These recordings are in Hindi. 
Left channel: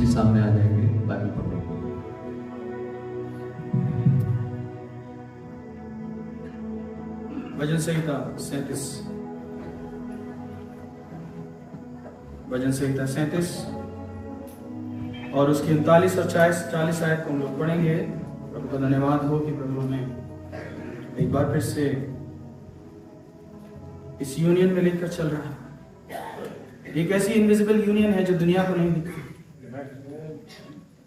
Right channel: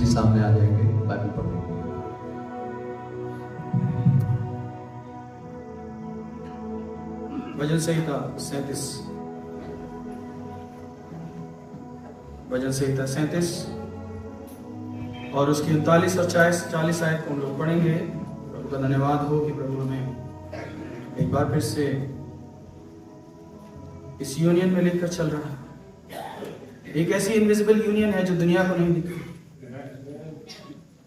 भी सामने आ जाएंगे, बाइबल पढ़ो। भजन संहिता 37, भजन संहिता 37 और उसकी 39 और 40 आयत को हम लोग पढ़ेंगे। प्रभु का धन्यवाद हो कि प्रभु हमें एक बार फिर से इस यूनियन में लेकर चल रहा है। एक ऐसी इनविजिबल यूनियन है जो दुनिया को नहीं दिखती,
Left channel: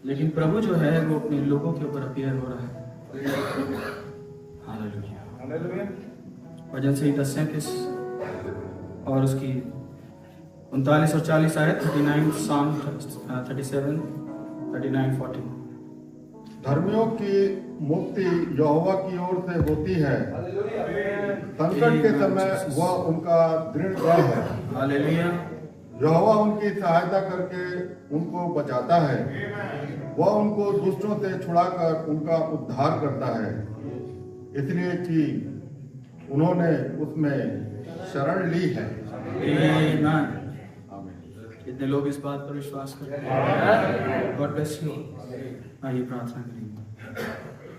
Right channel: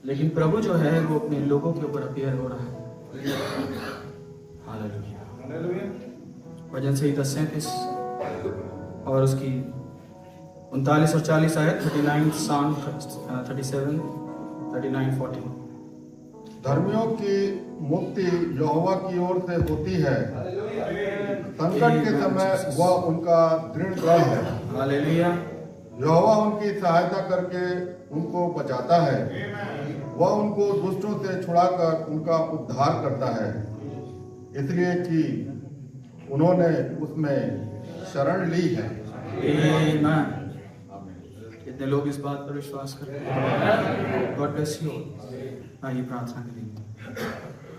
लेकिन प्रभु जो है वो अपने लोगों के ऊपर अपीयर हो रहा है। हालेलुया। भजन संहिता 37 और उसकी 39 और 40 आयत 39 साम 37 39 40। धर्मियों की मुक्ति यहोवा की ओर से होती है, संकट के समय वह उनका दृढ़ गढ़ है। हालेलुया। यहोवा उनकी सहायता करके उनको बचाता है, वह उनको दुष्टों से छुड़ाकर उनका उद्धार करता है, इसलिए कि उन्होंने उसमें शरण ली है। आमीन। कितने लोग इस बात पर विश्वास करते हैं? God bless you. आइए प्रार्थना करेंगे।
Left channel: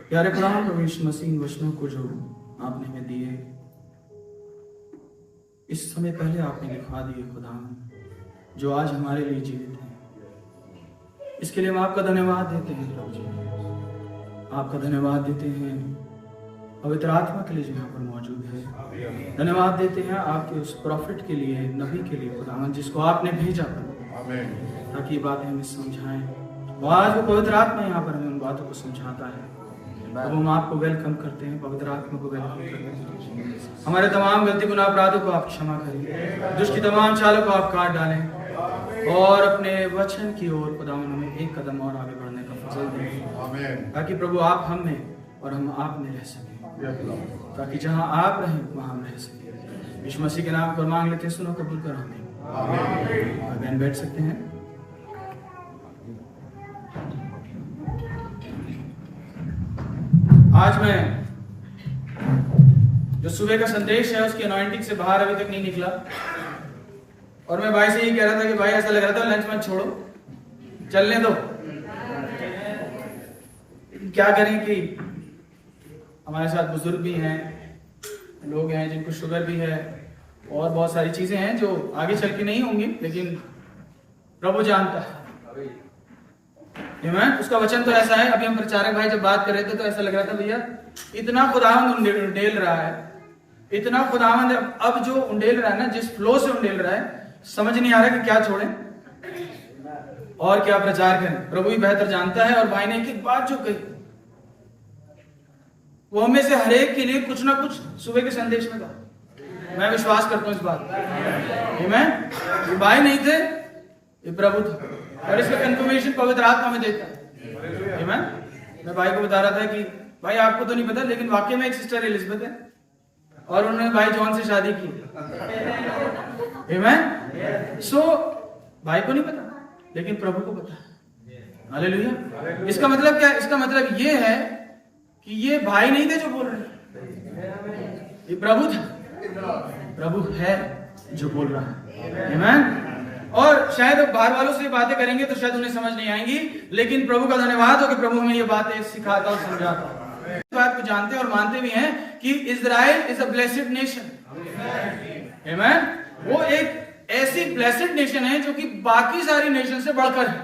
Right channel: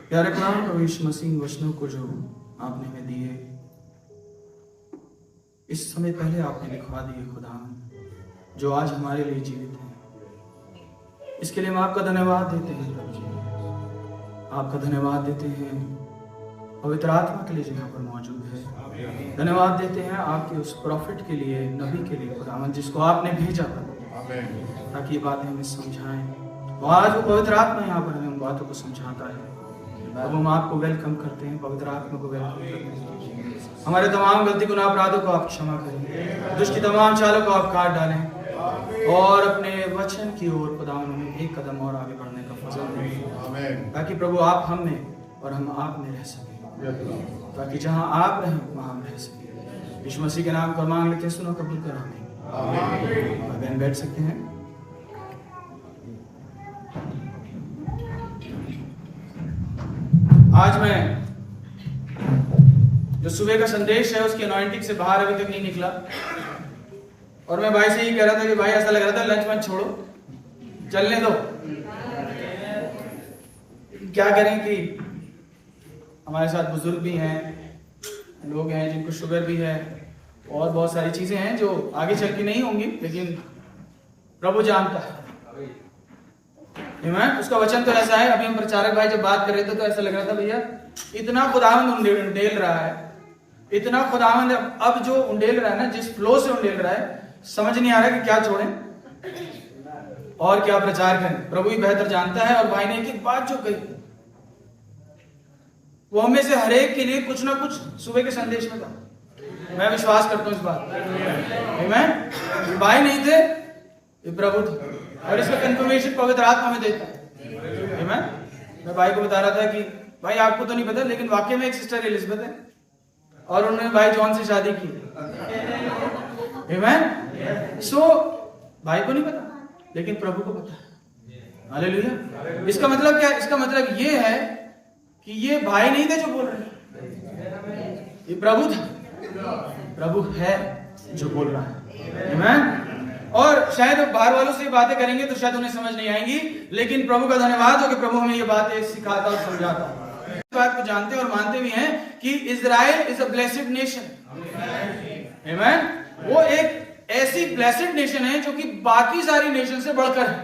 प्यारे खुदा प्रभु यीशु मसीह वचनों को जो आपने हमें दिए, इस समय पहले आपने लिखवा दिए खुदा, जो आज हमारे लिए जीवित हैं, इसके लिए हम आपका धन्यवाद देते हैं प्रभु जी। आपका धन्यवाद देते हैं पवित्र आत्मा के लिए जो यहाँ पर मौजूद है। धन्यवाद देते हैं आपके उस प्रॉफिट के लिए, नबी के लिए खुदावन, जिसको आपने भेजा प्रभु, ताकि ये बातें हमें समझाएं। वो आज वो पवित्र आत्मा यहाँ पर हमें उन बातों को समझाता है। अब हम आपको वेलकम करते हैं, पवित्र आत्मा को वेलकम करते हैं। हमारे तमाम गलती गुनाह अपराधों को आप क्षमा करें, दुष्ट की तमाम चालों को आप काट डालें और अपने वचन की ओर खुदावन हमें एक कदम और आगे बढ़ने का फजल दें, ताकि प्रभु आप हम में और हम आप में रह सकें, ताकि जहां आप रहें वहां हम रह सकें। यीशु मसीह के नाम पर मांग लेते हैं, सुनो कबूल कर आमीन। बहन बैठ सकते हैं। आज मैं जो सुबह का संदेश है उसकी अनॉइंटिंग से बाहर अभी तक नहीं निकला, और मैं भाई से ही कह रहा था कि भाई ऐसा लग रहा था लंच मत छोड़ो, चलने दो। क्या करें कि हमारे साथ बुजुर्ग भी हैं, लोग हैं जिनको शुगर भी है, और बहुत सारी चीजें हैं जो आगे चल के नहीं होंगी, लेकिन प्रभु जानता है। उसका वचन तो ऐसा है। अभी हम प्रचारक भाई जब बात कर रहे थे तो ऐसा लग रहा था भैया इतना खुदावंद उंडेल रहा है, इतना खुदावंद अब जो उंडेल रहा है ना, जिस फ्लो से उंडेल रहा है, समझ नहीं आ रहा कि क्या छोड़ें और क्या प्रचार करें। प्रभु ही बेहतर जानता है। और भाई ने एक बात जो कही, वो हमें से हर एक के लिए कुछ ना कुछ सुबह के संदेश में कहा। मैं विश्वास करता हूं इस बात। ये भाई नहीं थे, ये प्रभु थे, और इसका कंफर्मेशन पवित्र आत्मा में देता है। मैं भाई को बता रहा था कि भाई आपको तो नहीं पता, लेकिन वाकई में एक सिस्टर एलिजाबेथ है और उन्होंने भाई जॉन से शादी की। सो भाई को नहीं पता, लेकिन प्रभु को पता है। हालेलुया। इसका मतलब क्या है? इसका मतलब ये है कि ये भाई नहीं थे जो बोल रहे, ये प्रभु था। प्रभु है जो बोल रहा है। आमीन। और शायद बाहर वालों से बातें करेंगे तो शायद उन्हें समझ नहीं आएंगी, लेकिन प्रभु का धन्यवाद हो कि प्रभु हमें ये बातें सिखाता और समझाता है। इस बात को जानते और मानते भी हैं कि Israel is a blessed nation. आमीन। वो एक ऐसी ब्लेस्ड नेशन है जो कि बाकी सारी नेशन से बढ़कर है,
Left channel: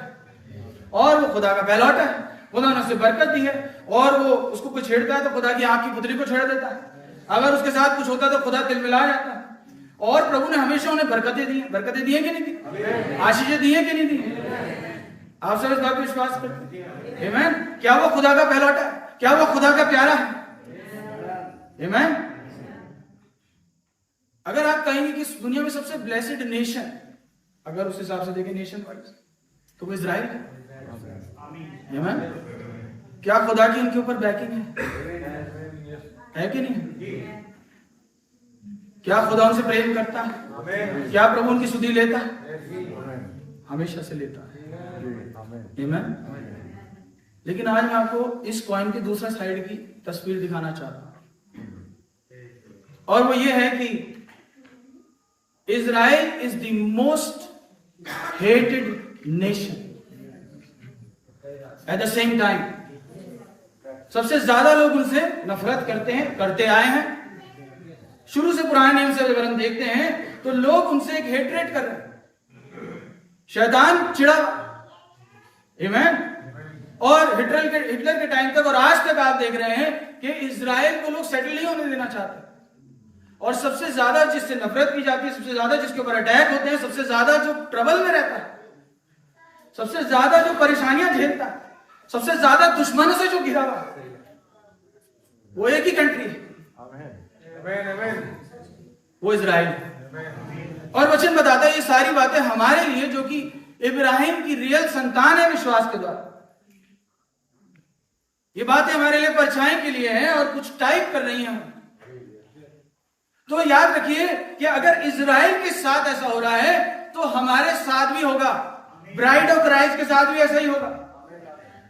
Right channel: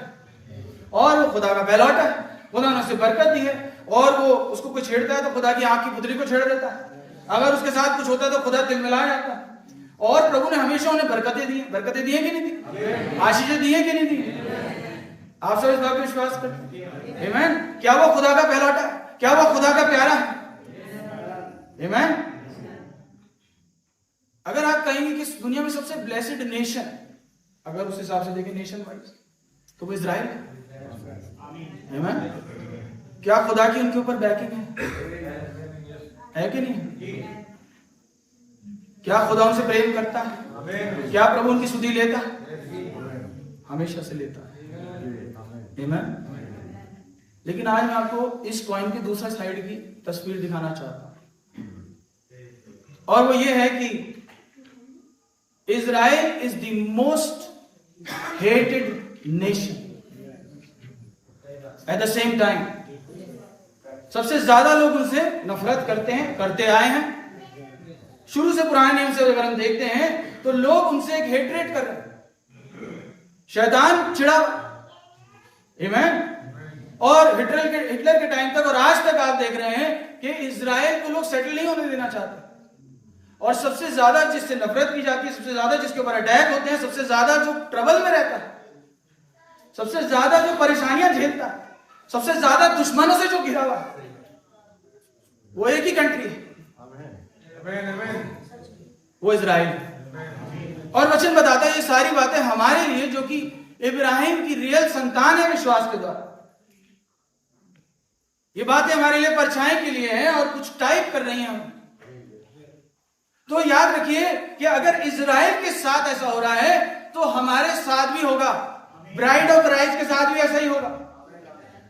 और वो खुदा का पहलौठा है। खुदा ने उसे बरकत दी है, और वो उसको कुछ छेड़ता है तो खुदा की आंख की पुतली को छेड़ देता है। अगर उसके साथ कुछ होता है तो खुदा तिलमिला जाता है। और प्रभु ने हमेशा उन्हें बरकतें दी हैं। बरकतें दी हैं कि नहीं दी? आशीषें दी हैं कि नहीं दी? आप सब इस बात पर विश्वास करते हैं? आमीन। क्या वो खुदा का पहलौठा है? क्या वो खुदा का प्यारा है? आमीन। अगर आप कहेंगे कि दुनिया में सबसे ब्लेस्ड नेशन, अगर उस हिसाब से देखें नेशन वाइज, तो वो इजराइल है। आमीन। क्या खुदा की उनके ऊपर बैकिंग है कि नहीं? क्या खुदा उनसे प्रेम करता है? क्या प्रभु उनकी सुधि लेता है? हमेशा से लेता है। आमीन। लेकिन आज मैं आपको इस कॉइन की दूसरा साइड की तस्वीर दिखाना चाहता हूं, और वो ये है कि Israel is the most hated nation at the same time सबसे ज्यादा लोग उनसे नफरत करते हैं, करते आए हैं। शुरू से पुराने नियम से अगर हम देखते हैं तो लोग उनसे एक हेट्रेट कर रहे हैं, शैतान चिड़ा। आमीन। और हिटलर के टाइम तक और आज तक आप देख रहे हैं कि इजराइल को लोग सेटल नहीं होने देना चाहते, और सबसे ज्यादा जिससे नफरत की जाती है, सबसे ज्यादा जिसके ऊपर अटैक होते हैं, सबसे ज्यादा जो ट्रबल में रहता है, सबसे ज्यादा जो परेशानियां झेलता है, सबसे ज्यादा दुश्मनों से जो घिरा हुआ है, वो एक ही कंट्री है, वो इजराइल। और वचन बताता है ये सारी बातें हमारे लिए, जो कि इब्राहिम की रियल संतान है विश्वास के द्वारा। ये बातें हमारे लिए परछाई के लिए हैं और कुछ टाइप कर रही हैं हम। तो याद रखिए कि अगर इजराइल के साथ ऐसा हो रहा है तो हमारे साथ भी होगा, ब्राइड ऑफ क्राइस्ट के साथ भी ऐसा ही होगा।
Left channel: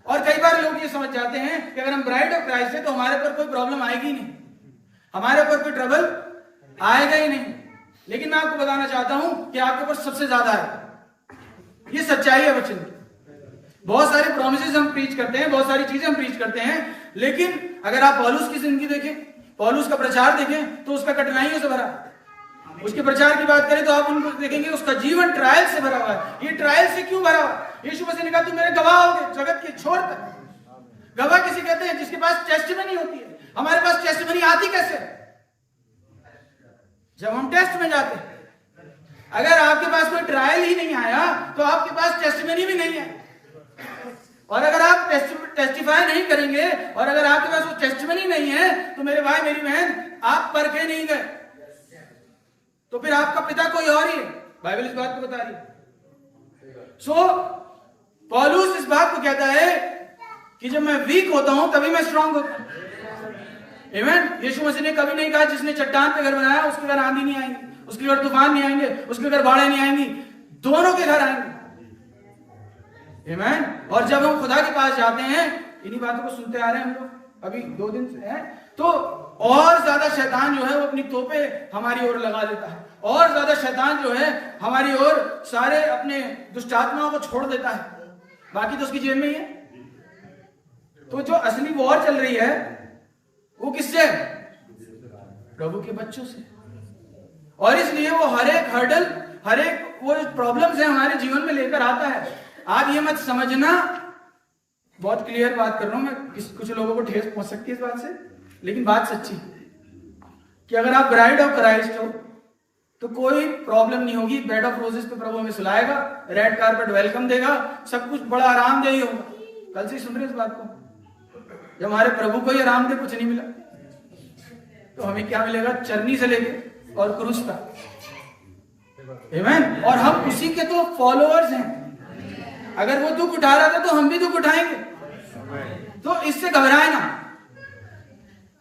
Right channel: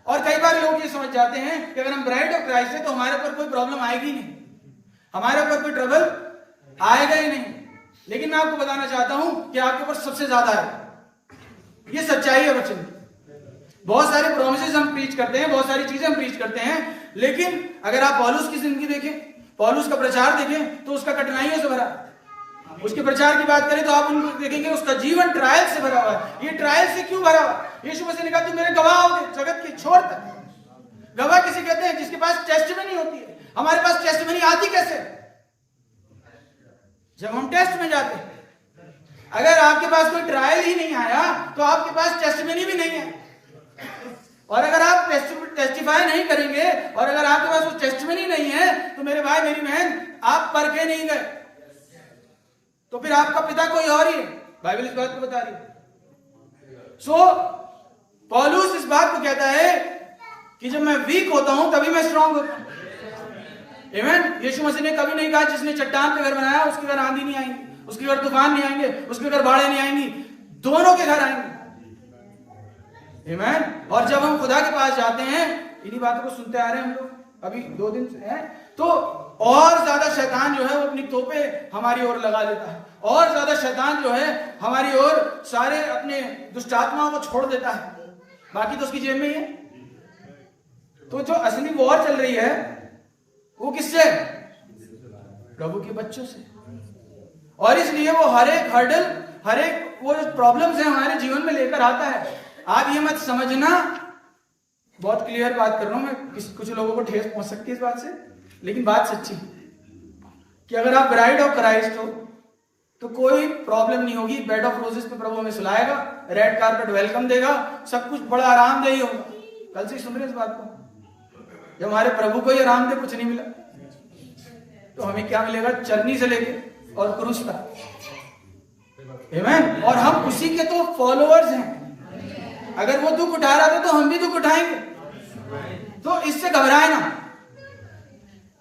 और कई बार लोग ये समझ जाते हैं कि अगर हम ब्राइड ऑफ क्राइस्ट है तो हमारे ऊपर कोई प्रॉब्लम आएगी नहीं, हमारे ऊपर कोई ट्रबल आएगा ही नहीं। लेकिन मैं आपको बताना चाहता हूं कि आपके ऊपर सबसे ज्यादा आएगा। ये सच्चाई है वचन की। बहुत सारे प्रोमिसेस हम प्रीच करते हैं, बहुत सारी चीजें हम प्रीच करते हैं, लेकिन अगर आप पौलुस की जिंदगी देखें, पौलुस का प्रचार देखें तो उसका कठिनाइयों से भरा। उसके प्रचार की बात करें तो आप उनको देखेंगे उसका जीवन ट्रायल से भरा हुआ है। ये ट्रायल से क्यों भरा हुआ है? यीशु मसीह ने कहा तुम मेरे गवाह होगे जगत के छोर तक। गवाह किसे कहते हैं? जिसके पास टेस्टिमनी होती है। हमारे पास टेस्टिमनी आती कैसे? जब हम टेस्ट में जाते हैं। अगर आपके पास कोई ट्रायल ही नहीं आया तो आपके पास टेस्टिमनी भी नहीं है। और अगर आप टेस्टिफाई नहीं करेंगे और अगर आपके पास वो टेस्टिमनी नहीं है तो मेरे भाई मेरी बहन आप परखे नहीं गए, तो फिर आपका पिता कोई और ही है। बाइबल इस बात को बता रही है। सो पौलुस इस बात को कहता है कि जब मैं वीक होता हूं तभी मैं स्ट्रांग होता हूं। आमीन। यीशु मसीह ने कभी नहीं कहा जिसने चट्टान पे घर बनाया उसके घर आंधी नहीं आएंगी, उसके घर तूफान नहीं आएंगे, उसके घर बाढ़ें नहीं आएंगी, दोनों के घर आएंगे। आमीन। और जब हम खुदा के पास जाते हैं, इन्हीं बातों को सुनते आ रहे हैं हम लोग अभी 2 दिन से हैं, तो और ज्यादा शैतान जो है वो अपनी तोपे हमारी ओर लगा देता है, और ज्यादा शैतान जो है हमारी ओर सारे अपने दुष्टात्माओं को छोड़ देता है। बाकी तो उसकी जेब में ही है। तो जो असली वॉर चल रही है वो किससे? प्रभु के बच्चों से। और इसलिए वो हर एक हर्डल, हर एक वो प्रॉब्लम्स है हमारे जीवन में लेकर आता है। आप ये मत समझना, बहुत क्लियर बात कर रहा हूं मैं, कुछ लोगों को ठेस पहुंच सकती है इस बात से, लेकिन बात सच्ची कि अगर आप ब्राइड ऑफ क्राइस्ट हो तो कोई प्रॉब्लम नहीं होगी। बेड ऑफ रोजेस पे प्रभु हमें सुलाएगा, रेड कारपेट वेलकम देगा, सब कुछ बड़ा आरामदेही होगा। कल से सुन रहे इस बात को। जब हमारे प्रभु को ही आरामदेह कुछ नहीं मिला तो हमें क्या मिलेगा? चरनी से लेके और क्रूस का। आमीन। और हम उसी के तो फॉलोअर्स हैं। अगर वो दुख उठा रहा था तो हम भी दुख उठाएंगे। तो इससे घबराए ना,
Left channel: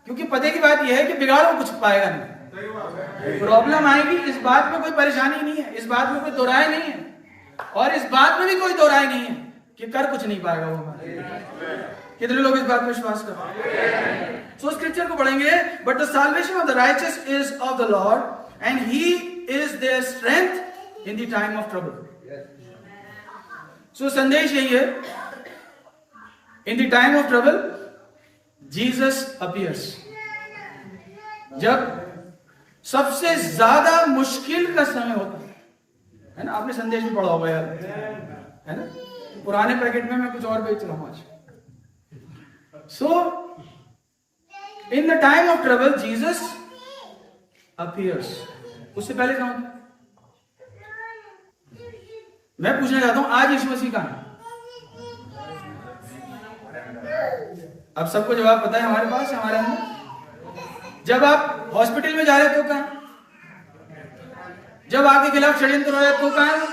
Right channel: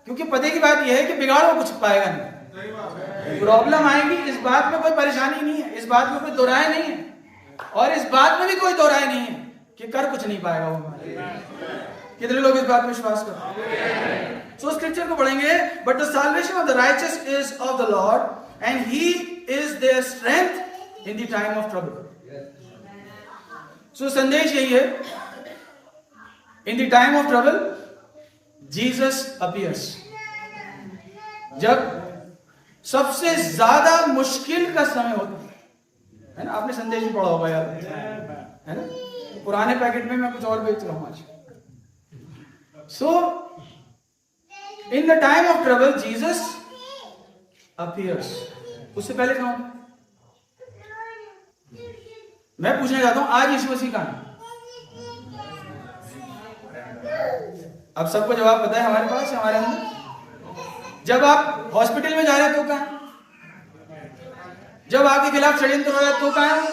क्योंकि पते की बात यह है कि बिगाड़ वो कुछ पाएगा नहीं। प्रॉब्लम आएगी, इस बात में कोई परेशानी नहीं है, इस बात में कोई दो राय नहीं है, और इस बात में भी कोई दो राय नहीं है कि कर कुछ नहीं पाएगा वो हमारे। कितने लोग इस बात में विश्वास करते हैं? सो स्क्रिप्चर को पढ़ेंगे, but the salvation of the righteous is of the lord and he is their strength in the time of trouble. So संदेश यही है, in the time of trouble Jesus appears. जब सबसे ज्यादा मुश्किल का समय होता है ना। आपने संदेश भी पढ़ा होगा यार, है ना? पुराने पैकेट में मैं कुछ और बेच रहा हूं आज। So in the time of trouble Jesus appears. उससे पहले क्या होता है? मैं पूछना चाहता हूं आज यीशु मसीह कहां है? अब सबको जवाब पता है हमारे पास, हमारे अंदर। जब आप हॉस्पिटल में जा रहे तो कहां है? जब आपके खिलाफ षड्यंत्र हो रहा है तो कहां है?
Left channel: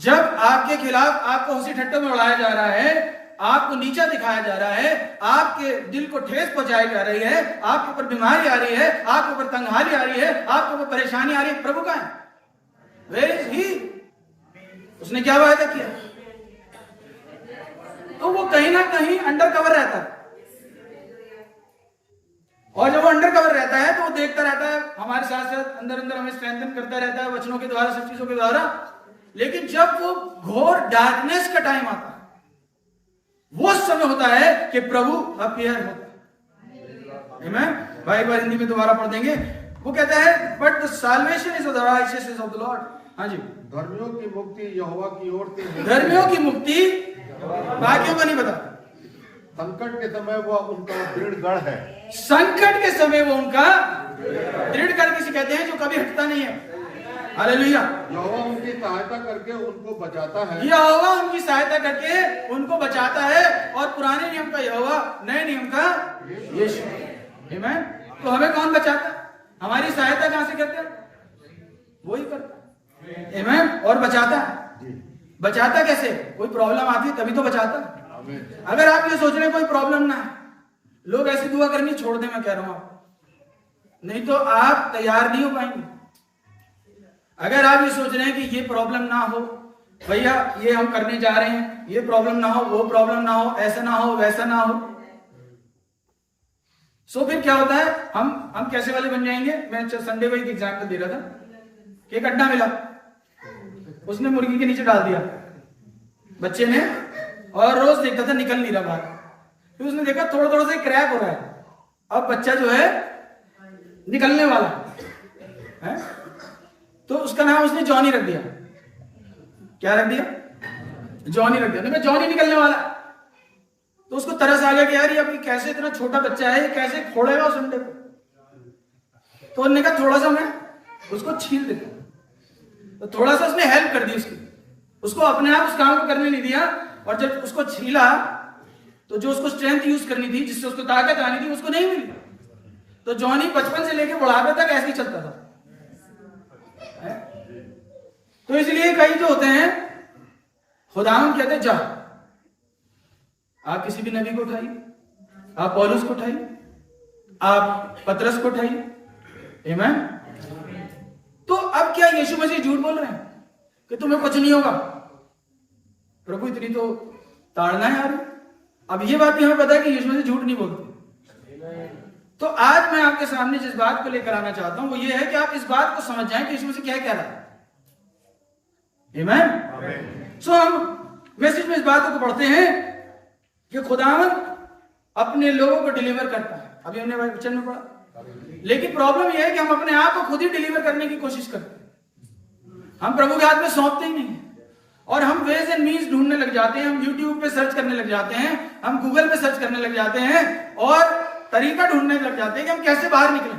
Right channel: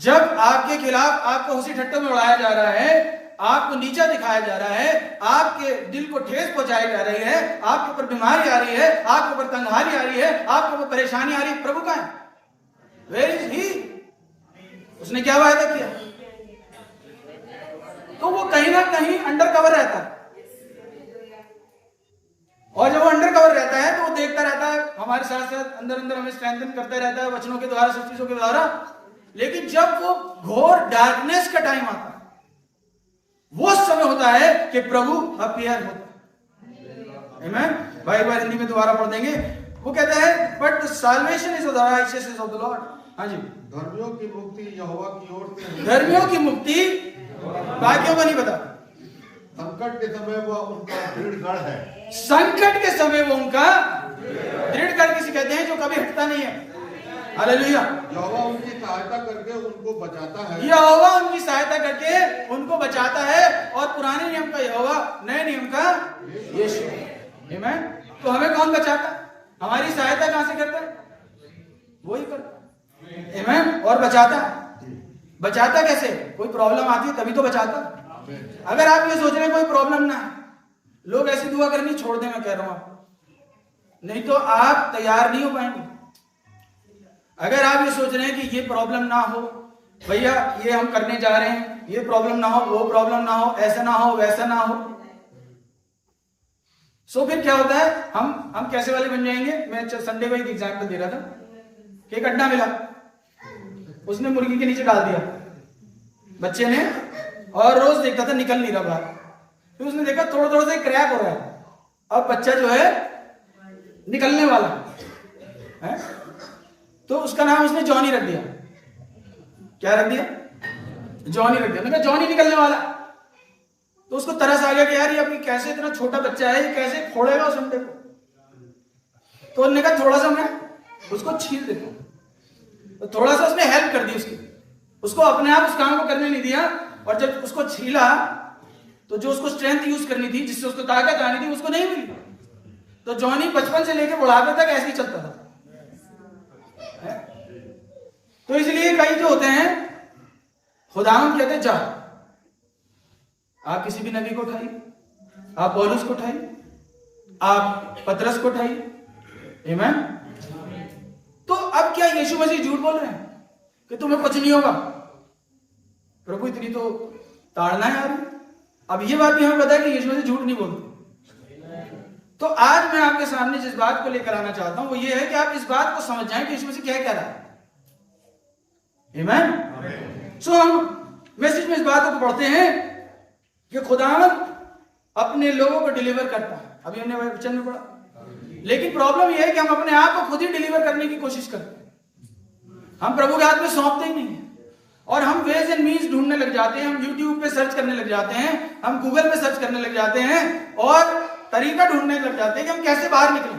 जब आपके खिलाफ आपको हंसी ठट्टों में उड़ाया जा रहा है, आपको नीचा दिखाया जा रहा है, आपके दिल को ठेस पहुंचाई जा रही है, आपके ऊपर बीमारी आ रही है, आपके ऊपर तंगहाली आ रही है, आपके ऊपर परेशानी आ रही है, प्रभु कहां है? Where is he? उसने क्या वायदा किया? तो वो कहीं ना कहीं अंडर कवर रहता है, और जब वो अंडर कवर रहता है तो वो देखता रहता है हमारे साथ साथ, अंदर अंदर हमें स्ट्रेंथन करता रहता है वचनों के द्वारा, सब चीजों के द्वारा। लेकिन जब वो घोर डार्कनेस का टाइम आता है, वो समय होता है कि प्रभु अपीयर होता है। आमीन। भाई एक बार हिंदी में दोबारा पढ़ देंगे। वो कहता है but the salvation is of the righteousness of the Lord. हाँ जी। धर्मियों की मुक्ति यहोवा की ओर से है। धर्मियों की मुक्ति, बाकियों का नहीं पता। संकट के समय वह उनका दृढ़ गढ़ है। संकट के समय वो उनका दृढ़ गढ़ किसे कहते हैं? जो कभी हटता नहीं है। हालेलुया। यहोवा उनकी सहायता करके उनको बचाता है। यहोवा उनकी सहायता करके उनको बचाता है। और पुराने नियम का यहोवा, नए नियम का यीशु। आमीन। तो हमें कौन बचाता है? हमारी सहायता कहां से करता है? वही करता है। आमीन। और बचाता है। बचाता कैसे? कोई प्रॉब्लम आती है तभी तो बचाता है। अगर आप ये सोच रहे हैं कोई प्रॉब्लम ना है, लोग ऐसी दुआ करनी छोड़ दें, मैं कह रहा हूं आपको, नहीं तो आप तैयार नहीं हो पाएंगे। अगर आप ये सोच रहे हैं कि ये प्रॉब्लम ना हो, भैया ये हम करने जा रहे हैं, ये प्रॉब्लम ना हो, वो प्रॉब्लम ना हो, ऐसा ना हो, वैसा ना हो, सो फिर क्या होता है? हम कैसे वाले बन जाएंगे? मैं संडे को एक एग्जाम्पल दे रहा था कि एक अंडा मिला, उसने मुर्गी के नीचे डाल दिया बच्चे ने, और रोज देखता था निकल नहीं रहा बाहर। फिर उसने देखा थोड़ा थोड़ा सा क्रैक हो रहा है, अब बच्चा जो है निकलने वाला है, तो उसका नाम उसने जॉनी रख दिया। क्या रख दिया? जॉनी रख दिया। उन्होंने कहा जॉनी निकलने वाला। तो उसको तरस आ गया कि यार ये अभी कैसे, इतना छोटा बच्चा है, ये कैसे फोड़ेगा उस अंडे को। तो उन्होंने कहा थोड़ा सा मैं उसको छील देता हूं। तो थोड़ा सा उसने हेल्प कर दी उसकी, उसको अपने आप उस काम को करने नहीं दिया। और जब उसको छीला तो जो उसको स्ट्रेंथ यूज करनी थी, जिससे उसको ताकत आनी थी, उसको नहीं मिली। तो जॉनी बचपन से लेकर बुढ़ापे तक ऐसे ही चलता था। तो इसलिए कई जो होते हैं, खुदावंद कहते हैं जा, आप किसी भी नबी को उठाइए, आप पौलुस को उठाइए, आप पतरस को उठाइए। आमीन। तो अब क्या यीशु मसीह झूठ बोल रहे हैं कि तुम्हें कुछ नहीं होगा? प्रभु इतनी तो ताड़ना है यार। अब ये बात भी हमें पता है कि यीशु मसीह झूठ नहीं बोलते। तो आज मैं आपके सामने जिस बात को लेकर आना चाहता हूं वो ये है कि आप इस बात को समझ जाएं कि यीशु मसीह क्या कह रहा है। आमीन। सो हम मैसेज में इस बातों को पढ़ते हैं कि खुदावंद अपने लोगों को डिलीवर करता है। अभी हमने वचन में पढ़ा। लेकिन प्रॉब्लम यह है कि हम अपने आप को खुद ही डिलीवर करने की कोशिश करते हैं। हम प्रभु के हाथ में सौंपते ही नहीं, और हम वेज एंड मीन्स ढूंढने लग जाते हैं। हम यूट्यूब पे सर्च करने लग जाते हैं, हम गूगल पे सर्च करने लग जाते हैं, और तरीका ढूंढने लग जाते हैं कि हम कैसे बाहर निकलें।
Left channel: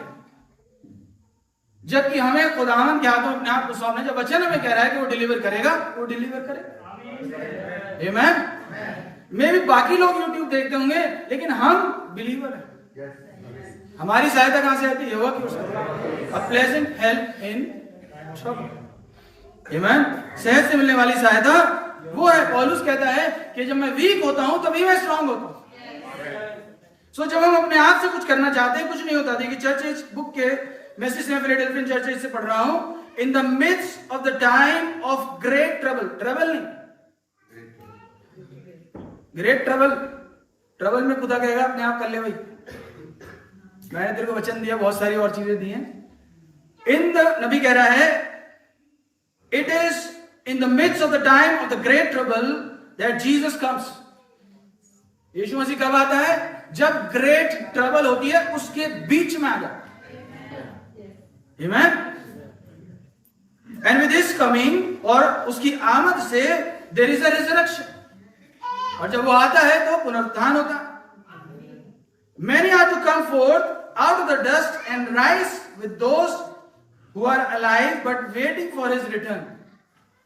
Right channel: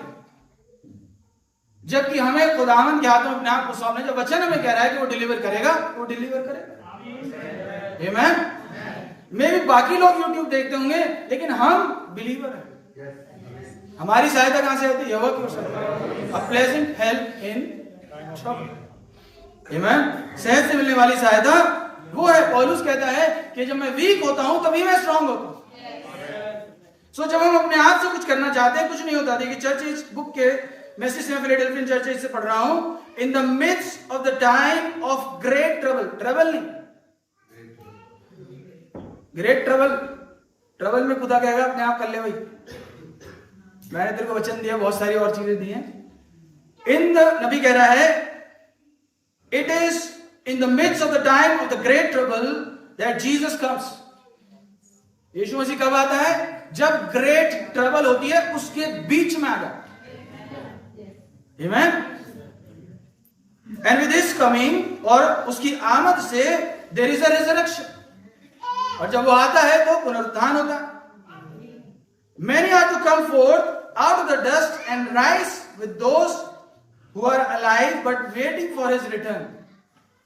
जबकि हमें खुदावंद के हाथों में अपने आप को सौंपना। जब वचन हमें कह रहा है कि वो डिलीवर करेगा, वो डिलीवर करेगा। आमीन। मे भी बाकी लोग यूट्यूब देखते होंगे, लेकिन हम बिलीवर हैं। हमारी सहायता कहां से आती है? यहोवा की ओर से। A pleasant help in trouble. आमीन। सेहत से मिलने वाली सहायता वो है। पौलुस कहता है कि जब मैं वीक होता हूं तभी मैं स्ट्रांग होता हूं। सो जब हम अपने आप से कुछ करना चाहते हैं, कुछ नहीं होता। देखिए चर्च बुक के मैसेज में फिलाडेल्फियन चर्च से पढ़ रहा हूं, in the midst of the time of great trouble. Trouble नहीं, ग्रेट ट्रबल। ट्रबल में खुदा कहेगा अपने आप कर ले भाई, मैंने तेरे को वचन दिया, बहुत सारी और चीजें दी हैं। इन द नबी कह रहा है it is in the midst of the time of the great trouble that Jesus comes. यीशु मसीह कब आता है? जब ग्रेट ट्रबल होती है, उसके बीच में आ जाता है। आमीन। एंड विद हिज कमिंग, और उसकी आमद से देयर इज अ रिजरेक्शन। और जब वो आता है तो पुनरुत्थान होता है। Many are to come forth out of the dust and rise with those who are alive but waiting for his return.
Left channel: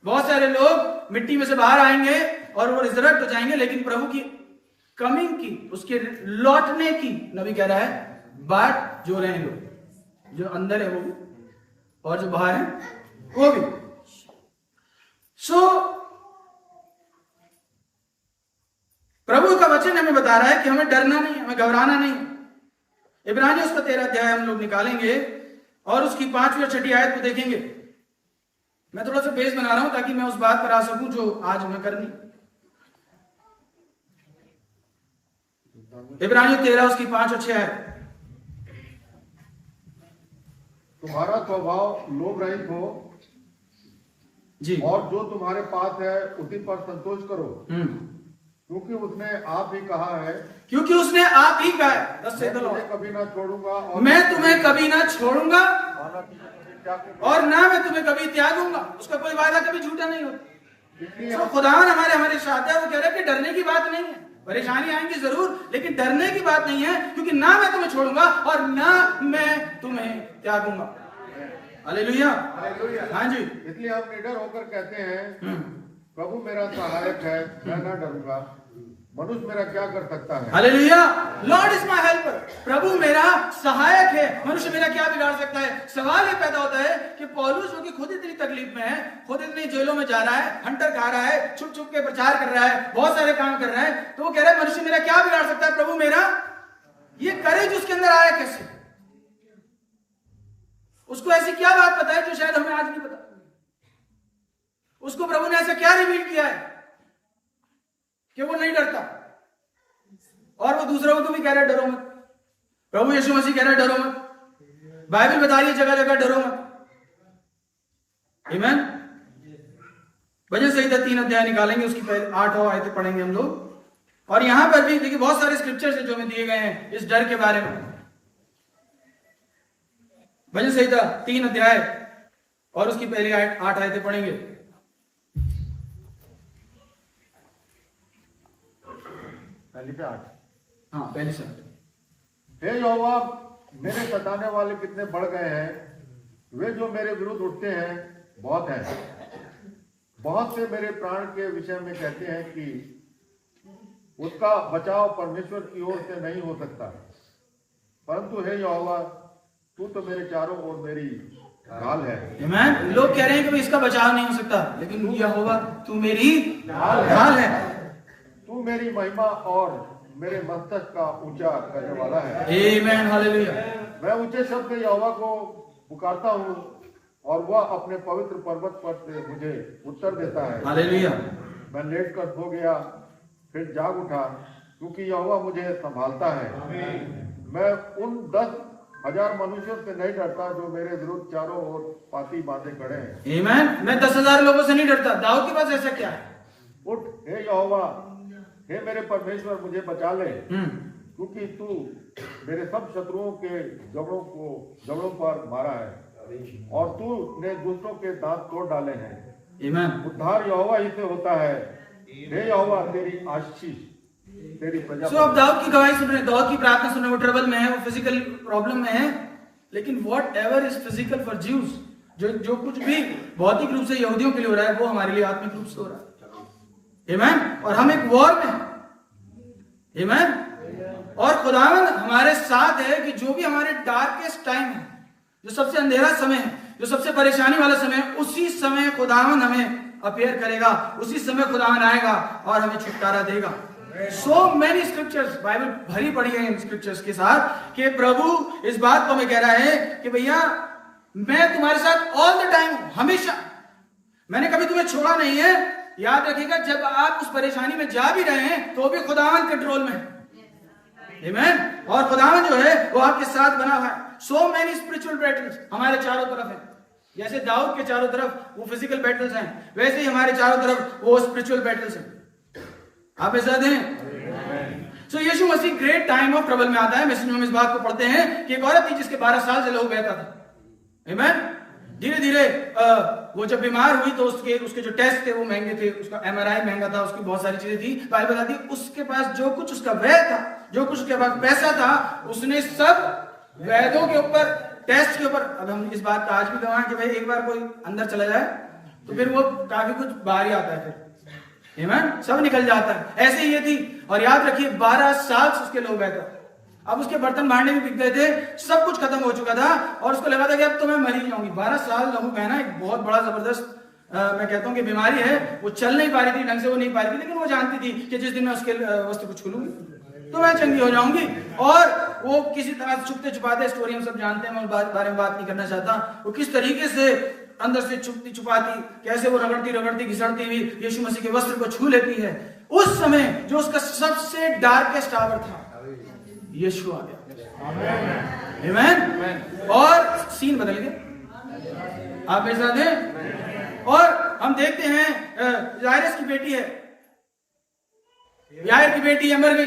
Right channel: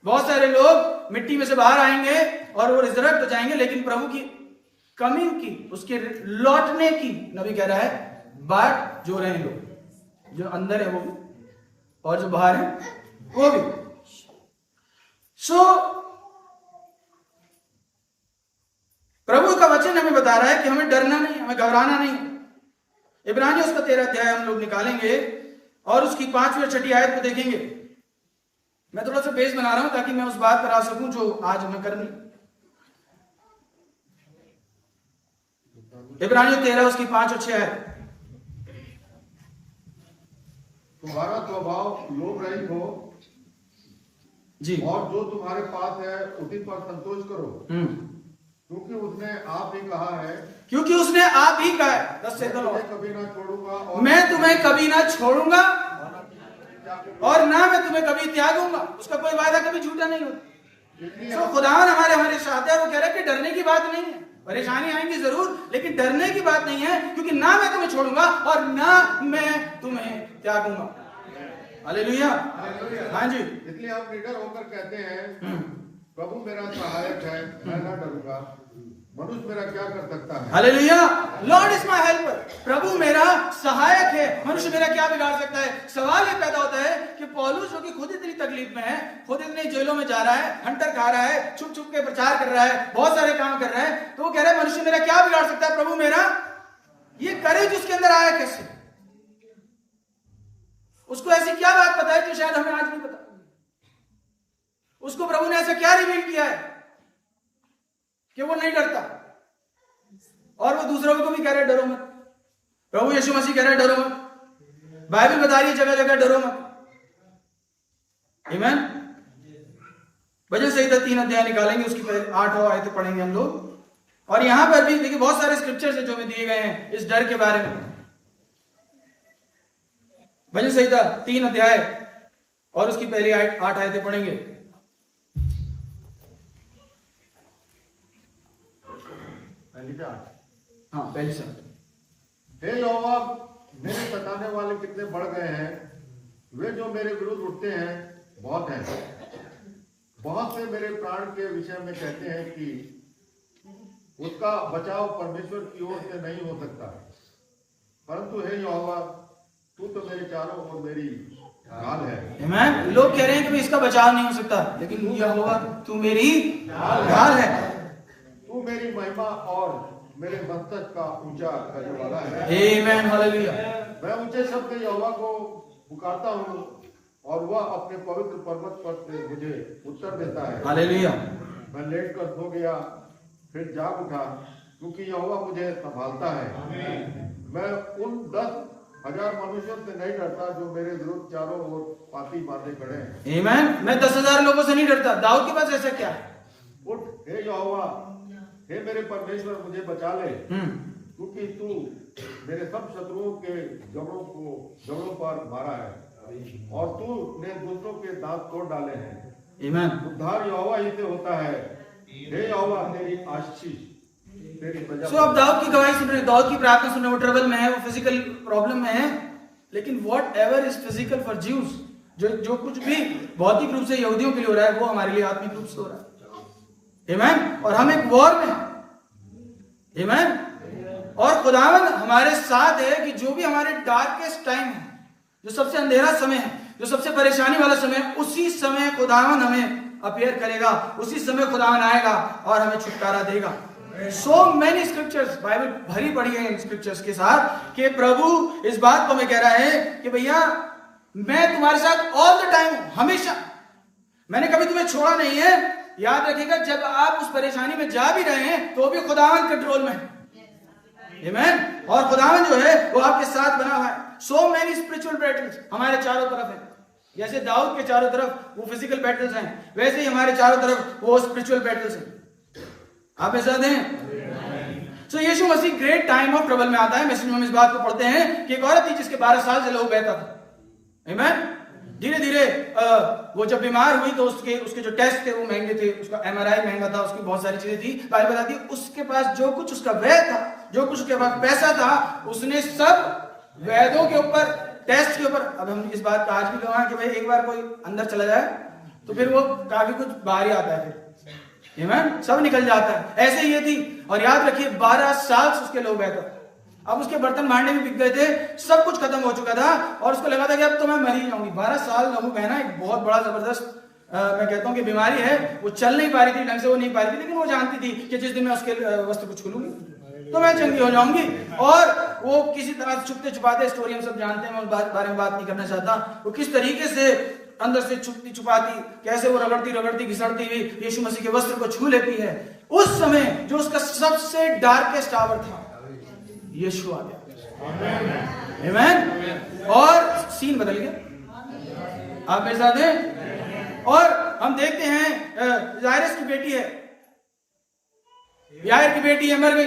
बहुत सारे लोग मिट्टी में से बाहर आएंगे और वो रिजरेक्ट हो जाएंगे, लेकिन प्रभु की कमिंग की, उसके लौटने की नबी कह रहा है बाट जो रहे हैं लोग, जो अंदर है वो भी और जो बाहर है वो भी। सो प्रभु का वचन हमें बता रहा है कि हमें डरना नहीं, हमें घबराना नहीं। इब्रानियों उसका 13 अध्याय हम लोग निकालेंगे और उसकी 5वीं और 6ठी आयत को देखेंगे। मैं थोड़ा सा बेस बना रहा हूं ताकि मैं उस बात पर आ सकूं जो आज हमें करनी। इब्रानियों 13 उसकी 5 और 6 आयत। तुम्हारा स्वभाव लोभ रहित हो, जी। और जो तुम्हारे पास है उसी पर संतोष करो, क्योंकि उसने आप ही कहा है, क्योंकि उसने आप ही कहा है, दस से कभी ना छोड़ूंगा मैं तुम्हें कभी ना छोड़ूंगा और ना मैं तुम्हें कभी त्यागूंगा। उसका कोई वादा कभी झूठा नहीं होता। तो खुदावन हमारे साथ है। वो कह रहा है कि डरने की बात नहीं है, परेशानी आएंगी जरूर, लेकिन डरने की बात नहीं है, क्योंकि ना मैं तुम्हें छोड़ूंगा और ना मैं तुम्हें त्यागूंगा। हालेलुया। हाँ जी। इसलिए आप निडर होकर कहते हैं, प्रभु मेरा सहायक है, मैं न डरूंगा, मनुष्य मेरा क्या कर सकता है। Hallelujah. Lord is my helper. प्रभु मेरा सहायक है, मनुष्य मेरा क्या बिगाड़ सकता है। सवाल ये पैदा होता है कि पौलुस जो कि खुद इतनी तकलीफ में है, खुद इतनी जेलों में जा रहा है, हंटर खा रहा है, छुप छुप के प्रचार कर रहा है, बहुत सारे काम कर रहा है, तो वो कह रहा है मनुष्य मेरा क्या बिगाड़ सकता है। प्रभु मेरा, ये करेज उसके अंदर आया कैसे? उसको ऐसी क्या बात पता है जो शायद हमें आज नहीं पता। उसको प्रभु ने ऐसा क्या रिवील किया है कि वो नहीं डरता, और वो दूसरों को भी कह रहा है डरो मत। प्रभु यीशु मसीह कह रहे हैं डरो मत। बाइबल बता रही है जगह जगह डरो मत। आमीन। भजन संहिता 3 अध्याय निकालेंगे, उसकी पहले 8 आयतें पढ़ेंगे हम लोग। और यहां पर भी देखिए बहुत सारे स्क्रिप्चर्स हैं जो हमें दिए गए हैं इस डर के बारे में। भजन संहिता 3 अध्याय और उसकी पहली 8 आयतें पढ़ेंगे। हाँ, पहली शब्द। हे यहोवा, मेरे सताने वाले कितने बढ़ गए हैं, वे जो मेरे विरुद्ध उठते हैं बहुत हैं। बहुत से मेरे प्राण के विषय में कहते हैं कि उसका बचाव परमेश्वर की ओर से नहीं हो सकता, परंतु हे यहोवा, तू तो मेरे चारों ओर मेरी ढाल है। आमीन। लोग कह रहे हैं कि इसका बचाव नहीं हो सकता, लेकिन यहोवा तू मेरी ढाल है। तू मेरी महिमा और मेरे मस्तक का ऊंचा करने वाला है। आमीन। हालेलुया। मैं ऊंचे शब्द में यहोवा को पुकारता हूँ और वह अपने पवित्र पर्वत पर से मुझे उत्तर देता है। हालेलुया। मैं लेट कर सो गया, फिर जाग उठा, क्योंकि यहोवा मुझे संभालता है। मैं उन 10,000 मनुष्यों से नहीं डरता जो मेरे विरुद्ध चारों ओर पाती बांधे खड़े हैं। आमीन। मैं 10,000 लोगों से नहीं डरता। दाऊद के पास ऐसा क्या है? उठ हे यहोवा, हे मेरे परमेश्वर, मुझे बचा ले, क्योंकि तू मेरे सब शत्रुओं के जबड़ों पर मारा है और तू ने दूसरों के दांत तोड़ डाले हैं। आमीन। उद्धार यहोवा ही से होता है। हे यहोवा, तेरी आशीष तेरी प्रजा। सो अब दाऊद की गवाही सुन रहे हैं, दाऊद की प्रार्थना सुन रहे हैं। वो ट्रबल में है, वो फिजिकल प्रॉब्लम में है, लेकिन what ever is physical for Jews, जो कुछ भी भौतिक रूप से यहूदियों के लिए हो रहा है, वो हमारे लिए आत्मिक रूप से हो रहा है। आमीन। और हम एक वॉर में हैं। आमीन। और खुदावन हमारे साथ है कि जो भी हमारे डार्केस्ट टाइम है, जो सबसे अंधेरा समय है, जो सबसे परेशानी वाला समय है, उसी समय खुदावन हमें अपीयर करेगा, उसी समय खुदावन आएगा और हमें छुटकारा देगा। सो मेनी स्क्रिप्चर्स, बाइबल भरी पड़ी है इन स्क्रिप्चर्स के साथ कि प्रभु इस बात को हमें कह रहा है कि भैया मैं तुम्हारे साथ ऑल द टाइम, हमेशा, मैंने कभी तुम्हें छोड़ा नहीं है। याद रखिएगा, जब आप उस परेशानी में जा भी रहे हैं तो भी खुदावन कंट्रोल में है। आमीन। और खुदावन जो है वो आपके साथ बना हुआ है। सो मेनी स्पिरिचुअल बैटल्स हमारे चारों तरफ है। जैसे दाऊद के चारों तरफ वो फिजिकल बैटल्स हैं, वैसे ही हमारे चारों तरफ वो स्पिरिचुअल बैटल्स हैं। आप ऐसा दें। सो यीशु मसीह ग्रेट टाइम ऑफ ट्रबल में आता है। मैसेज में हम इस बात को पढ़ते हैं कि एक औरत थी जिसके 12 साल से लहू बहता था। आमीन। धीरे धीरे वो जब बीमार हुई तो उसके जो टेस्ट थे वो महंगे थे, उसका MRI महंगा था, उसकी बहुत सारी चीजें थी। बाइबल बताती है उसके पास जो कुछ उसका व्यय था, जो कुछ उसके पास पैसा था, उसने सब वैद्यों के ऊपर, टेस्ट के ऊपर। अब हम इस बात का आज भी गवाह हैं कि भाई एक बार कोई अंदर चला जाए तो फिर वो काफी कुछ बाहर ही आता है, फिर आमीन, सब निकल जाता है। ऐसे ही ये थी। और याद रखिए 12 साल से उसके लहू बहता था। अब उसके बर्तन भांडे भी बिक गए थे, सब कुछ खत्म हो चुका था और उसको लगा था कि अब तो मैं मर ही जाऊंगी। 12 साल लहू बहना एक बहुत बड़ा जबरदस्त मैं कहता हूं कि बीमारी है। वो चल नहीं पा रही थी ढंग से, वो नहीं पा रही थी, लेकिन वो जानती थी कि जिस दिन मैं उसके वस्त्र को छूलूंगी तो मैं चंगी हो जाऊंगी। और वो किसी तरह छुपते छुपाते, स्टोरी हम सब जानते हैं, मैं उस बारे में बात नहीं करना चाहता, वो किस तरीके से अंदर से छुपती छुपाती, कैसे वो रगड़ती घिसड़ती हुई यीशु मसीह के वस्त्र को छू लेती है। उस समय जो उसका सबसे डार्केस्ट आवर था, यीशु आ गया। आमीन। और सीन बदल गया। आप मेरे साथ हैं। और हम देखते हैं जायरस की बेटी है, यायर की बेटी है, मर गई।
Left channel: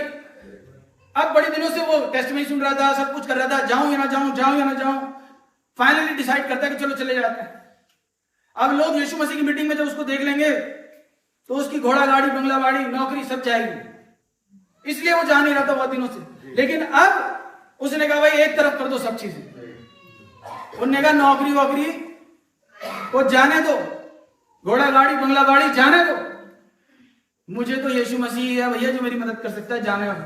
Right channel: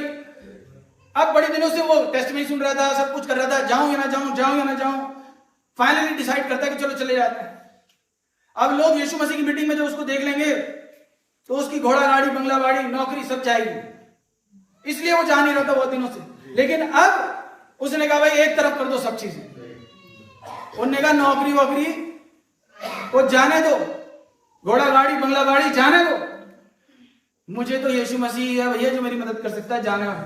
अब बड़े दिनों से वो टेस्टिमनी सुन रहा था, सब कुछ कर रहा था, जाऊं या ना जाऊं, जाऊं या ना जाऊं। फाइनली डिसाइड करता है कि चलो चले जाते हैं। अब लोग यीशु मसीह की मीटिंग में जब उसको देख लेंगे तो उसकी घोड़ा गाड़ी, बंगला गाड़ी, नौकरी सब जाएगी, इसलिए वो जा नहीं रहा था बहुत दिनों से। लेकिन अब उसने कहा भाई एक तरफ कर दो सब चीजें। उन्होंने कहा नौकरी वोकरी वो जाने दो, घोड़ा गाड़ी बंगला गाड़ी जाने दो, मुझे तो यीशु मसीह है भैया जो मेरी मदद कर सकता है, जाने वाला।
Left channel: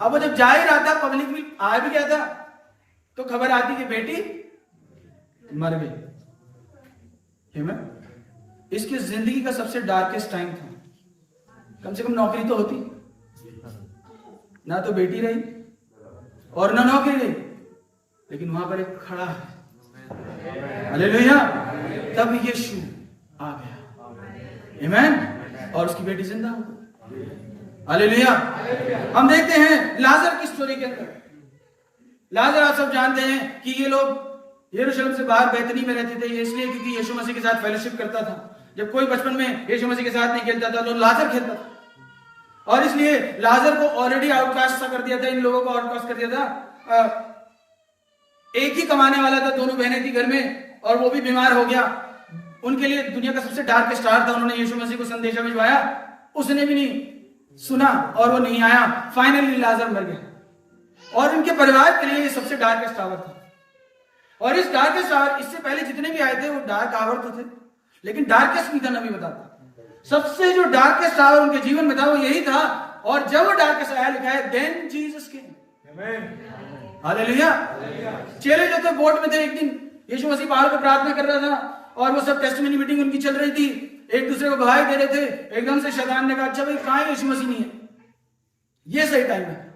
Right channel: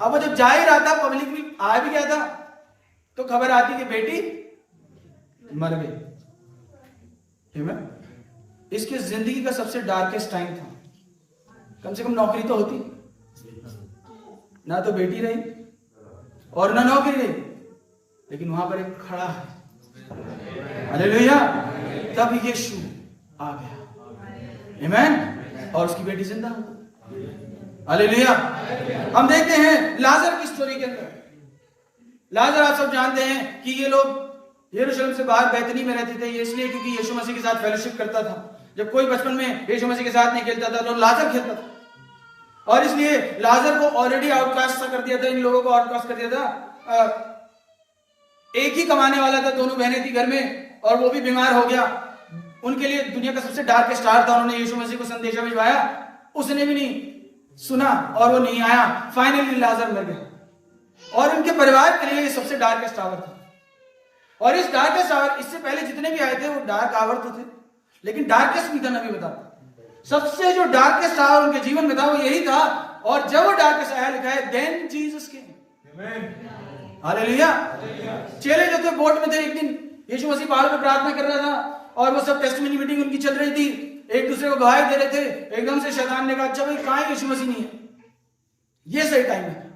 अब वो जब जा ही रहा था, पब्लिक में आ भी गया था, तो खबर आती कि बेटी मर गई। इसकी जिंदगी का सबसे डार्केस्ट टाइम था। कम से कम नौकरी तो होती, ना तो बेटी रही और ना नौकरी रही, लेकिन वहां पर एक खड़ा है, हालेलुया। तब यीशु आ गया, आमीन, और उसकी बेटी जिंदा हो गई, हालेलुया। हम देखते हैं लाजर की स्टोरी के अंदर। लाजर आप सब जानते हैं कि ये लोग यरूशलेम से बाहर बैतनी में रहते थे, ये इसलिए क्योंकि यीशु मसीह के साथ फेलोशिप करता था। जब कोई बचपन में यीशु मसीह के साथ नहीं खेलता था तो लाजर खेलता था, और इसलिए लाजर को ऑलरेडी आउटकास्ट कर दिया था, इन लोगों को आउटकास्ट कर दिया था। एक ही कमाने वाला था, दोनों बहनें थी घर में, और वो भी बीमार हो गया। उनके लिए दुनिया का सबसे डार्केस्ट स्टार था, उन्होंने यीशु मसीह को संदेशा भिजवाया, उसने भी नहीं सुना और वो नहीं आया। फाइनली लाजर मर गया, और उनके परिवार के लिए ये सबसे डार्केस्ट आवर था। और इस डार्केस्ट आवर, इससे पहले जितने भी आए थे वो डार्क आवर तो थे, लेकिन डार्केस्ट नहीं था, नबी बताता। सबसे जो डार्केस्ट आवर उनके जीवन में था वो यही था। और जब वो डार्केस्ट आया, लिखा है देन जीसस केम, हालेलुया। चेले जो थे बोट में थे, एक दिन यीशु मसीह पहाड़ पे प्रार्थना कर रहा था, और वो सब टेस्टिमनी मीटिंग उनकी चल रही थी, एक दूसरे को गवाही दे रहे थे। एकदम से शैतान ने कहा अच्छा भाई कहां यीशु मसीह नहीं है, ये सही टाइम है,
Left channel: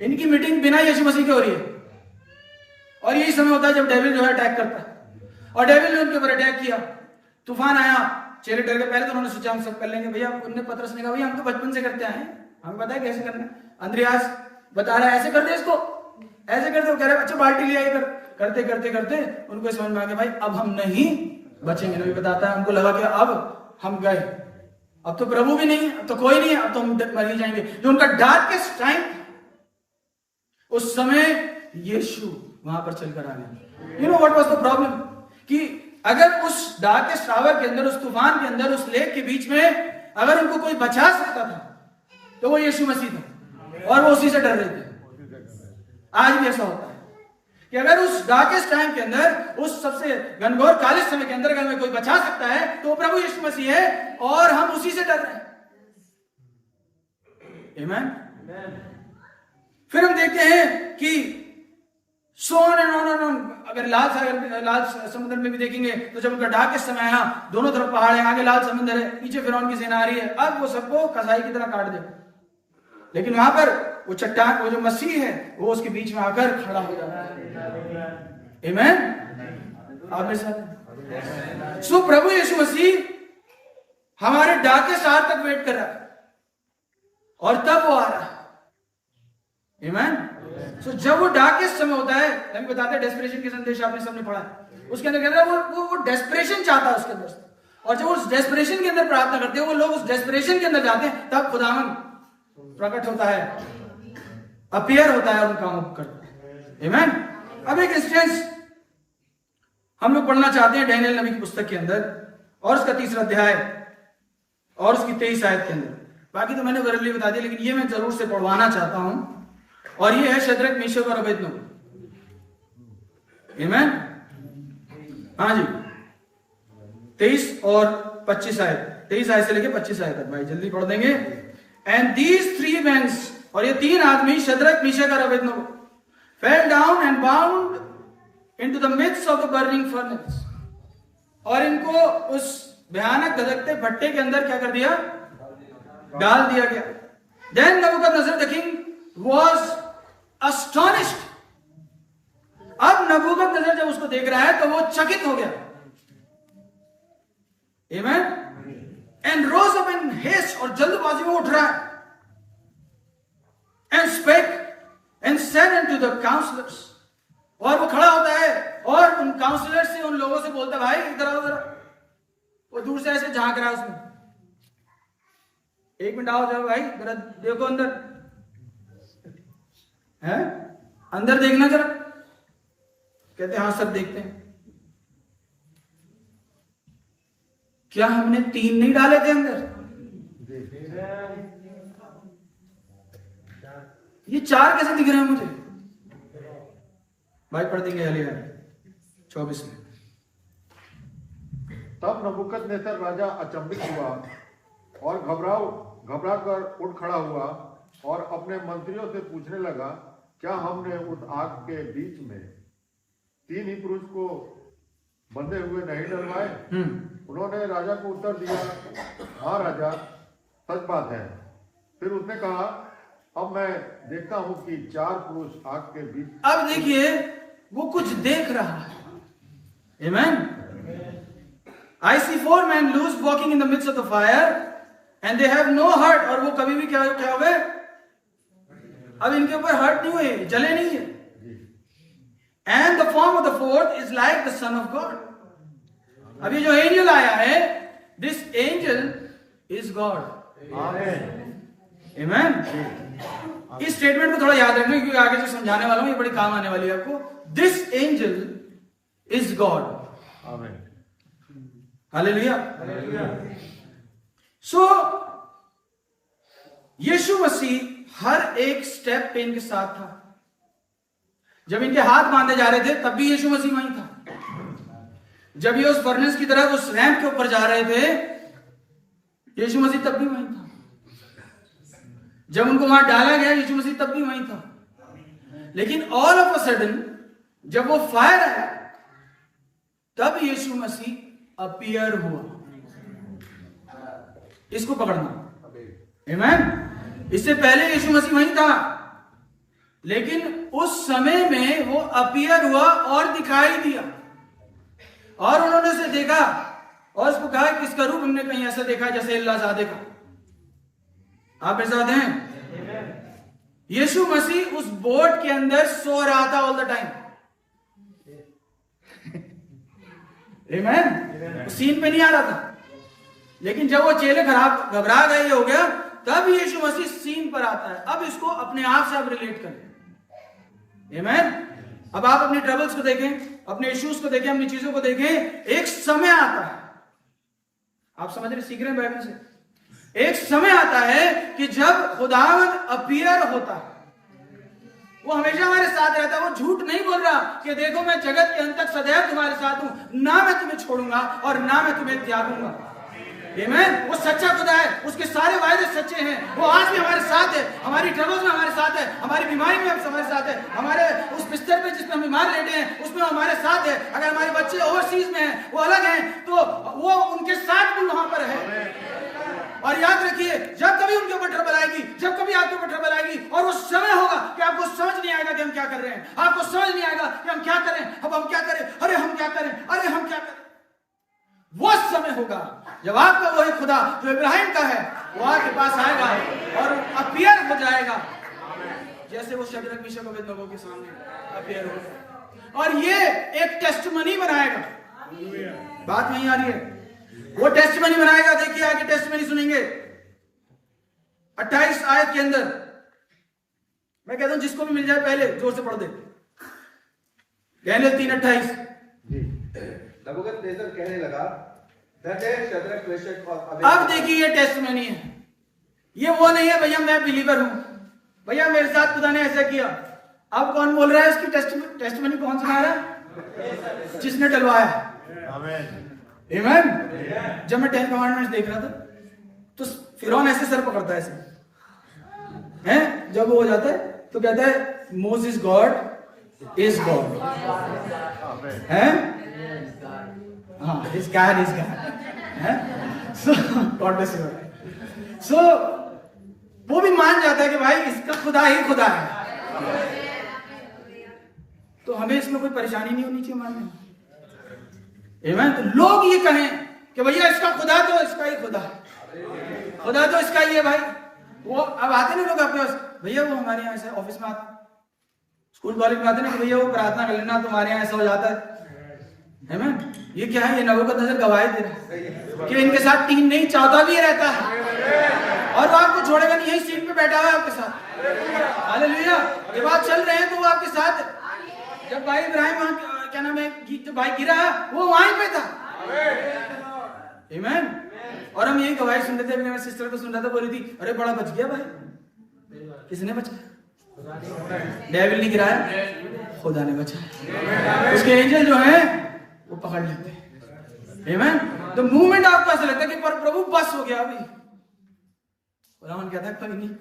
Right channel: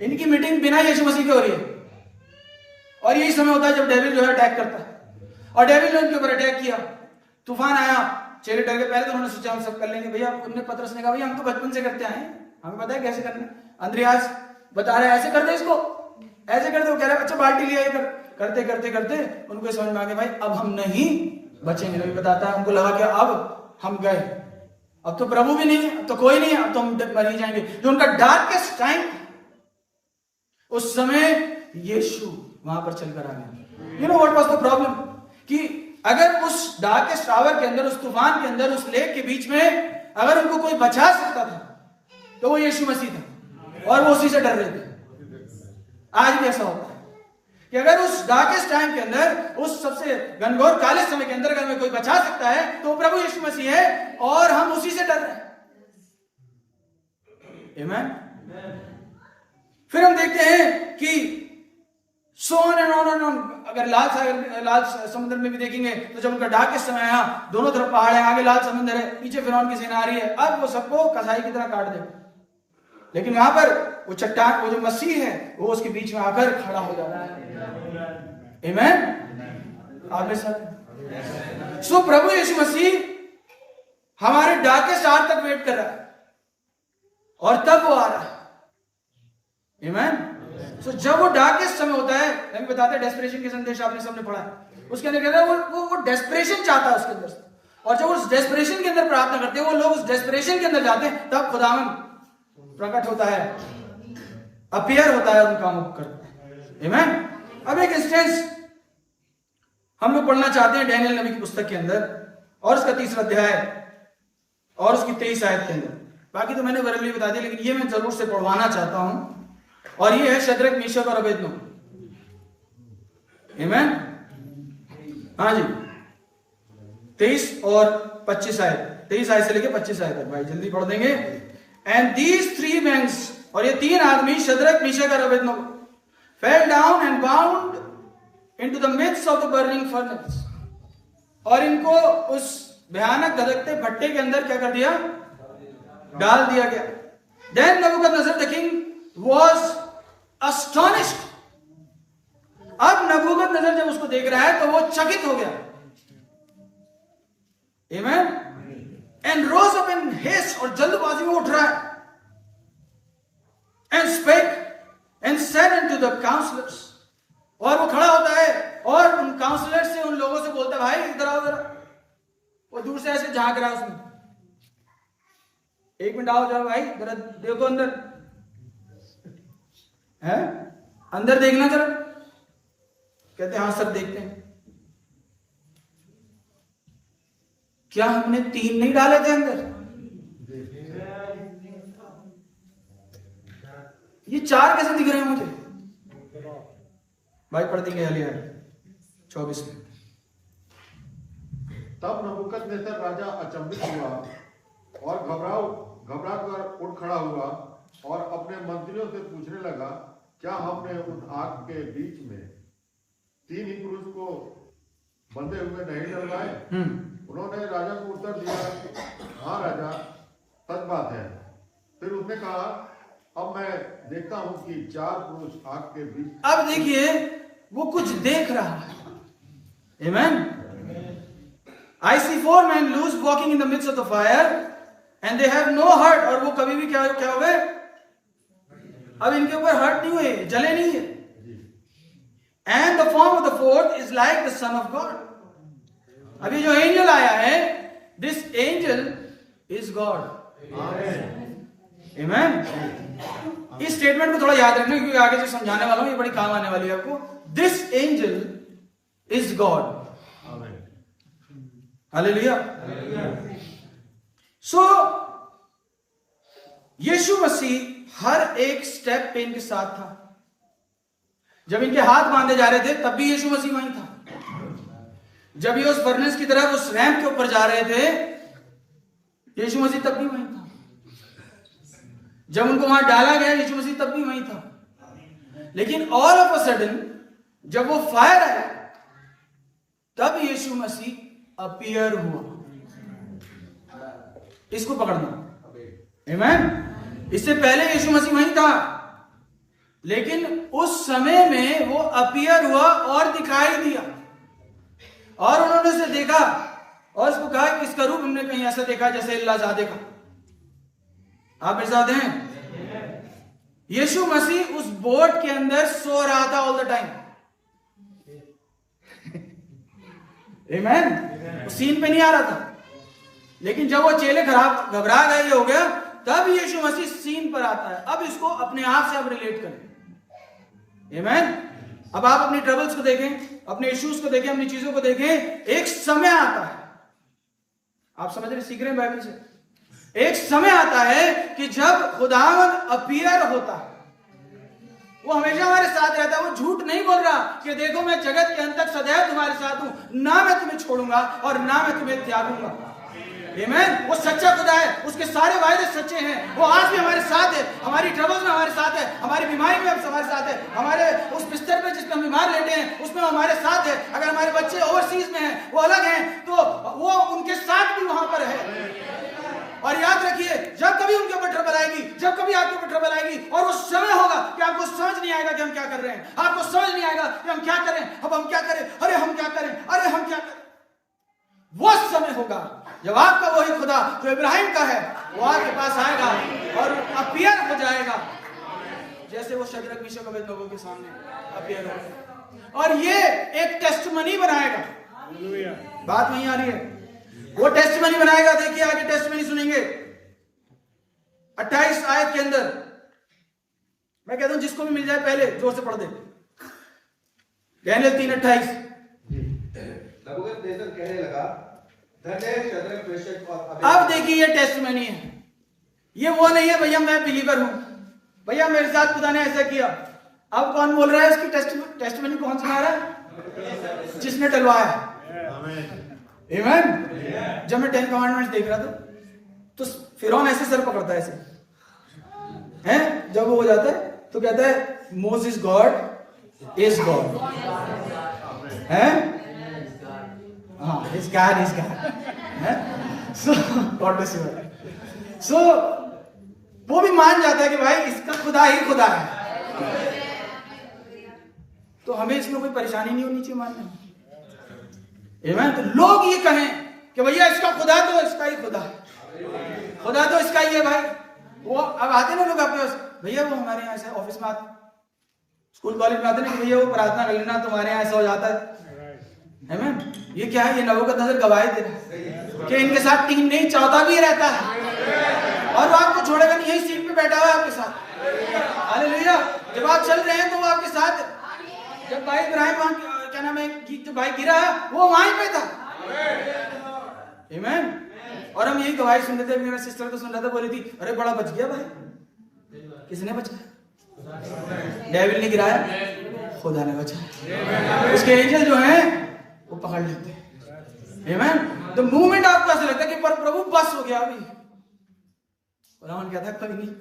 इनकी मीटिंग बिना यीशु मसीह के हो रही है। और यही समय होता है जब डेविल जो है अटैक करता है, और डेविल ने उनके ऊपर अटैक किया, तूफान आया। चेले डर गए। पहले तो उन्होंने सोचा हम सब कर लेंगे भैया, उनने पतरस ने कहा भैया हम तो बचपन से करते आए हैं, हमें पता है कैसे करना है। अंद्रियास बता रहा है ऐसे कर दे इसको, ऐसे कर दे। वो कह रहा है अच्छा बाल्टी लिया ये कर। करते करते करते उनको समझ में आ गया भाई अब हम नहीं बचेंगे। नबी बताता है उनको लगा कि अब हम गए, अब तो प्रभु भी नहीं है, अब तो कोई नहीं है, अब तो हम मर ही जाएंगे। जो उनका डार्केस्ट टाइम, उस समय यीशु वहां पर चलकर आ गया। You know what was the problem, कि अगर उस डार्केस्ट आवर के अंदर, उस तूफान के अंदर, उस लेक के बीच में अगर उनको कोई बचा सकता था तो वो यीशु मसीह था, और वो उसी से डर रहे थे। आज भी ऐसा होता है कि अगर उस डार्केस्ट टाइम के अंदर, उस सबसे घनघोर काले समय के अंदर अगर हमें कोई बचा सकता है तो प्रभु यीशु मसीह है, और हम उसी से डर रहे हैं, आमीन। फिर हम देखते हैं कि सोन एंड ऑन एंड ऑन। अगर लाल समुद्र में भी देखेंगे तो जब उनका डार्केस्ट समय आया, दोनों तरफ पहाड़ है, आगे लाल समुद्र है, पीछे फिरौन की सेना आ रही है, अब वो सबको कसाई की तरह काट देगा। लेकिन वहां पर वो चट्टान, वो जो मसीह है, वो उसके बीच में आकर खड़ा हो जाता है, आमीन। आप मेरे साथ। सो प्रभु यीशु मसीह हमारे डार्केस्ट आवर तक वेट कर रहा है, और तब वो आ रहा है, आमीन। सो जब वो डार्केस्ट समय होता है, हम बताते हैं डेस्परेशन के संदेश आपने सबने पढ़ा है, उसके अंदर कहता है वो डेस्परेशन चाहता है उसके अंदर से, और जब उस डेस्परेशन के अंदर प्रार्थना करते हैं, वो लोग उस डेस्परेशन के अंदर जाते हैं, तब खुदावन प्रकट होता है, अपीयर होता है, उनका मुख करता है, आमीन। अब एक इंस्टेंस हम लोग पढ़ना चाहते हैं डैनियल नबी की पुस्तक के अंदर, और उसका 3रा अध्याय और उसकी 23 आयत के अंदर। बाकी तो मैंने वर्ली बता दिया, लेकिन ये मैं जरूर से पढ़वाना चाहता हूं, और ये है शद्रक, मीशक और अबेदनगो, आमीन। हाँ जी, 23 और 25 आयत, 23 आयत से लेके 25 आयत तक, भाई जल्दी पढ़ देंगे। एंड दीज 3 men, और ये 3 आदमी शद्रक, मीशक और Abednego, fell down and bound into the midst of the burning furnace, और इनको उस भयानक धधकते भट्टे के अंदर क्या कर दिया, डाल दिया गया। Then Nebuchadnezzar the king was astonished, अब नबूकदनेस्सर जब उसको देख रहा है तो वो चकित हो गया, आमीन। And rose up in haste, और जल्दबाजी में उठ रहा है, and spake and said unto the counselors, और वो खड़ा होता है और उन काउंसलर से, उन लोगों से बोलता है भाई इधर आओ जरा, वो दूर से ऐसे झांक रहा है उसमें, 1 मिनट आओ जाओ भाई जरा देखो अंदर, है अंदर देखना जरा। कहते हाँ सर देखते हैं। क्या हमने 3 नहीं डाले थे अंदर? ये 4 कैसे दिख रहे हैं मुझे? भाई पढ़ देंगे हालिया 24 में। तब नबूकदनेस्सर राजा अचंभित हुआ और घबरा कर उठ खड़ा हुआ और अपने मंत्रियों से पूछने लगा, क्या हमने उस आग के बीच में 3 ही पुरुष को बंधे हुए नहीं डलवाए? उन्होंने राजा को उत्तर दिया, हाँ राजा, सच बात है। फिर उसने कहा, अब मैं देखता हूं कि 4 पुरुष आग के बीच। अब देखिए वो कुछ देख रहा है। Amen. I see 4 men loose walking in the midst of the fire and they have no hurt। और वो कभी भी क्या हो गए? अब इनके ऊपर हर्ट नहीं हुए, जले नहीं है। And the form of the 4th is like the Son of God। अभी जो एंजल आया है, this angel is God। Amen। इस स्टेटमेंट को थोड़ा याद रखना क्योंकि आगे जो समझाने वाला हूं ये बड़ी काम आने वाली है आपको। This angel is God. Hallelujah. So यीशु मसीह हर एक स्टेप पे इनके साथ था। जब इनके हाथ बांधे जा रहे थे तब भी यीशु मसीह वहीं था। जब ये उस फर्नेस की तरफ उस रैंप के ऊपर जा रहे थे, यीशु मसीह तब भी वहीं था। जब उनको वहां डाला गया, यीशु मसीह तब भी वहीं था। लेकिन ऑल ऑफ अ सडन जब वो फायर आया तब यीशु मसीह अपीयर हुआ। इसको पकड़ना। आमीन। इससे पहले यीशु मसीह वहीं था, लेकिन उस समय में वो अपीयर हुआ और दिखाई दिया और उन्होंने उसे देखा और उसको कहा कि इसका रूप हमने कहीं ऐसा देखा जैसे इल्लाजादे का। आप मेरे साथ हैं? यीशु मसीह उस बोट के अंदर सो रहा था ऑल द टाइम। आमीन। सीन पे नहीं आ रहा था, लेकिन जब वो चेले घबरा गए, ये हो गया, तब यीशु मसीह सीन पर आता है। अब इसको अपने आप से आप रिलेट करें। आमीन। अब आप अपनी ट्रबल्स को देखें, अपने इश्यूज को देखें, अपनी चीजों को देखें। एक समय आता है, आप समझ रहे, सीख रहे हैं बाइबल से। एक समय आता है कि जब खुदावंद अपीयर होता है, वो हमेशा हमारे साथ रहता है। वो झूठ नहीं बोल रहा कि देखो मैं जगत के अंत तक सदैव तुम्हारे साथ हूं, ना मैं तुम्हें छोड़ूंगा और ना मैं तुम्हें त्यागूंगा। आमीन। वो सच्चा खुदा है, उसके सारे वायदे सच्चे हैं। वो आज भी हमारे साथ है, हमारी ट्रबल्स में हमारे साथ है, हमारी बीमारी में हमारे साथ है, हमारे उस बिस्तर पे जिसमें हम बीमार लेटे हैं उसमें हमारे साथ है। अगर हमारे बच्चे ओवरसीज में हैं, वो अलग हैं, तो वो उनके साथ भी वहां पर है। और याद रखिए, जब कभी उनके ऊपर ट्रबल आएगी, जब कभी आपके ऊपर ट्रबल आएगी, और वो समय होगा कि आपको समझ नहीं आएगा कि हम क्या कर रहे हैं, आपको समझ नहीं आएगा कि हम क्या करें, अब हम क्या करें, अरे हम क्या करें, अरे हम क्या करें। वो समय होगा जब आपका वही खुदा जो इब्राहिम का है वो आपके पास आएगा और अपीयर हो जाएगा, जैसे वो शद्रक मीशक अबेदनगो के सामने अपीयर हो, और ये एक टेस्टिमनी बनाएगा। बात नहीं आ रही है? वो टेस्टिमनी बनाएगा। देखिए आगे टेस्टिमनी सुनेंगे 28 आयत के अंदर। मैं कहता हूं जिसको भी मिल जाए पहले जोर से पढ़ दे। डैनियल 3:28। नबूकदनेस्सर कहने लगा, शद्रक मेशक और अब देखिए ये टेस्टिमनी है। ये वो नहीं है भैया मैं बिलीवर हूं, भैया मेरे साथ खुदा ने ऐसा किया। अब कौन बोल रहा है इसकी टेस्टिमनी? कौन सुना रहा है? जिसने डलवाया। आमीन। जब मैं 10 कमांडमेंट्स देख रहा था तो फिरौन ऐसे सर पकड़ता है, ऐसे हैं, जब वो हो जाता है तो कहता है मोसेस गॉड इज गॉड, हैं, हाँ, इज गॉड इज गॉड, हैं। सो गॉड ब्लेस यू। सो वो भी मान जाता है कि भाई इसका खुदा ही खुदा है, तो हमें इसमें कोई परेशानी नहीं होनी चाहिए मानने में। आमीन। तो लोग ये कहें कि भैया इसका खुदा तो इसका ही खुदा है, खुदा तो इसका ही है भाई। वो अब आते ना लोग आपके पास, भैया वो हमारे यहाँ ऐसा, ऑफिस में आते, स्कूल कॉलेज में आते ना कि भैया वो प्रार्थना कर लेना तुम्हारे यहाँ ऐसा हो जाता है। आमीन। ये क्या है? ये नबूकदनेस्सर गवाही दे रहा है कि इनके साथ 3 नहीं 14 भी रहता है और वो आपको छोड़ेगा नहीं, यही सीट पे बैठा हुआ है आपके साथ। हालेलुया। जब आप चल रहे हैं तो वो आपके साथ। जब भाई इब्राहिम क्या नाम है, जो भाई गिरा वो वहीं पे था। आमीन। और हम यही गवाही सुन रहे थे, मेरे सिस्टर को सुन रहा था, बोली थी अरे बड़ा बच गया भाई। किसने बचाया? डेविल ने गिराया, खुदा ने बचाया। उसके एंजल जो हैं वो पकड़ लेते हैं। आमीन। तो मूवमेंट आपको ऐसा लगता है कि पर प्रभु बस हो गया अभी। खुदावन कहता है कोई नहीं,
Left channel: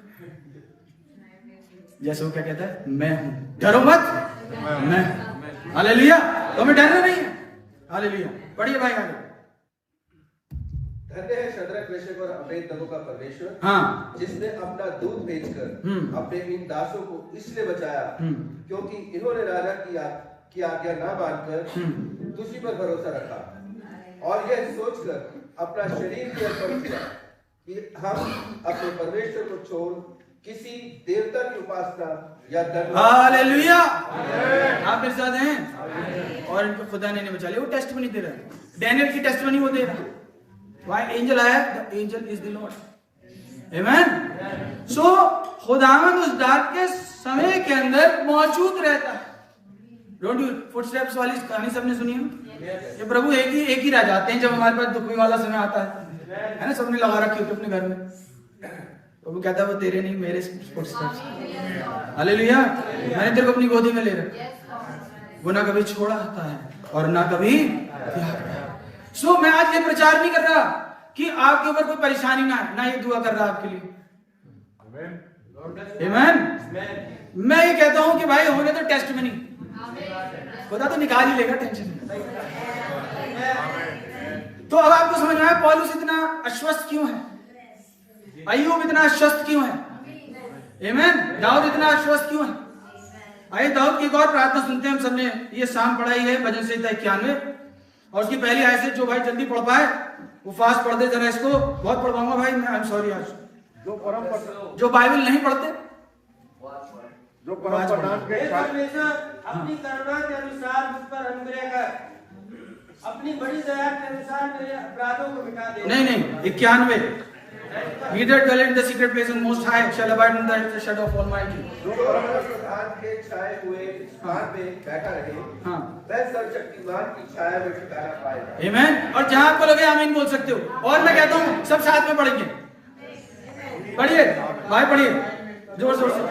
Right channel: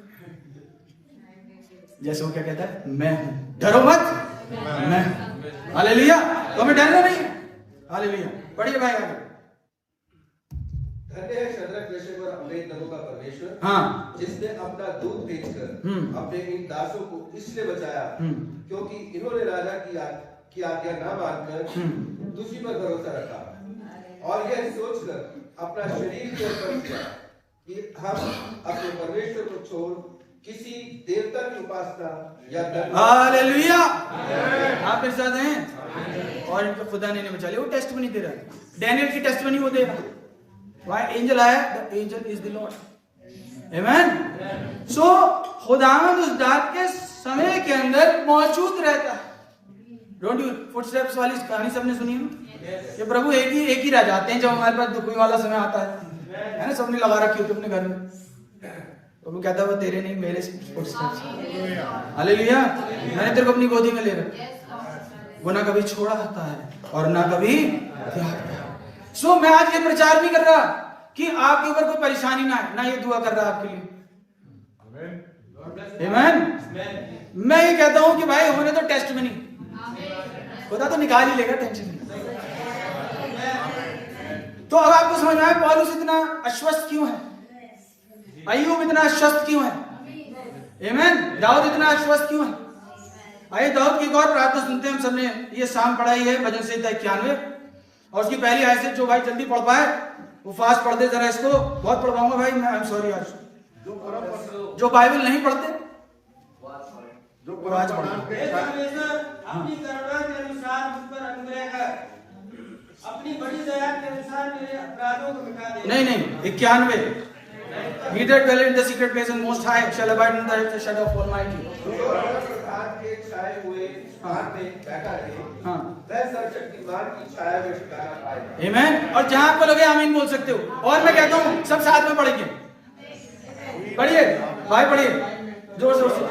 जैसे वो क्या कहता है, मैं हूं, डरो मत, मैं हूं। हालेलुया। तो हमें डरना नहीं है। हालेलुया। पढ़िए भाई आगे। धन्य है शद्रक, मेशक और अबेदनगो का परमेश्वर, हाँ, जिसने अपना दूध भेजकर अपने इन दासों को इसलिए बचाया क्योंकि इन्होंने राजा की आज्ञा न मानकर तुझी पर भरोसा रखा और यह सोचकर अपना शरीर भी अर्पण किया कि हम अपने परमेश्वर को छोड़ किसी देवता की उपासना या हालेलुया। आप मेरे साथ हैं। और इनको खुदा ने बचा लिया। वो टेस्टमनी दे रहा है, डैनियल की टेस्टमनी वो दे रहा है। Why angel आया? The angel is the Lord. Amen. So खुदावंद उस डार्केस्ट समय के अंदर मौजूद रहता है। Don't you footsteps वाली कहानी सबने सुनी है ना? ये प्रभु एक ही रह जाते हैं जब हमारे पास दुखी वाला समय आता है ना? सबने लगा रखी होती अपने घर में। प्रभु कहता है वो तेरे नहीं मेरे फुटस्टेप्स। हालेलुया। मैंने तेरे को अपनी गोदी में ले रखा। वो ना कभी छोड़ा आता है और ना कभी त्याग। सो मैं आज ये प्रचार नहीं कर रहा कि आपके ऊपर कोई परेशानी ना है, ना ये दुआ कर रहा आपके लिए। आमीन। मैं ये कहता हूं कि भाई होने तो टेस्ट में नहीं, खुदा तो निकाल ही लेगा, टेंशन नहीं। तो अब आपको समझ में आया पौलुस इतना आश्वस्त क्यों है, अय्यूब इतना आश्वस्त क्यों है। आमीन। दाऊद इतना आश्वस्त क्यों है। आइए दाऊद की एक और प्रार्थना सुनते हैं। हम सबने ये शाम पढ़ाई है भजन संहिता 91 और उसकी पहली आयत से। जो भाई जल्दी पढ़ पाए वो फास्ट पढ़ दे जरा। इसको बहुत पढ़वाऊंगा भाई मैं, आई एम सॉरी। आज जो बाइबल नहीं पढ़ते जो आज पढ़ अपनी करुणा के अनुसार मुझ पर अनुग्रह कर, अपनी बड़ी दया के अनुसार मेरे अपराधों को मिटा दे। नहीं 91 He that dwelleth in the secret place of Most High shall abide under the shadow of Almighty. के छाए हुए स्थान में बैठा रहे, हाँ, वह सर्वशक्तिमान की छाया में ठिकाना पाएगा। आमीन। और जहां आपको लगे आमीन बोल सकते हो। और मैं कहता हूं सब साथ में पढ़ेंगे। पढ़िए भाई, पढ़िए जोर जोर से।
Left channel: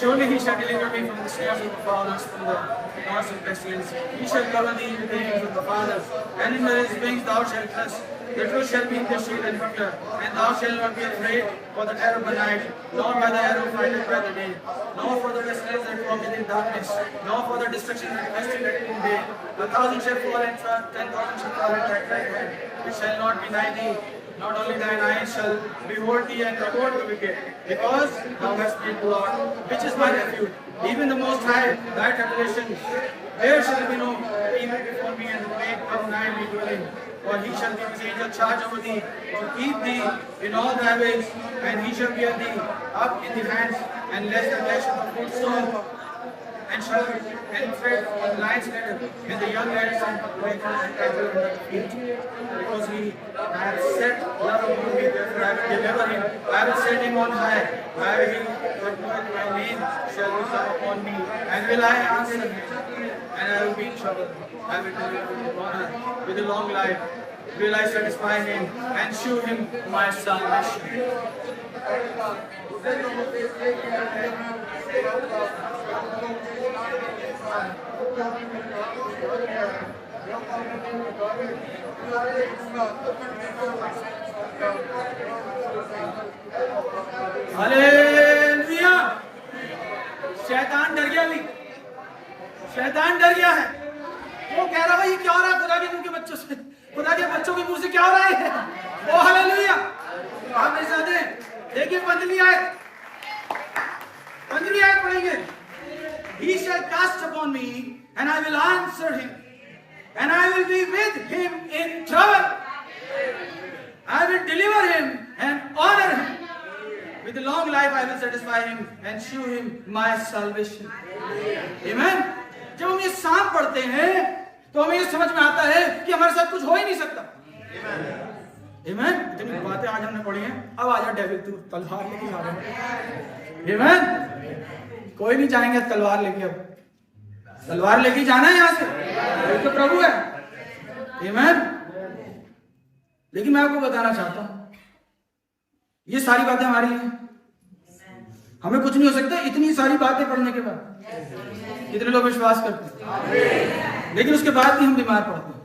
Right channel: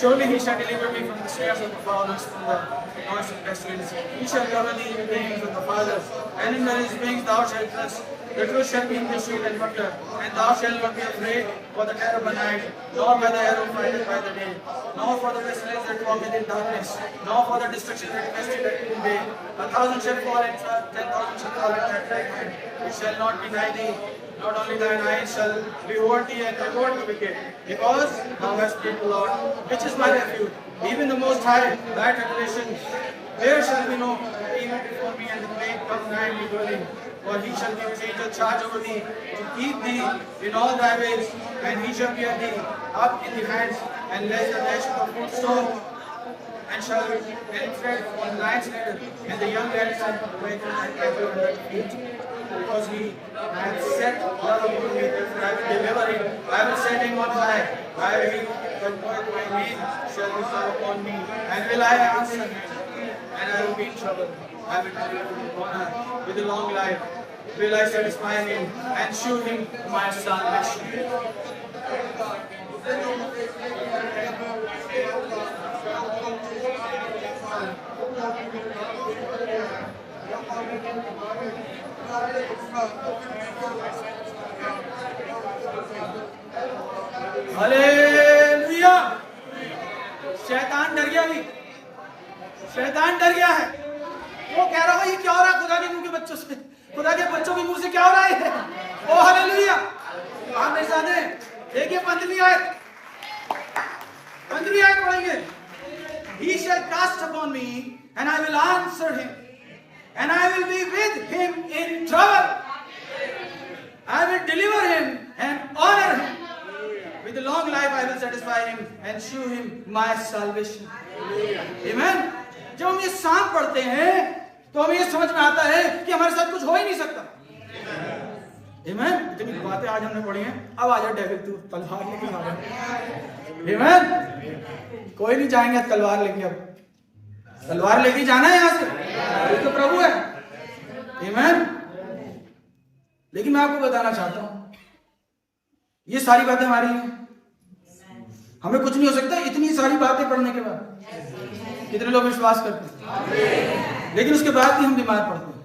Surely he shall deliver me from the snares of the fowlers, from the noise of pestilence. He shall cover thee in the wings of the fathers, and in his wings thou shalt trust. The truth shall be in their shield and buckler, and thou shalt not be afraid for the terror by night, nor by the arrow flighted by the day, nor for the pestilence that walketh in darkness, nor for the destruction that wasteth at noonday. 1,000 shall fall and 10,000 shall fall at thy right hand. It shall not be nigh thee. Not only thine eyes shall behold thee and avoid the wicked, because thou hast made the Lord, which is my refuge, even the Most High, thy tribulation. There shall be no evil before me, and the plague come nigh me dwelling. For he shall give his angel charge over thee, to keep thee in all thy ways, and he shall bear thee up in the hands, and lest thou dash upon stone, and shall tread on lion's lair, and the young lions shall play and trample under the feet. Because he hath set love upon me, therefore I will deliver him. I will set him on high. I will that knoweth my name shall be come upon me, and will I answer him, and I will be in trouble. I will deliver him with honor, with a long life will I satisfy him, and shew him my salvation. Hallelujah. शैतान डर गया भी, शैतान डर गया है। वो कह रहा है ये क्या हो रहा है खुदा के मुंह के बच्चों से, खुदा के बच्चों के मुंह से क्या हो रहा है। ओ हालेलुया। आप मेरे साथ हैं। देखिए 15वीं आयत पढ़ेंगे। He shall cast upon me, and I will answer him, and I will be with him in trouble. I will deliver him and honor him. with a long life I will satisfy him and show him my salvation. Amen. जब हम ये साम पढ़ते हैं तो हमें ये समझ में आता है कि हमारे साथ कुछ हो ही नहीं सकता. Amen. इतनी बातें आज हमने पढ़ी हैं. अब आ जा डेविल, तू तलवार लेके आ जा. Amen. कोई नहीं जाएंगे तलवार लेके. अब तलवार लेके जाना है यहां से, कोई तो प्रभु है. Amen. लेकिन मैं आपको बताना चाहता हूं ये सारी बातें हमारी हैं. हमें कुछ नहीं हो सकता इतनी सारी बातें पढ़ने के बाद. कितने लोग विश्वास करते हैं? लेकिन उसके बाद भी हम बीमार पड़ते हैं,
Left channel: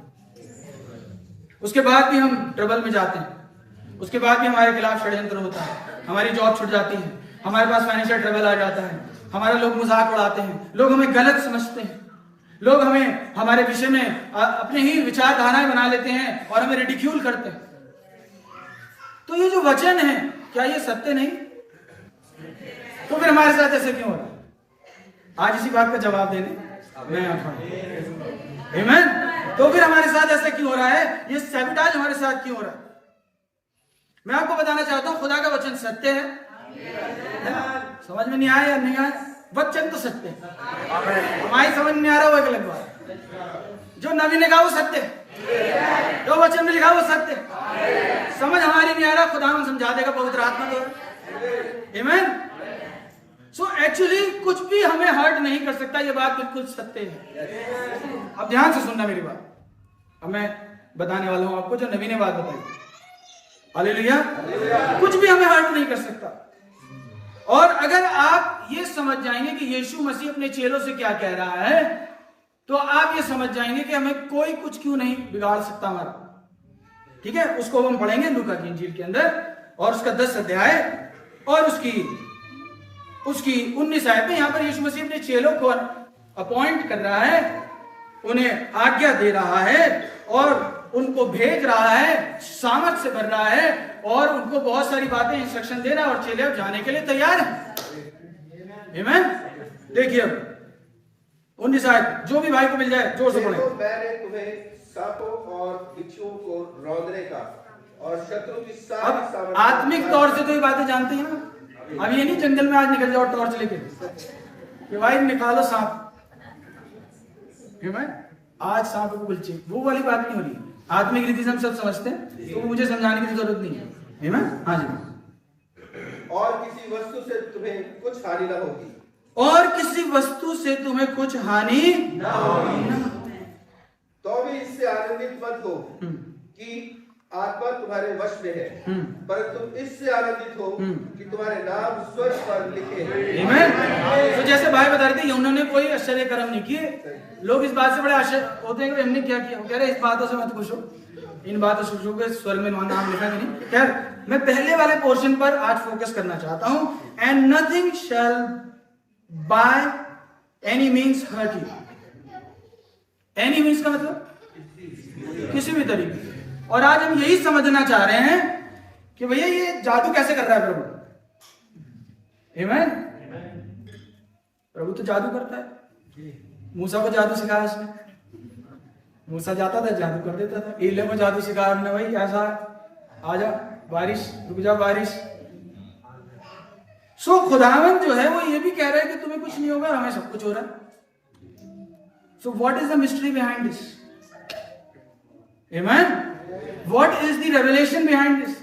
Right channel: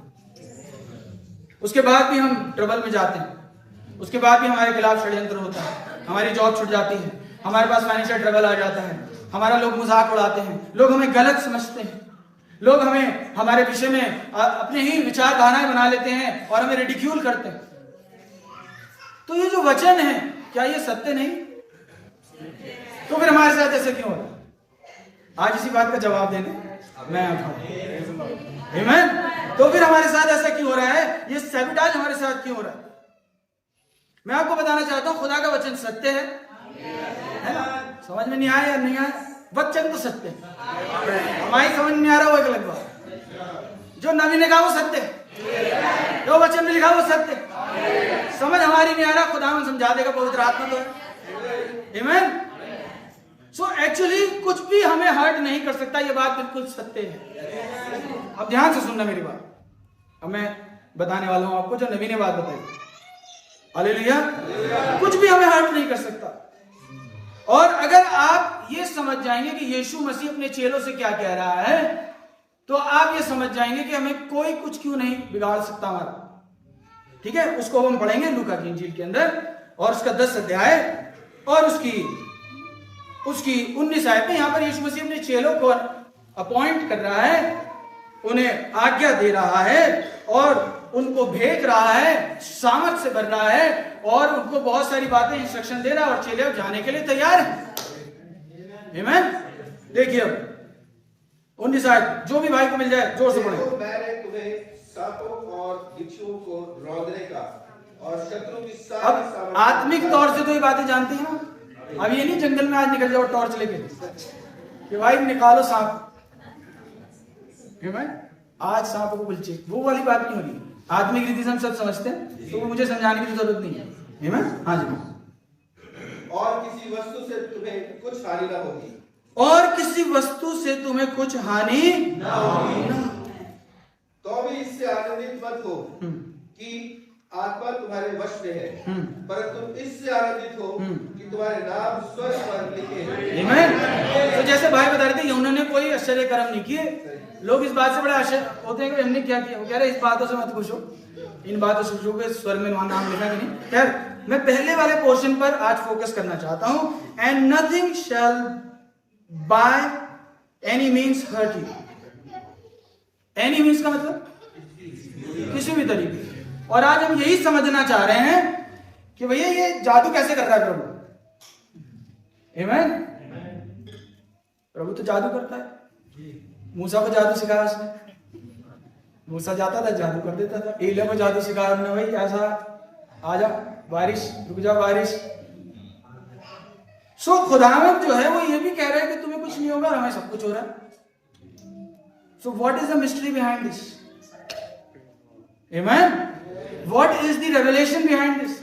उसके बाद भी हम ट्रबल में जाते हैं, उसके बाद भी हमारे खिलाफ षड्यंत्र होता है, हमारी जॉब छूट जाती है, हमारे पास फाइनेंशियल ट्रबल आ जाता है, हमारा लोग मजाक उड़ाते हैं, लोग हमें गलत समझते हैं, लोग हमें हमारे विषय में अपने ही विचारधाराएं बना लेते हैं और हमें रिडिक्यूल करते हैं. तो ये जो वचन है क्या ये सत्य नहीं? तो फिर हमारे साथ ऐसे क्यों हो रहा है? आज इसी बात का जवाब देने मैं यहाँ खड़ा. आमीन. तो फिर हमारे साथ ऐसा क्यों हो रहा है? ये सैबोटाज हमारे साथ क्यों हो रहा है? मैं आपको बताना चाहता हूं खुदा का वचन सत्य है ना? समझ में नहीं आया या नहीं आया? वचन तो सत्य है, हमारी समझ में नहीं आ रहा वो एक अलग बात. जो नबी ने कहा वो सत्य है, जो वचन में लिखा वो सत्य है. समझ हमारी नहीं आ रहा, खुदा हम समझा देगा, पवित्र आत्मा तो है. आमीन. सो एक्चुअली कुछ भी हमें हर्ट नहीं कर सकता, ये बात बिल्कुल सत्य है. अब ध्यान से सुनना मेरी बात. अब मैं बताने वाला हूं आपको जो नबी ने बात बताई. हालेलुया. कुछ भी हमें हर्ट नहीं कर सकता. और अगर आप ये समझ जाएंगे कि यीशु मसीह अपने चेलों से क्या कह रहा है तो आप ये समझ जाएंगे कि हमें कोई कुछ क्यों नहीं बिगाड़ सकता हमारा. ठीक है, उसको हम पढ़ेंगे लूका की इंजील के अंदर और उसका 10 अध्याय और उसकी 19 आयत में. यहां पर यीशु मसीह अपने चेलों को अपॉइंट कर रहा है, उन्हें आज्ञा दे रहा है और उनको भेज रहा है, सामर्थ से भर रहा है और उनको बहुत सारी बातें इंस्ट्रक्शन दे रहा है और चेले अब जाने के लिए तैयार हैं. आमीन. देखिए अब 19 आयत, जो भी भाई को मिल जाए जोर से पढ़ें. मैंने तुम्हें सांपों और बिच्छुओं को रौंदने का और शत्रु की अब आत्मिक तौर से तो ये बातें जानते हैं ना. अब ये नहीं जंगल में आज निकल जाओ टॉर्च लेके कि भाई निकालो सांप. आज सांप को कुलचे, वो वाली बात नहीं हो रही. आत्मिक रीति से हम सब समझते हैं तो वो मुझे समझाने की जरूरत नहीं है. हाँ जी. और किसी वस्तु से तुम्हें कुछ हानि न होगी. और किसी वस्तु से तुम्हें कुछ हानि न होगी. तो भी इससे आनंदित मत हो कि आत्मा तुम्हारे वश में है, परंतु इससे आनंदित हो कि तुम्हारे नाम स्वर्ग पर लिखे हैं. आमीन. तो जैसे भाई बता रहे थे उन्होंने कोई आश्चर्य कर्म नहीं किए. लोग इस बात से बड़े आश्चर्य होते हैं कि हमने क्या किया. वो कह रहे इस बातों से मत खुश हो, इन बातों से खुश हो के स्वर्ग में नाम लिखा कि नहीं. खैर मैं पहले वाले पोर्शन पर आज फोकस करना चाहता हूं. And nothing shall by any means hurt you. Any means का मतलब किसी भी तरीके. और आज हम यही समझना चाह रहे हैं कि भैया ये जादू कैसे कर रहा है प्रभु. आमीन. प्रभु तो जादू करता है. मूसा को जादू सिखाया उसने. मूसा जाता था जादू कर देता था. एलिया को जादू सिखाया ना, भाई ऐसा आजा बारिश, रुक जा बारिश. सो खुदावंद जो है वो ये भी कह रहा है कि तुम्हें कुछ नहीं होगा, हमें सब कुछ हो रहा है. So what is the mystery behind this? Amen. What is the revelation behind this?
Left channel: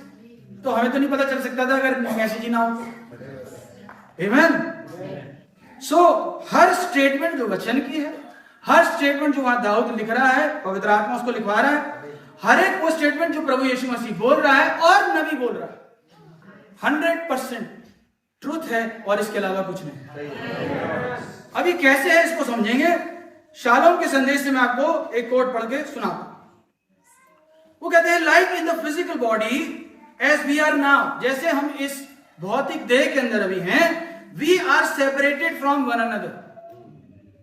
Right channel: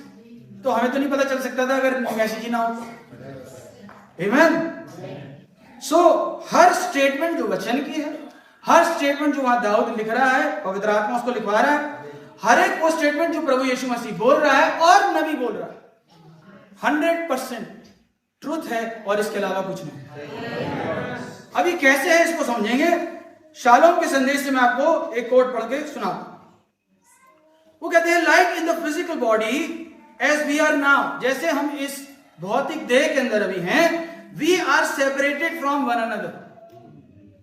तो हमें तो नहीं पता चल सकता था अगर मैसेज ही ना हो. आमीन. सो हर स्टेटमेंट जो वचन की है, हर स्टेटमेंट जो वहां दाऊद लिख रहा है, पवित्र आत्मा उसको लिखवा रहा है, हर एक वो स्टेटमेंट जो प्रभु यीशु मसीह बोल रहा है और नबी बोल रहा है 100% ट्रूथ है और इसके अलावा कुछ नहीं. अभी कैसे है इसको समझेंगे. शालोम के संदेश से मैं आपको एक कोट पढ़ के सुनाता. वो कहते हैं like in the physical body as we are now. जैसे हम इस भौतिक देह के अंदर अभी हैं, we are separated from one another.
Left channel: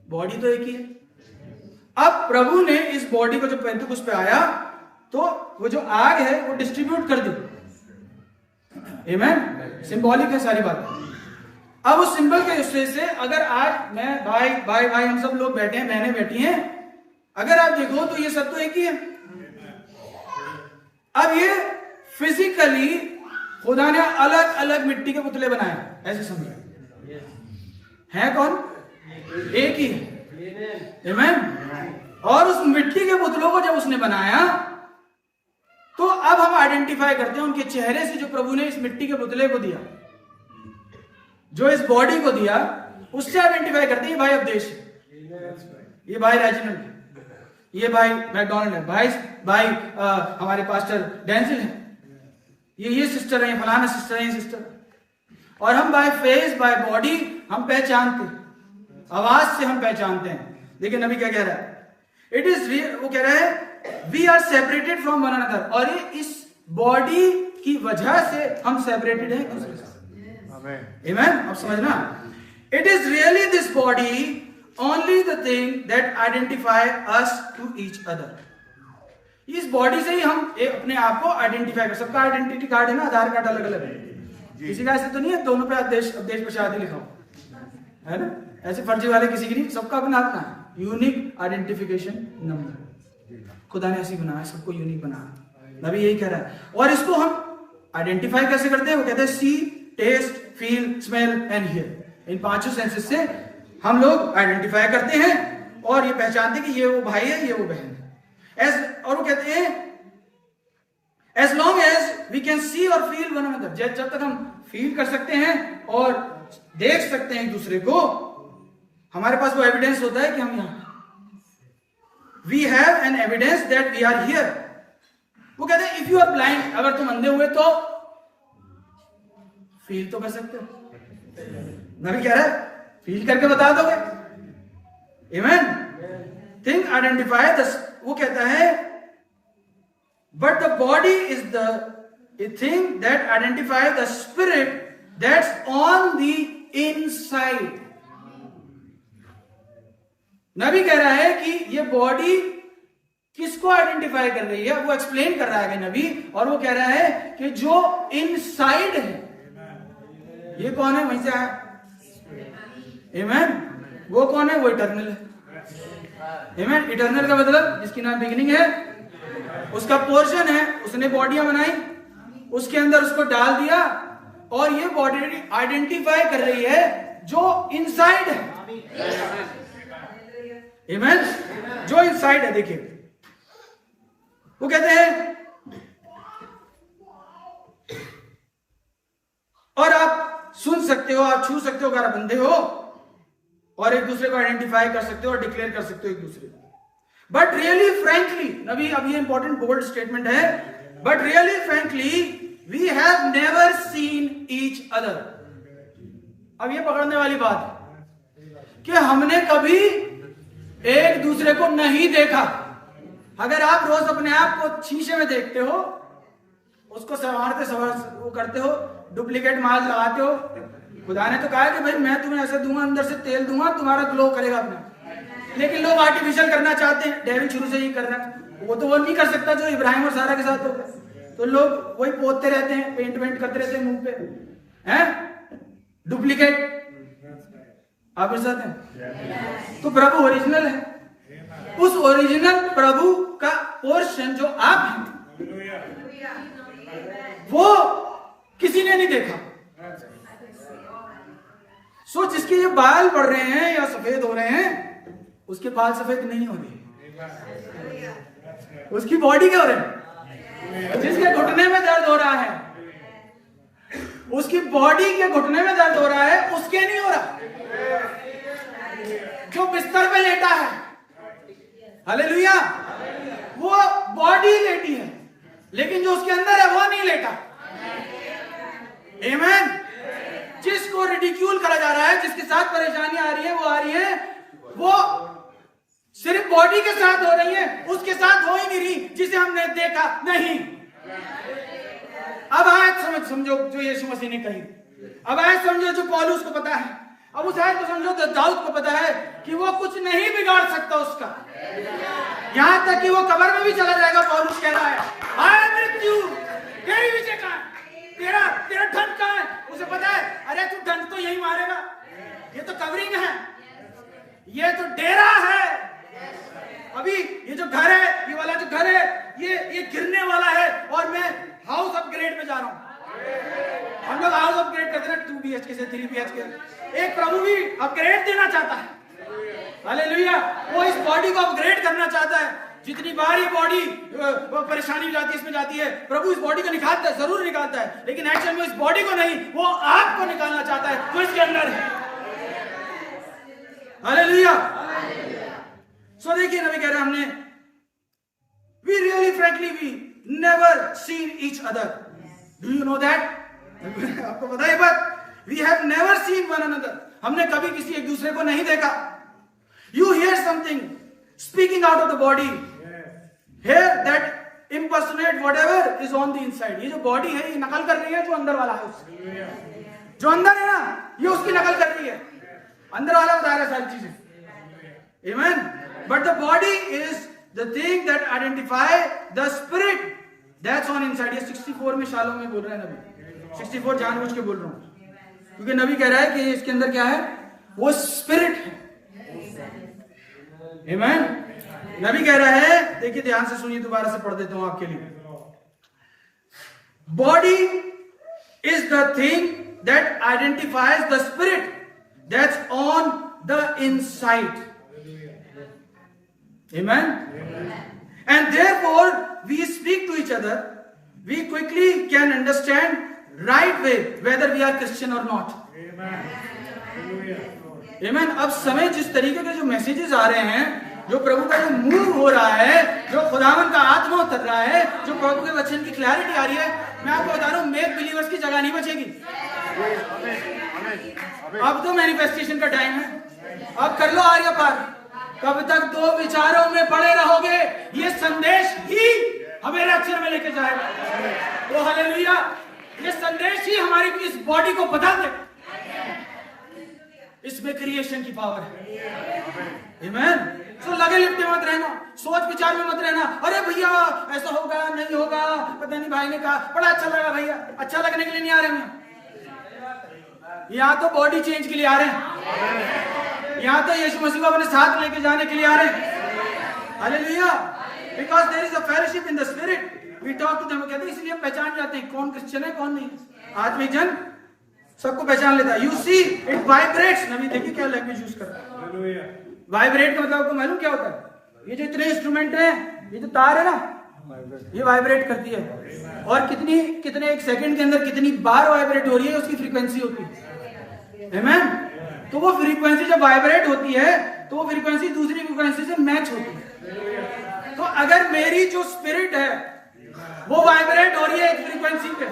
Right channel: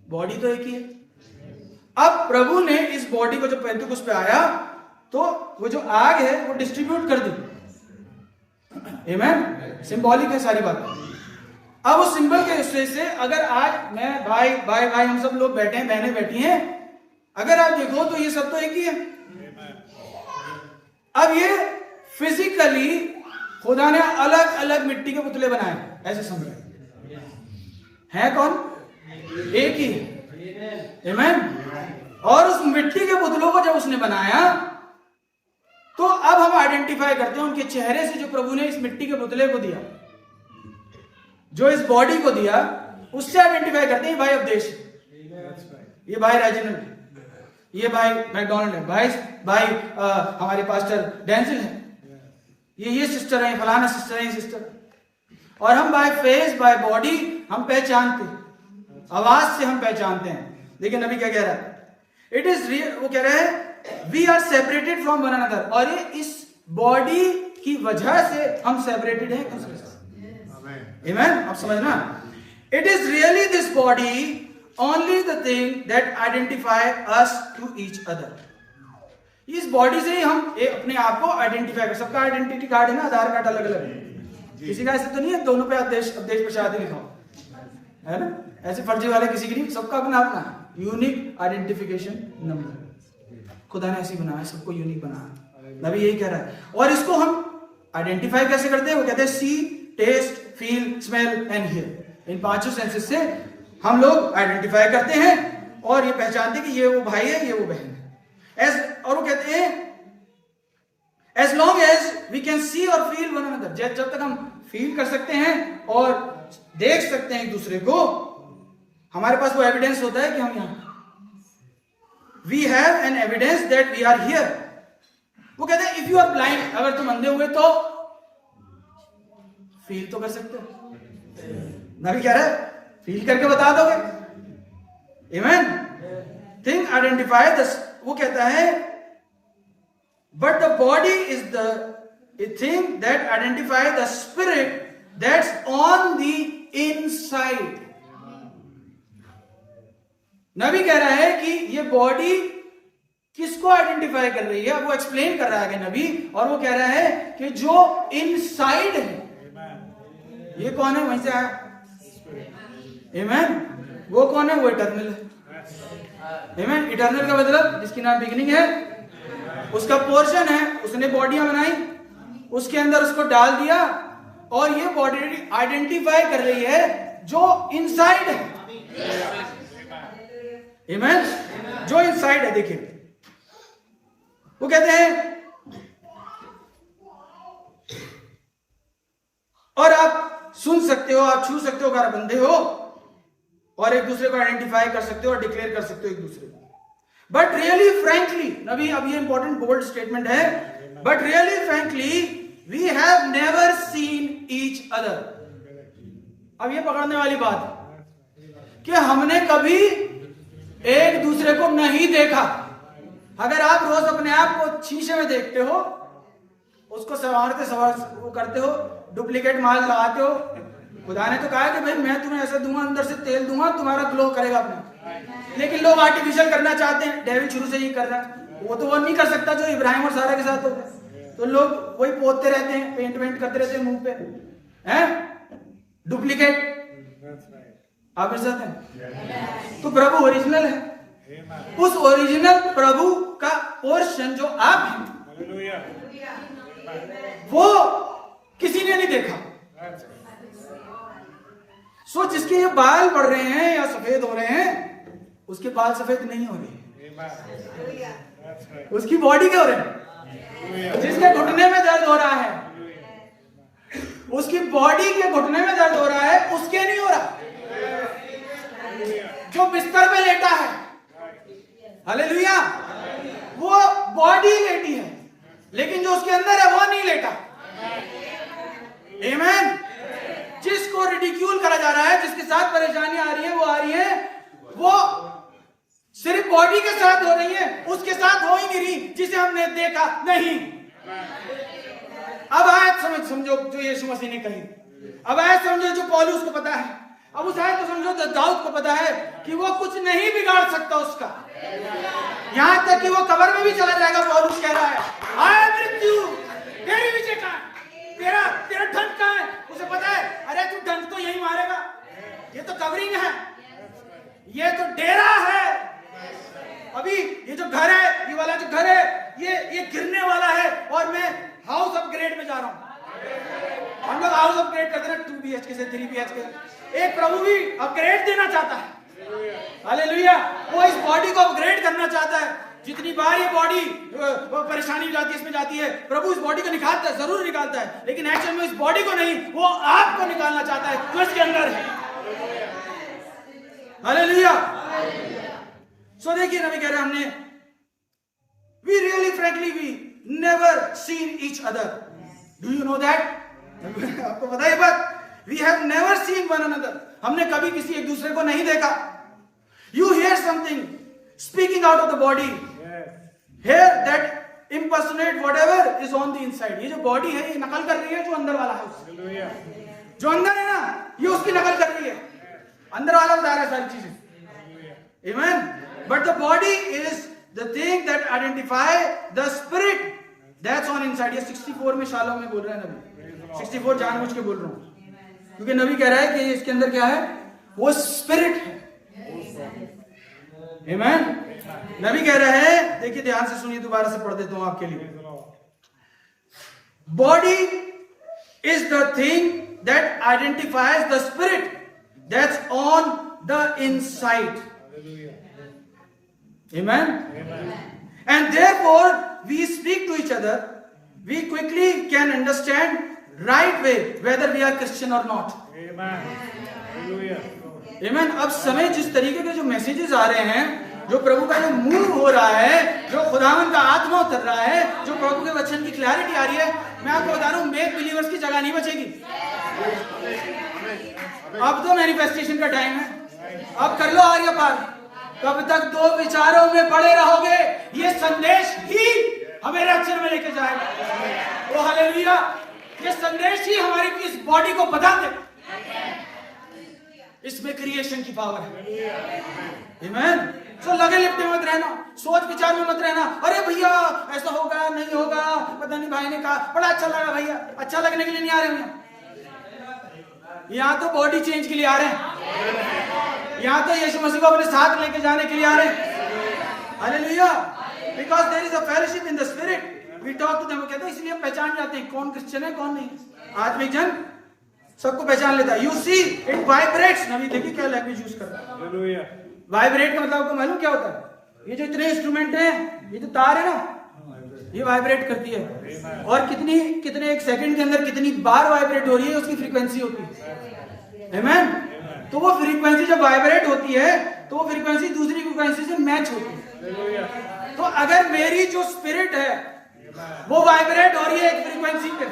Body तो एक ही है. अब प्रभु ने इस बॉडी को जब पेंतुकुस्त पे आया तो वो जो आग है वो डिस्ट्रीब्यूट कर दी. आमीन. सिंबॉलिक है सारी बात. अब उस सिंबल के हिस्से से अगर आज मैं भाई हम सब लोग बैठे हैं, बहनें बैठी हैं, अगर आप देखो तो ये सब तो एक ही है. अब ये फिजिकली खुदा ने अलग अलग मिट्टी के पुतले बनाए, ऐसे समझो। है कौन? एक ही है। आमीन। और उस मिट्टी के पुतलों को जब उसने बनाया तो अब हम आइडेंटिफाई करते हैं उनके चेहरे से, जो प्रभु ने इस मिट्टी के पुतले को दिया, जो इस बॉडी को दिया, उससे आइडेंटिफाई करते हैं। भाई अवदेश, ये भाई रेजिनल है, ये भाई मैकडोनल्ड है, भाई हमारे पास्टर डेंसिल है, ये सिस्टर है, फलाना सिस्टर है, ये सिस्टर। और हम बाय फेस बाय बॉडी हम पहचानते, आवाज से हम पहचानते हैं। लेकिन नबी क्या कह रहा है? इट इज, वो कह रहा है we are separated from one another, और ये इस बॉडी की वजह से हम सेपरेटेड हैं एक दूसरे से। आमीन। अब समझना, it is really this body only the thing that identify us to each other. इस बॉडी से ही हम अपने आप को आइडेंटिफाई कर, सबका आइडेंटिटी कार्ड है ना, आधार कार्ड अलग अलग है, किसी का ऐसे तो नहीं है दोनों पे अवदेश प्रसाद लिखा हो, है ना? ऐसे फर्जी वाले किसी की नहीं, सबका अपना अपना यूनिक आइडेंटिफिकेशन नंबर। खुदा ने ऐसी बनाया, सबको यूनिक बनाया। नबी यही कह रहा है। और इसको हम आइडेंटिफाई कैसे करते हैं? वो कहते हैं see, taste, feel, smell and hear. इन पांचों सेंसेस से हम लोग आइडेंटिफाई करते हैं और ये पहचानते हैं कि ये वो भाई है, ये वो बहन है। और वो कहते हैं as long as we can see और फील वन अनदर, जब तक हम फील कर सकते हैं और देख सकते हैं एक दूसरे को, हमारे पास वो एविडेंस होता है कि हम यहां, we have an evidence that we are here. वो कहते हैं इफ यू आर ब्लाइंड, अगर तुम अंधे हुए तो फील तो कर सकते हो। नबी कह रहा है फील करके बता दोगे। आमीन। थिंग आइडेंटिफाई द, वो कहता है but the body is the thing that identify the spirit that's on the inside. नबी कह रहा है कि ये बॉडी किसको आइडेंटिफाई कर रही है, वो एक्सप्लेन कर रहा है नबी, और वो कह रहा है कि जो इनसाइड है, ये कौन है? वहीं से आया। आमीन। वो कौन है? वो इटर्नल है। आमीन। इटर्नल का मतलब जिसकी ना बिगिनिंग है, उसका पोर्शन है, उसने बॉडियां बनाई, उसके अंदर उसको डाल दिया, और ये बॉडी आइडेंटिफाई कर रही है जो इनसाइड है। आमीन। जो इनसाइड है। देखिए वो कहते हैं, और आप सुन सकते हो, आप छू सकते हो अगर आप बंदे हो, और एक दूसरे को आइडेंटिफाई कर सकते हो और डिक्लेयर कर सकते हो एक दूसरे को। बट रियली फ्रैंकली, नबी अब ये इंपॉर्टेंट बोल्ड स्टेटमेंट है, but really frankly we have never seen each other. अब ये पकड़ने वाली बात है कि हमने कभी एक दूसरे को नहीं देखा। अगर आप रोज अपने आप को शीशे में देखते हो, उसको वो करते हो, डुप्लीकेट माल लगाते हो, खुदा ने तो कहा है कि भाई मैं तुम्हें ऐसे दूंगा, अंदर से तेल दूंगा, तुम्हारा ग्लो करेगा अपना। लेकिन लोग आर्टिफिशियल करना चाहते हैं, डेविल शुरू से ही कर रहा है। वो तो वो नहीं कर सकता जो इब्राहिम और सारा के साथ हो गया, तो लोग वही पोतते रहते हैं, पेंट वेंट करते रहते हैं मुंह पे, हैं डुप्लीकेट। आप इस साथ हैं? तो प्रभु ओरिजिनल है। उस ओरिजिनल प्रभु का पोर्शन जो आप हैं, वो किसी ने नहीं देखा। सो जिसके ये बाल बढ़ रहे हैं या सफेद हो रहे हैं, उसके बाल सफेद नहीं हो रहे, उसकी बॉडी क्या हो रही है। जिसके घुटने में दर्द हो रहा है, उसकी बॉडी के घुटने में दर्द हो रहा है, उसके नहीं हो रहा। जो बिस्तर पे लेटा है, हालेलुया, वो बॉडी लेटी है, लेकिन जो उसके अंदर है वो नहीं लेटा। आमीन। जिसको रिडिक्यूल करा जा रहा है, जिसके साथ परेशानियां आ रही है, वो सिर्फ बॉडी के साथ हो रही है, उसके साथ हो ही नहीं रही जिसे हमने देखा नहीं। अब आयत समझो जो यीशु मसीह ने कही, अब आयत समझो जो पौलुस को पता है, अब उस आयत को समझो तो दाऊद को पता है कि वो कुछ नहीं बिगाड़ सकता उसका, यहां तक कि वो कब्र में भी चला जाएगा। पौलुस कह रहा है, हाय मृत्यु तेरी विजय कहां है, तेरा ढंग कहां है। उसे पता है, अरे तू ढंग तो यही मारेगा, ये तो कवरिंग है, ये तो डेरा है, अभी ये जो घर है, ये वाला जो घर है, ये गिरने वाला है, और मैं हाउस अपग्रेड में जा रहा हूं। हम लोग हाउस अपग्रेड करते हैं 2 BHK से 3 BHK। एक प्रभु भी अपग्रेड देना चाहता है, हालेलुया। वो इस बॉडी को अपग्रेड करना चाहता है। जितनी बार ये बॉडी परेशानी हो जाती है, इसमें जाती है, प्रभु इस बॉडी को निकालता है, जरूर निकालता है, लेकिन एक्चुअल में इस बॉडी को नहीं, वो आपको निकालना चाहता है जो इसके अंदर है, हालेलुया। सो देखिए नबी कह रहे हैं हमने we really frankly we never seen each other. Do you know that? आपको पता है बात? We have never seen one another. हमने कभी किसी एक दूसरे को नहीं देखा। You hear something speaking out of the body, hear that impersonate whatever is on the inside. ये जो बॉडी है ये नकल कर रही है जो अंदर वाला है उसकी। जो अंदर है ना ये उसकी नकल कर रही है, अंदर वाला बता रहा है सारी चीजें, आमीन। But the body is the thing that identify the spirit that's on inside. ये 64 में शालों में बोल रहे हैं नबी, 64 जानबूझ के बोल रहा हूं क्योंकि नबी कह रहा है कि इसके अंदर क्या है, वो स्पिरिट है, आमीन। नबी कह रहा है, देखिए ध्यान से सुनिए, दोबारा से पढ़ देता हूं आपके लिए। Body is the thing that identifies the spirit that's on the inside, amen. And therefore we speak to each other, we quickly can understand right way whether we are Christian or not, amen। अब समय जिस तरीके के जो मैसेजेस आ रहे हैं, जो प्रभु का जो मूव हो रहा है, जो खुदावन का आत्मा उतर रहा है, जो प्रभु के वचन की क्लैरिटी आ रही है, मैं आपको बता रहा हूं मेक बिलीवर्स की जगह नहीं बचेगी। अब तो मैनिफेस्टेशन का टाइम है, अब कर लो आर्य पार। कब तक दो विचारों में पड़े रहोगे? ये संदेश ही हमें रक्षण में लेके जाएगा। ओ हालेलुया। ये संदेश ही हमारी इस बॉडी को बता दे इसमें क्रिएशन की पावर है, आमीन। तो लगे लिपटे मत रहना, सोच विचार में मत रहना, अरे भैया ऐसा होगा नहीं होगा, पता नहीं भाई ने कहा बड़ा अच्छा लगा। भैया अच्छा लगने के लिए नहीं आ रहे हैं यहाँ तो बॉडी चेंज के लिए आ रहे हैं, यहाँ तो यीशु मसीह को अपने साथ लेके जाने के लिए आ रहे हैं, hallelujah. Because there is a fellowship in the spirit, we talk to them. कहते हैं इसलिए हम पहचान जाते हैं कौन क्रिश्चियन है कौन नहीं। आत्मिक जन सबको पहचान लेता है। You see it vibrates. नबी देखिए क्या लैंग्वेज यूज कर रहा है। वाइब्रेट का मतलब आपको मालूम क्या होता है? ये जो इतने इंस्ट्रूमेंट हैं, ये जो तार है ना, ये वाइब्रेट करती है, और कितने एक सेकंड के अंदर कितनी बार वाइब्रेट हो रही है, उसकी फ्रीक्वेंसी होती है, आमीन। तो वो फ्रीक्वेंसी जब वाइब्रेट होती है तो वो फ्रीक्वेंसी दूसरी फ्रीक्वेंसी से मैच होती है। तो अगर मेरी जो स्पिरिट है वो वाइब्रेट हो रही है एक फ्रीक्वेंसी पे,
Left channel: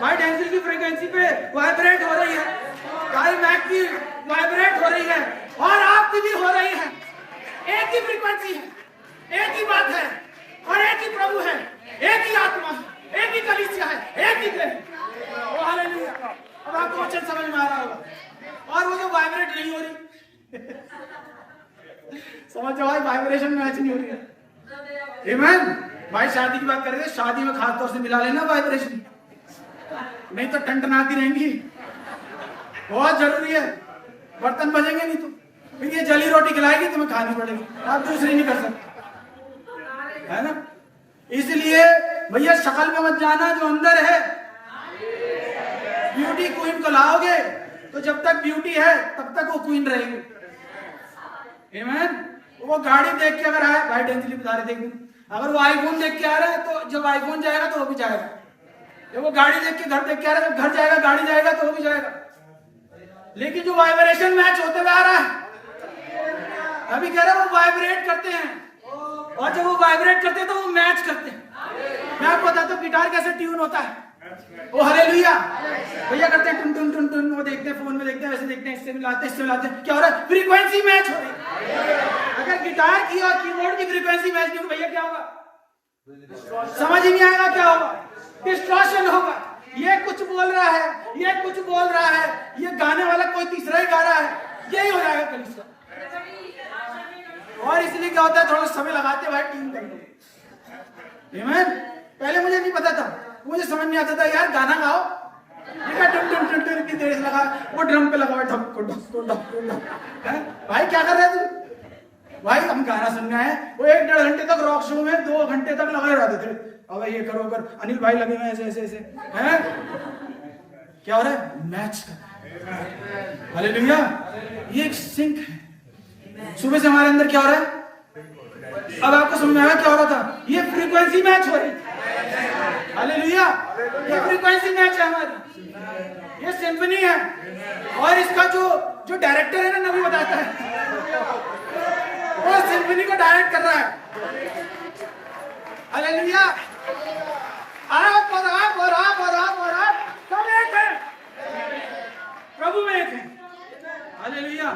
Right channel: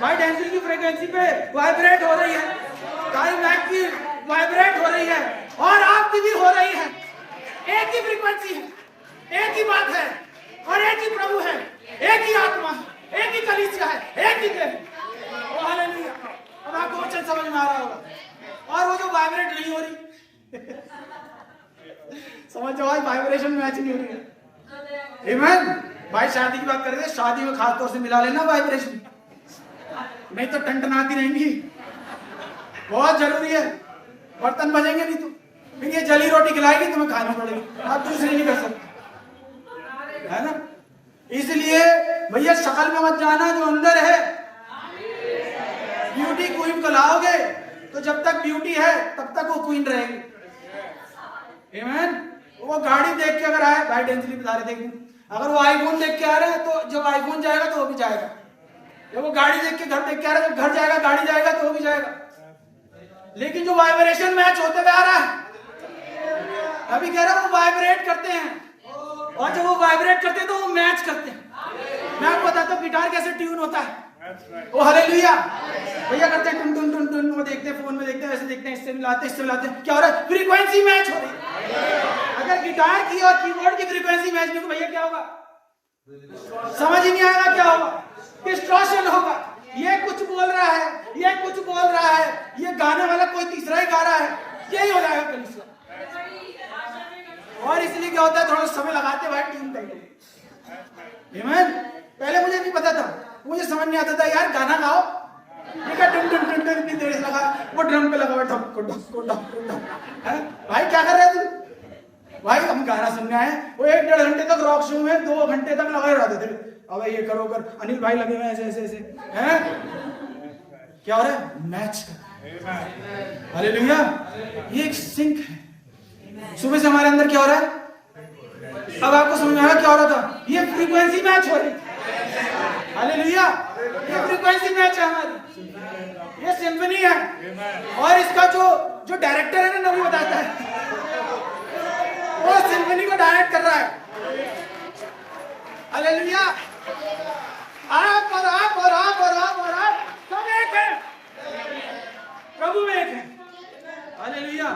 वाइट एंजल की फ्रीक्वेंसी पे वाइब्रेट हो रही है, काई मैक की वाइब्रेट हो रही है, और आपकी भी हो रही है। एक ही फ्रीक्वेंसी है, एक ही बात है, और एक ही प्रभु है, एक ही आत्मा है, एक ही कलीसिया है, एक ही देह। ओ हालेलुया। अब आपको वचन समझ में आ रहा होगा। और वो जो वाइब्रेट नहीं हो रही समझ जाओ, वाइब्रेशन मैच नहीं हो रही है, आमीन। भाई शादी की बात कर रहे थे, शादी में खास तौर से मिला लेना वाइब्रेशन, नहीं तो टंटनाती रहेंगी, बहुत जरूरी है। बर्तन बजेंगे नहीं तो फिर ये जली रोटी खिलाएगी तुम्हें खाना पड़ेगी, आप दूसरी नहीं कर सकते, है ना। इसलिए भैया शक्ल में मत जाना, जो अंदर है। ब्यूटी क्वीन को लाओगे तो जब तक ब्यूटी है तब तक वो क्वीन रहेगी, आमीन। वो गाड़ी देख के अगर आए, भाई डेंजली बता रहे थे एक दिन, अगर वो आईफोन देख के आ रहा है तो जब आईफोन जाएगा तो वो भी जाएगा, जब वो गाड़ी देख के घर देख के आ रहा है तो घर जाएगा, गाड़ी जाएगा तो वो भी जाएगा। लेकिन जो वाइब्रेशन मैच होते हुए आ रहा है, अभी कह रहा हूं वो वाइब्रेट करते हैं, और जब वो वाइब्रेट करते हैं तो वो मैच करते हैं। मैं आपको बताता हूँ गिटार कैसे ट्यून होता है। ओ हालेलुया। भैया करते हैं टुन टुन टुन टुन, वो देखते हैं फोन में, देखते हैं वैसे देखते हैं, इससे मिलाते हैं इससे मिलाते हैं, क्या हो रहा है? फ्रीक्वेंसी मैच हो रही है। अगर गिटार की और कीबोर्ड की फ्रीक्वेंसी मैच नहीं हो, भैया क्या होगा? समझ ही नहीं आएगा क्या होगा, डिस्टॉर्शन होगा। ये कुछ बोल रहा है, ये कुछ बोल रहा है, ये गाने वाला कोई तीसरा ही गा रहा है, यही हो जाएगा कलीसिया। और इसलिए क्या होता है, थोड़ा समय लगाते भाई ट्यून करके, आमीन। पहले मुझे नहीं पता था, मुझे समझ नहीं आता था, यार गाना गाओ, ठीक है, टुन टुन टुन टुन इतनी देर से लगा, वो ड्रम पे लगा हुआ ढक ढक ढक ढक, है भाई क्या कर रहे तू? भाई हम गाना सुनना है। वो 1-1.5 घंटे तक रॉक शो में 2 घंटे तक लगे रहते थे, अब ये करो कर, अनिल भाई लगे हुए ऐसे ऐसे ऐसे हैं, क्या हो रहा है? मैच कर रहा है। हालेलुया। ये एक सिंक है। सुबह से हमारे अंदर क्या हो रहा है? अब आपको समझ में आया क्या हो रहा था? ये फ्रीक्वेंसी मैच हो रही है। हालेलुया। ये फ्रीक्वेंसी मैच है हमारी, ये सिम्फनी है। और इसका जो डायरेक्टर है ना, नबी बताता है, वो सिम्फनी को डायरेक्ट कर रहा है। हालेलुया। आप और आप और आप और आप और आप सब एक है, प्रभु एक है। हालेलुया।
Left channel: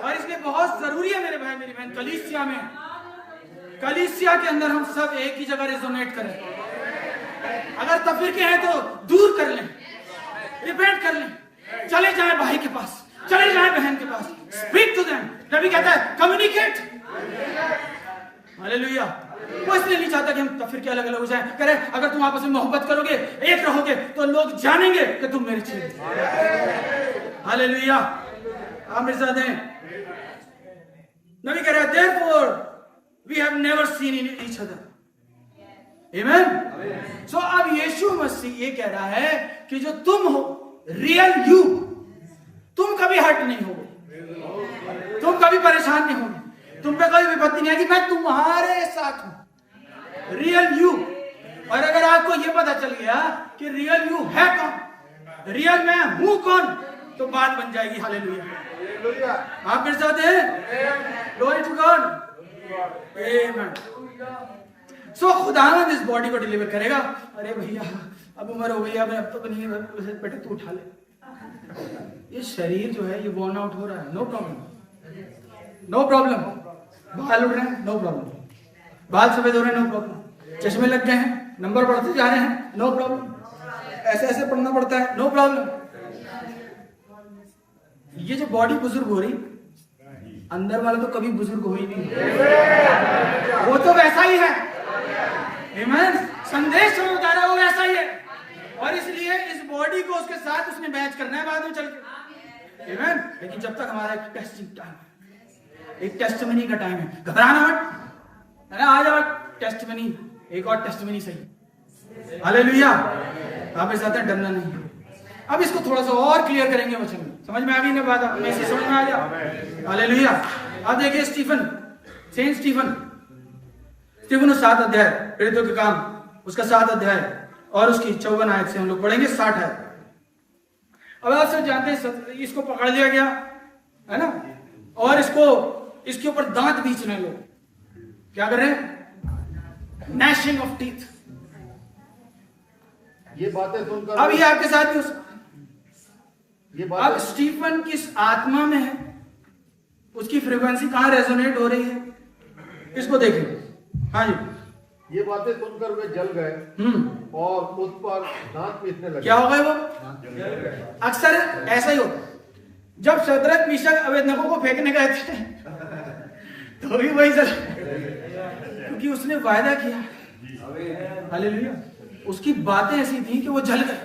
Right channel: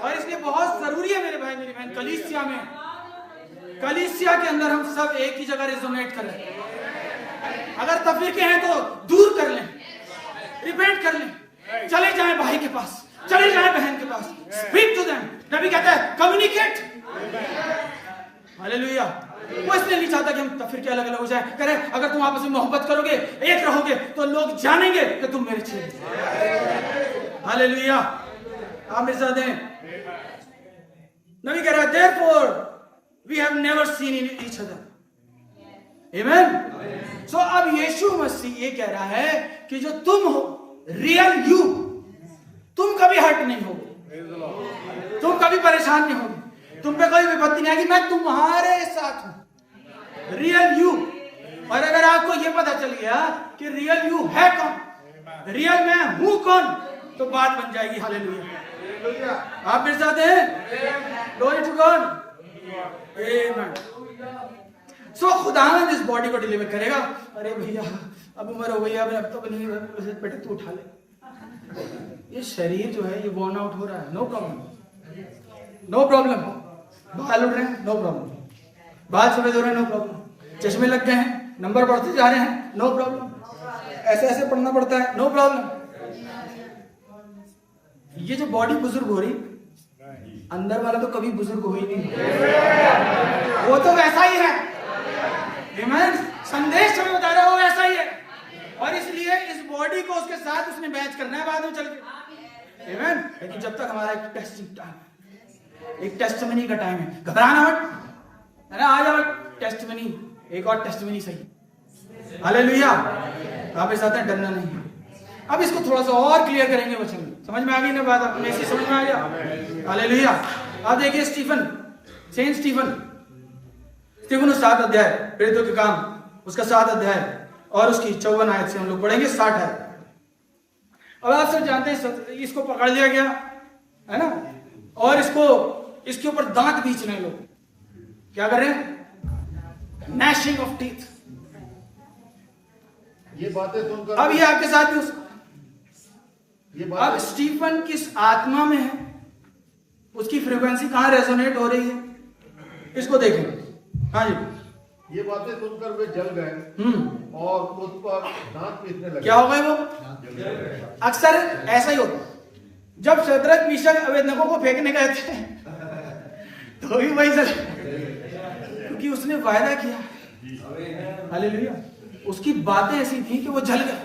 और इसलिए बहुत जरूरी है मेरे भाई मेरी बहन, कलीसिया में, कलीसिया के अंदर हम सब एक ही जगह रेजोनेट करें। अगर तफरीके हैं तो दूर कर लें, रिपेंट कर लें, चले जाएं भाई के पास, चले जाएं बहन के पास, स्पीक टू देम। नबी कहता है कम्युनिकेट। हालेलुया। वो इसलिए नहीं चाहता कि हम तफरीके अलग अलग हो जाएं। कह रहे अगर तुम आपस में मोहब्बत करोगे, एक रहोगे, तो लोग जानेंगे कि तुम मेरे चेले। हालेलुया। आप मेरे साथ हैं। नबी कह रहा है therefore we have never seen each other. Amen. So अब यीशु मसीह ये कह रहा है कि जो तुम हो, रियल यू, तुम कभी हर्ट नहीं होगे, तुम कभी परेशान नहीं होगे, तुम पे कोई विपत्ति नहीं आएगी, मैं तुम्हारे साथ हूं, रियल यू। और अगर आपको ये पता चल गया कि रियल यू है कौन, रियल मैं हूं कौन, तो बात बन जाएगी। हालेलुया। आप मेरे साथ हैं? Glory to God. Amen. So खुदावंद इस बॉडी को डिलीवर करेगा। अरे भैया अब उम्र हो गई, अब तो नहीं, बेटे तू उठा ले। ये शरीर जो है ये बर्न आउट हो रहा है, नो प्रॉब्लम, नो प्रॉब्लम। बाल उड़ रहे हैं, नो प्रॉब्लम। बाल सफेद हो रहे हैं, नो प्रॉब्लम। चश्मे लग गए हैं, नंबर बढ़ते जा रहे हैं, नो प्रॉब्लम। ऐसे ऐसे पढ़ना पड़ता है, नो प्रॉब्लम। ये जो बॉडी बुजुर्ग हो रही, अंदर वाला तो कभी बुजुर्ग हो ही नहीं, वो तो वैसा ही है। आमीन। संदेश में बता रहा है वो वैसा ही है। और इसलिए इस बॉडी को उसके साथ उसने मैच करना है बाद में चल के। आमीन। लेकिन जब तक हमारा एक टेस्टिंग टाइम, एक टेस्टमनी का टाइम है, घबराना मत, अरे आ जाओ टेस्टमनी, एक और टेस्टमनी सही। हालेलुया। आप मेरे साथ हैं, डरना नहीं। अब इसको थोड़ा सा और क्लियर करेंगे वचन में, समझ में आ गई ना बात? अब मैसी समझ में आ गया। हालेलुया। अब देखिए स्टीफन, सेंट स्टीफन, स्टीफन 7 अध्याय, प्रेरितों के काम, उसका 7 अध्याय और उसकी 54 आयत से हम लोग पढ़ेंगे 60 है। अब आप सब जानते हैं इसको पकड़ लिया गया है ना, और इसके ऊपर दांत बीच रहे लोग, क्या कर रहे हैं? Gnashing of teeth. ये बातें सुनकर अब ये आपके साथ भी अब स्टीफन किस आत्मा में है, उसकी फ्रीक्वेंसी कहां रेजोनेट हो रही है, इसको देखें। हाँ जी। ये बातें सुनकर वे जल गए और उस पर दांत पीसने लगे। क्या हो गए वो? अक्सर ऐसा ही होता, जब शद्रक मीशक अबेदनगो को फेंकने गए थे तो भी वही जल, क्योंकि उसने वायदा किया। हालेलुया। उसकी बातें ऐसी थी कि वो जल गए।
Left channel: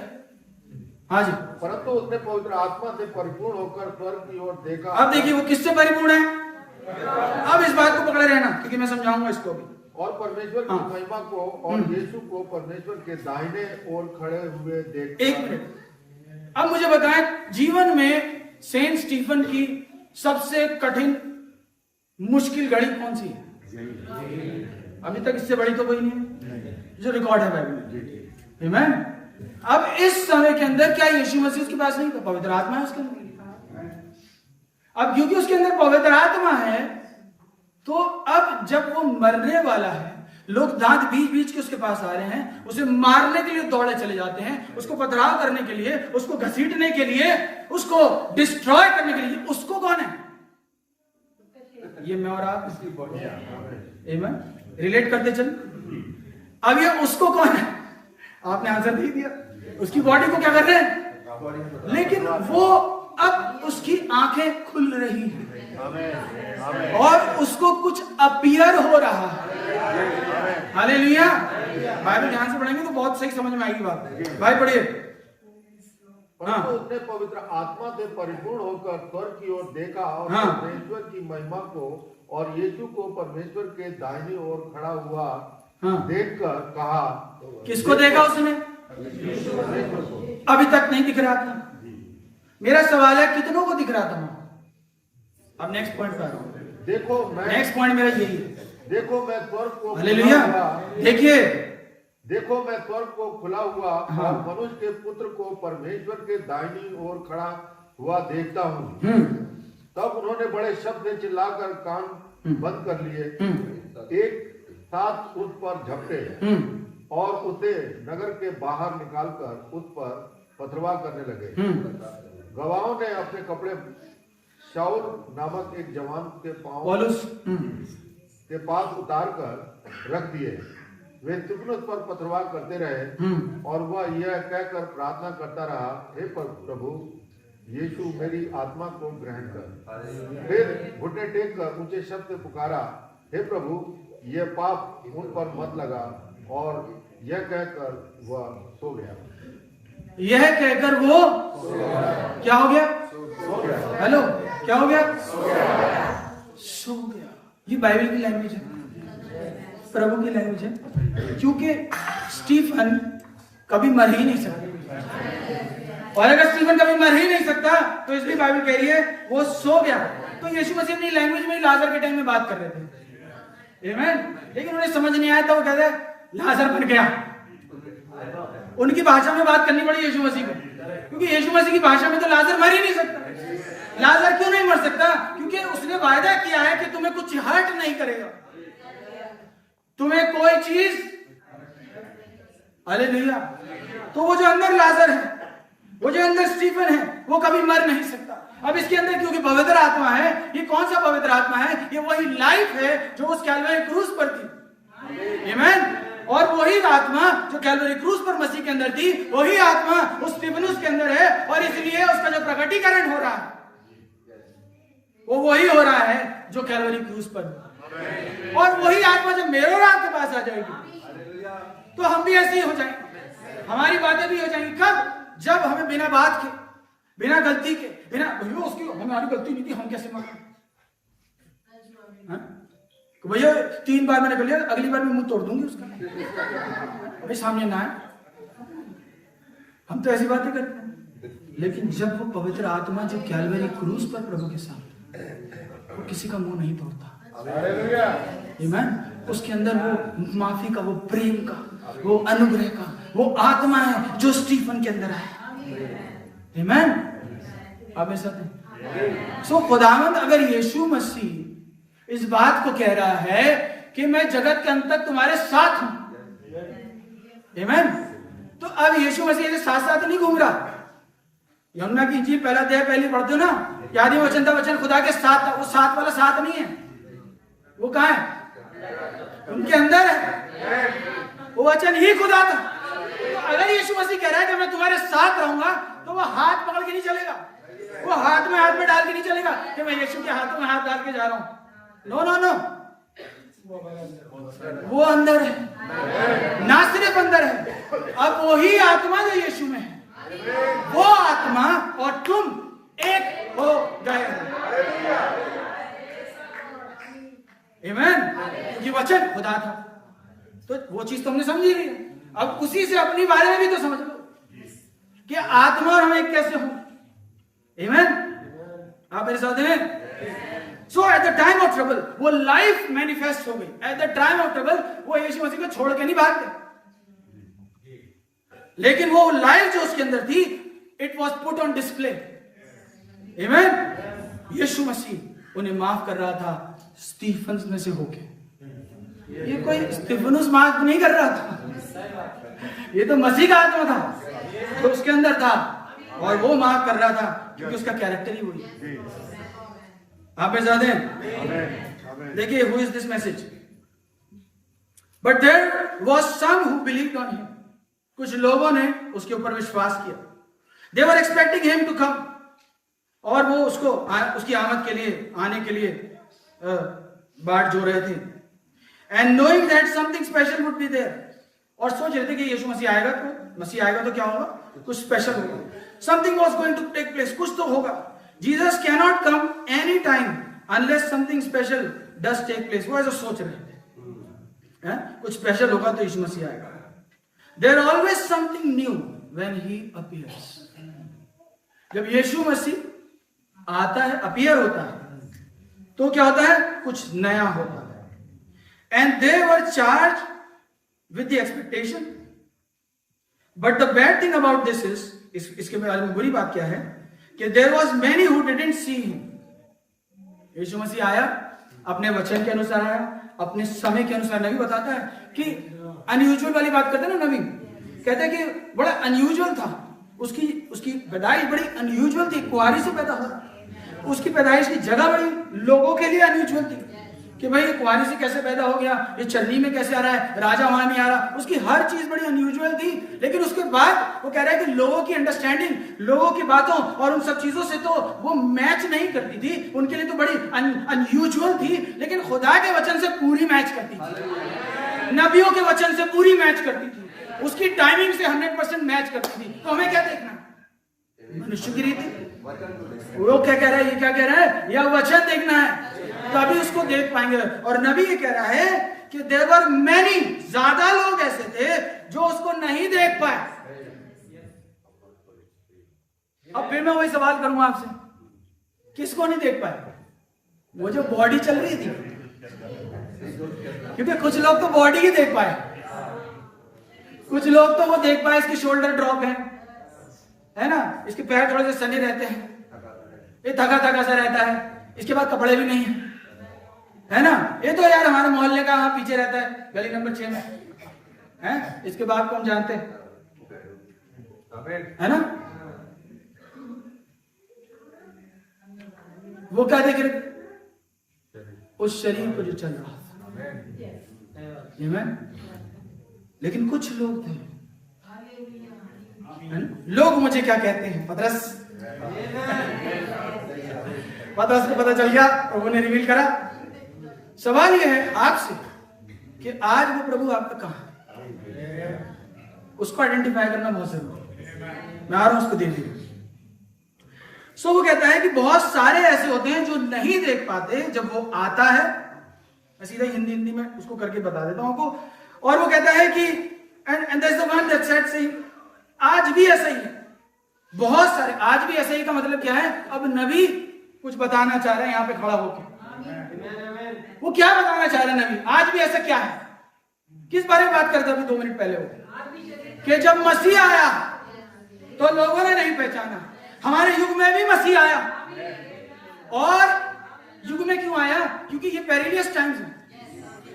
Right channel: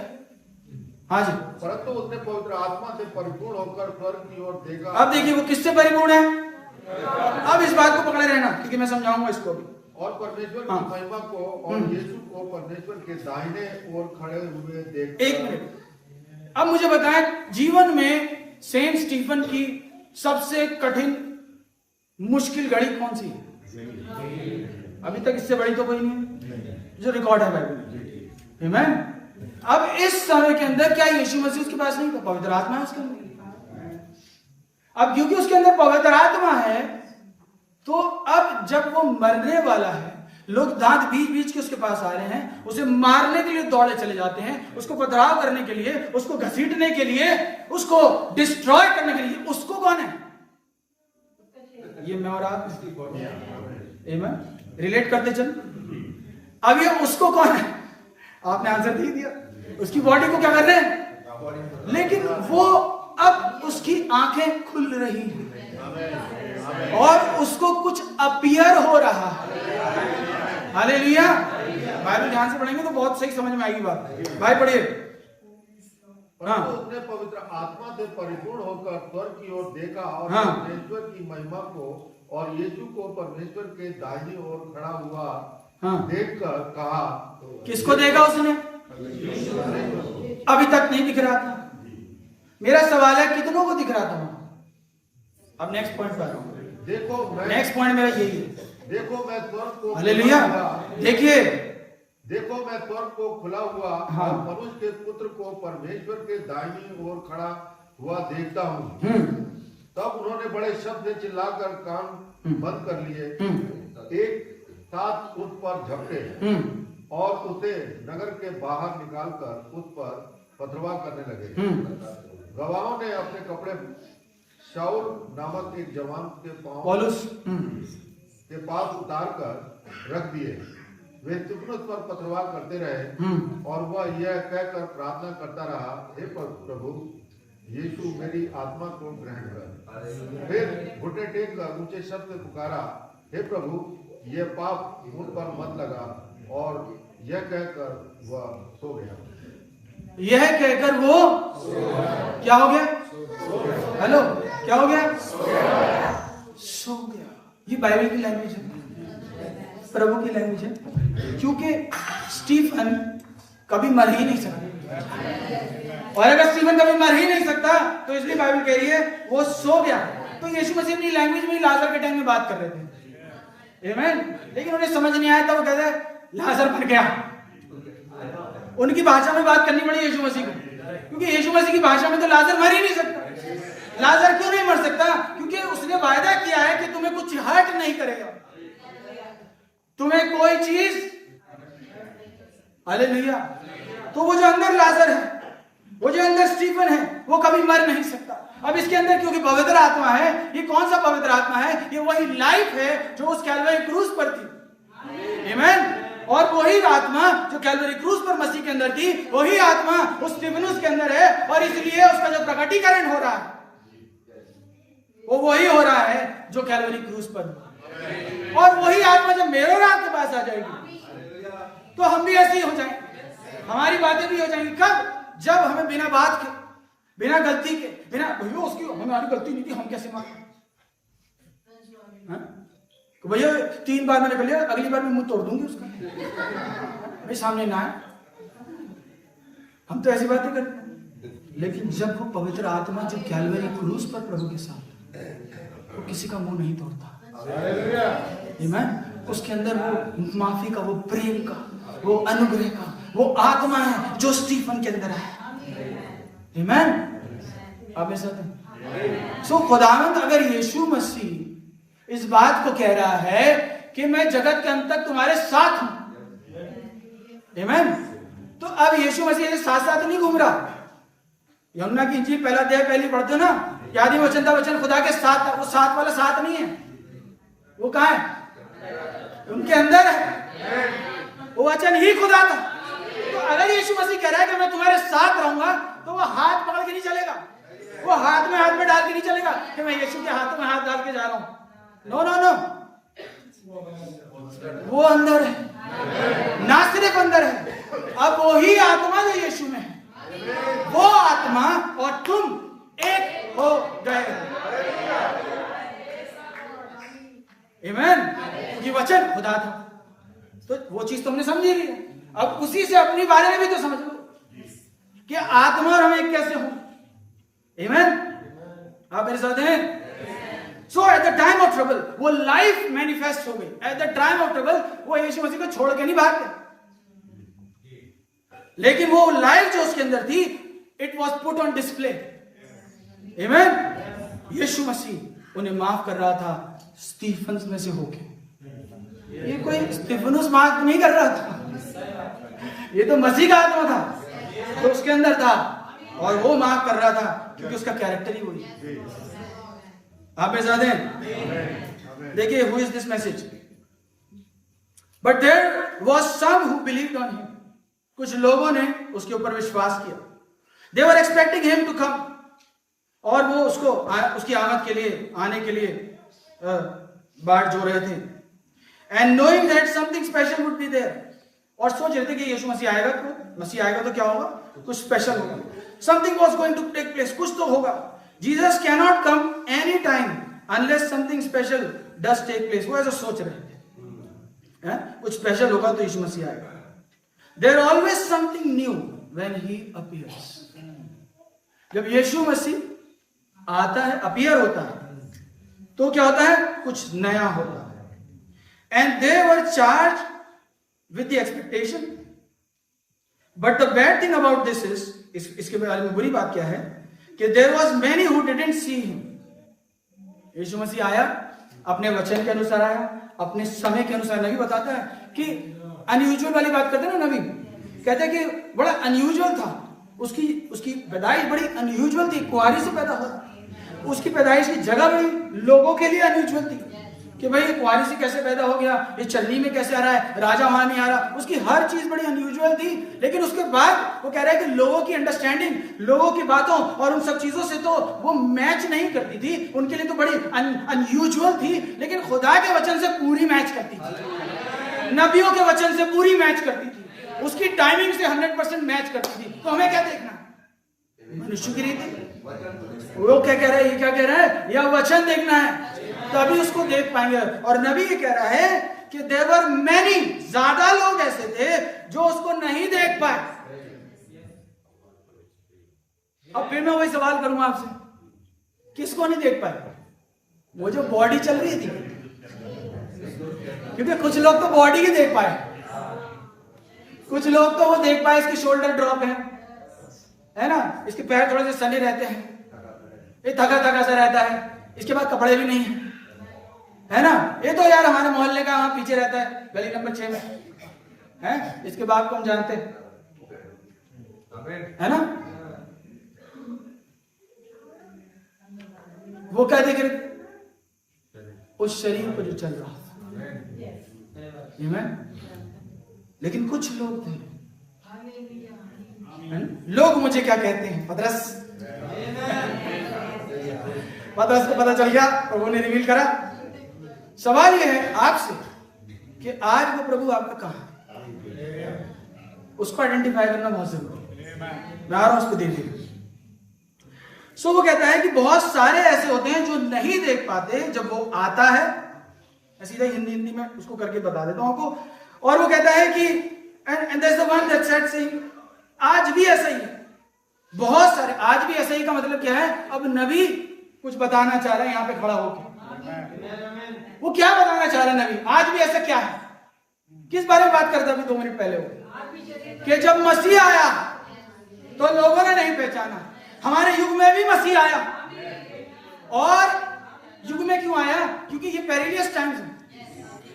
हाँ जी। परंतु उसने पवित्र आत्मा से परिपूर्ण होकर स्वर्ग की ओर देखा। अब देखिए वो किससे परिपूर्ण है। अब इस बात को पकड़े रहना, क्योंकि मैं समझाऊंगा इसको भी। और परमेश्वर की महिमा को और यीशु को परमेश्वर के दाहिने ओर खड़े हुए देख। एक मिनट, अब मुझे बताएं जीवन में सेंट स्टीफन की सबसे कठिन मुश्किल घड़ी कौन सी है? अभी तक इससे बड़ी तो कोई नहीं है जो रिकॉर्ड है बाइबल में। आमीन। अब इस समय के अंदर क्या यीशु मसीह उसके पास नहीं था? पवित्र आत्मा है उसके अंदर। अब क्योंकि उसके अंदर पवित्र आत्मा है, तो अब जब वो मरने वाला है, लोग दांत बीच बीच के उसके पास आ रहे हैं, उसे मारने के लिए दौड़े चले जाते हैं, उसको पथराव करने के लिए, उसको घसीटने के लिए, उसको डिस्ट्रॉय करने के लिए। उसको कौन है? ये मैं और आप रिलेट करते चल। अब ये उसको कौन है? आपने आंसर दे दिया। उसकी बॉडी को क्या कर रहे हैं, लेकिन वो अब उसकी आंखें खुल रही हैं और उसको कुछ अपीयर हो रहा है। हालेलुया। बाइबल ध्यान से पढ़ेंगे तो बहुत सही समझ में आएगी बात। भाई पढ़िए। हाँ। उसने पवित्र आत्मा से परिपूर्ण होकर स्वर्ग की ओर देखा और परमेश्वर की महिमा को और यीशु को परमेश्वर के दाहिनी ओर खड़ा हुआ देखकर कहा। किसको देखा उसने? अभी तक नहीं दिख रहा था। मेरा सवाल है कितनों को दिख रहा था वहां? अब नेक्स्ट पॉइंट पर आ रहा हूं। नेक्स्ट पॉइंट मेरा यही है। देखो मैं स्वर्ग को हालेलुया। देखिए, देखो मैं स्वर्ग को खुला हुआ हाँ। और मनुष्य के पुत्र को परमेश्वर के दाहिनी ओर खड़ा हुआ देखता हूँ। तब उन्होंने बड़े शब्द से चिल्लाकर कान बंद कर लिए, एक साथ उस पर झपटे और उसे नगर के बाहर निकालकर उस पर पथरवाह करने लगे। गवाहों ने अपने कपड़े शाऊल नामक एक जवान के पांव के पास उतार कर रख दिए। वे स्तिफनुस पर पथरवाह करते रहे और वह यह कहकर प्रार्थना करता रहा, हे प्रभु यीशु मेरी आत्मा को ग्रहण कर। फिर घुटने टेक कर ऊंचे शब्द से पुकारा, हे प्रभु यह पाप उन पर मत लगा। और यह कहकर वह सो गया। यह कहकर वो क्या हो गया? हेलो, क्या हो गया? सो गया। ये बाइबल की लैंग्वेज है, प्रभु की लैंग्वेज है, क्योंकि स्टीफन कभी मर ही नहीं सकता। और अगर स्टीफन कभी मर ही नहीं सकता तो इसलिए बाइबल कह रही है वो सो गया। तो यीशु मसीह अपनी लैंग्वेज में लाजर के टाइम में बात कर रहे थे, आमीन। लेकिन उन्हें समझ नहीं आया तो वो कहते लाजर मर गया। उनकी भाषा में बात करनी पड़ी यीशु मसीह को, क्योंकि यीशु मसीह की भाषा में तो लाजर मर ही नहीं सकता। लाजर क्यों नहीं मर सकता? क्योंकि उसने वायदा किया है कि तुम्हें कुछ हर्ट नहीं करेगा, तुम्हें कोई चीज। हालेलुया। तो वो जो अंदर लाजर है, वो जो अंदर स्टीफन है, वो कभी मर नहीं सकता। अब इसके अंदर क्योंकि पवित्र आत्मा है, ये कौन सा पवित्र आत्मा है? ये वही लाइफ है जो उस कैलवरी क्रूस पर थी, आमीन। और वही आत्मा जो कैलवरी क्रूस पर मसीह के अंदर थी, वही आत्मा उस स्तिफनुस के अंदर है। और इसलिए उसका जो प्रकटीकरण हो रहा है वो वही हो रहा है जो कैलवरी क्रूस पर। और वही आत्मा जब मेरे और आपके पास आ जाएगी तो हम भी ऐसे ही हो जाएंगे, हमारी बातें भी हो जाएंगी। कब? जब हमें बिना बात के, बिना गलती के, बिना भैया उसकी हमारी गलती नहीं थी, हम कैसे माने? भैया 3 बार मैंने कर लिया, अगली बार मैं मुंह तोड़ दूंगी उसका, भाई सामने ना आए। हम तो ऐसी बातें करते हैं। लेकिन जब वो पवित्र आत्मा जो कैलवरी क्रूस पर प्रभु के साथ, वो किसी का मुंह नहीं तोड़ता, आमीन। उसके अंदर वो माफी का, वो प्रेम का, वो अनुग्रह का, वो आत्मा है जो स्टीफन के अंदर है, आमीन। आप ऐसा सो खुदावंद अगर यीशु मसीह इस बात को कह रहा है कि मैं जगत के अंत तक तुम्हारे साथ हूं, आमीन, तो अब यीशु मसीह के साथ साथ नहीं घूम रहा। यमुना की इंजील पहला अध्याय पहली पढ़ते हो ना, यादी वचन था, वचन खुदा के साथ था। वो साथ वाला साथ नहीं है, वो कहां है? उनके अंदर है, वो वचन ही खुदा था। तो अगर यीशु मसीह कह रहा है कि मैं तुम्हारे साथ रहूंगा, तो वो हाथ पकड़ के नहीं चलेगा, वो हाथ में डाल के नहीं चलेगा कि मैं यीशु के हाथों में हाथ डाल के जा रहा हूं। नो नो नो, वो अंदर है, ना सिर्फ अंदर है, अब वही आत्मा जो यीशु में है, वो आत्मा और तुम एक हो गए हो, आमीन। क्योंकि वचन खुदा था, तो वो चीज तुमने समझी ली है। अब उसी से अपनी बारे में भी तो समझ लो कि आत्मा और हम एक कैसे हो, आमीन। आप मेरे साथ हैं? So at the time of trouble वो लाइफ मैनिफेस्ट हो गई। At the time of trouble वो यीशु मसीह को छोड़ के नहीं भाग गया, लेकिन वो लाइफ जो उसके अंदर थी, it was put on display, आमीन। यीशु मसीह उन्हें माफ कर रहा था स्टीफन में से होके। ये कोई स्टीफनुस माफ नहीं कर रहा था, ये तो मसीह का आत्मा था जो उसके अंदर था, और वो माफ कर रहा था क्योंकि उसका कैरेक्टर ही वही है। आप में ज्यादा देखिए, who is this message? But there was some who believed on him. कुछ लोगों ने उसके ऊपर विश्वास किया। They were expecting him to come, और वो उसको उसकी आमद के लिए, आने के लिए बाट जो रहे थे। And knowing that something special would be there, और सोच रहे थे कि यीशु मसीह आएगा तो क्या होगा? कुछ स्पेशल होगा। Something was going to take place, कुछ तो होगा। Jesus can not come any time unless something special does take place. वो ऐसा सोच रहे थे, कुछ स्पेशल होगा तो यीशु मसीह आएगा। There always something new when he appears. जब यीशु मसीह आता है, अपीयर होता है, तो क्या होता है? कुछ नया होता है. And they were charged with the expectation. But the bad thing about this is, इसके बारे में बुरी बात क्या है कि there was many who didn't see him. यीशु मसीह आया, अपने वचन के अनुसार आया, अपने समय के अनुसार. नबी बताता है कि अनयूजुअल वाली बात करते हैं ना, नबी कहते हैं कि बड़ा अनयूजुअल था. उसकी पैदाइश बड़ी अनयूजुअल थी. कुंवारी से पैदा हो रहा, उसकी पैदाइश की जगह बड़ी लोगों के लिए अनयूजुअल थी कि भाई ये कुंवारी से कैसे पैदा हो गया, ये चलनी में कैसे आ रहा है, राजा वहां नहीं आ रहा. उसकी हर चीज बड़ी अनयूजुअल थी. लेकिन उसके बाद वो कह रहा है कि लोगों की अंडरस्टैंडिंग, लोगों की बातों और उन सब चीजों से तो वो मैच नहीं करती थी. उनके लिए तो बड़ी अनयूजुअल थी, लेकिन खुदा के वचन से पूरी मैच करती थी, नबियों के वचन से पूरी मैच करती थी, उसकी टाइमिंग से 100% मैच करती थी. तो हमें क्या देखना? मनुष्य की रीति. वो क्या कह रहा है, ये क्या कह रहा है, या वचन देखना है, तभी उसको देख पाएंगे. और नबी ये कह रहा है कि देयर वर मैनी, ज्यादा लोग ऐसे थे जो उसको नहीं देख पाए. अब फिर मैं वही सवाल करूंगा आपसे, किसको नहीं देख पाए? वो जो बॉडी चल रही थी, क्योंकि कुछ लोग तो बॉडी ही देख पाए, कुछ लोग तो वो देख पाए इसकी शोल्डर ड्रॉप है ना, इसके पैर थोड़े से सने रहते हैं, ये थका थका सा रहता है, इसके बाद कपड़े भी नहीं है ना, ये तो यार हमारे मोहल्ले का वहां पीछे रहता है, गली नंबर 6 में है, इसके बाप को हम जानते है ना. वो क्या देख रहे? उस शरीर को जो चल रहा था. लेकिन कुछ लोग थे, लोग मुझे क्या कहते हैं, पतरस को पता चल गया, प्रभु ने रिवील करा. सवाल यह है आपसे कि आज वो प्रभु आपका कहां है, उसको आइडेंटिफाई करना बहुत जरूरी है. मैं आ रहा हूं उसको देख लीजिए. सो वो कहता है कि बहुत सारे ऐसे होते हैं जो नहीं देख पाते जब वो आता है. मैं सीधा हिंदी में उसको करके बता देता हूं आपको. और वो कहता है कि and there is the one that said saying, आज भी ऐसा ही है. बहुत सारे आज भी ऐसा ही का मतलब क्या है? अब नबी कुछ बताना चाह रहे हैं यहां पे खड़ा होकर. वो क्या बताना चाह रहे हैं नबी? आज भी ऐसा क्या है? किस बारे में बात करता अभी 2 मिनट पहले वो कि जब मसीह आया तो लोगों ने नहीं पहचाना. हमारे युग में भी मसीह आया. और युग में क्यों आया? क्योंकि ये पेरिलियस टाइम्स है,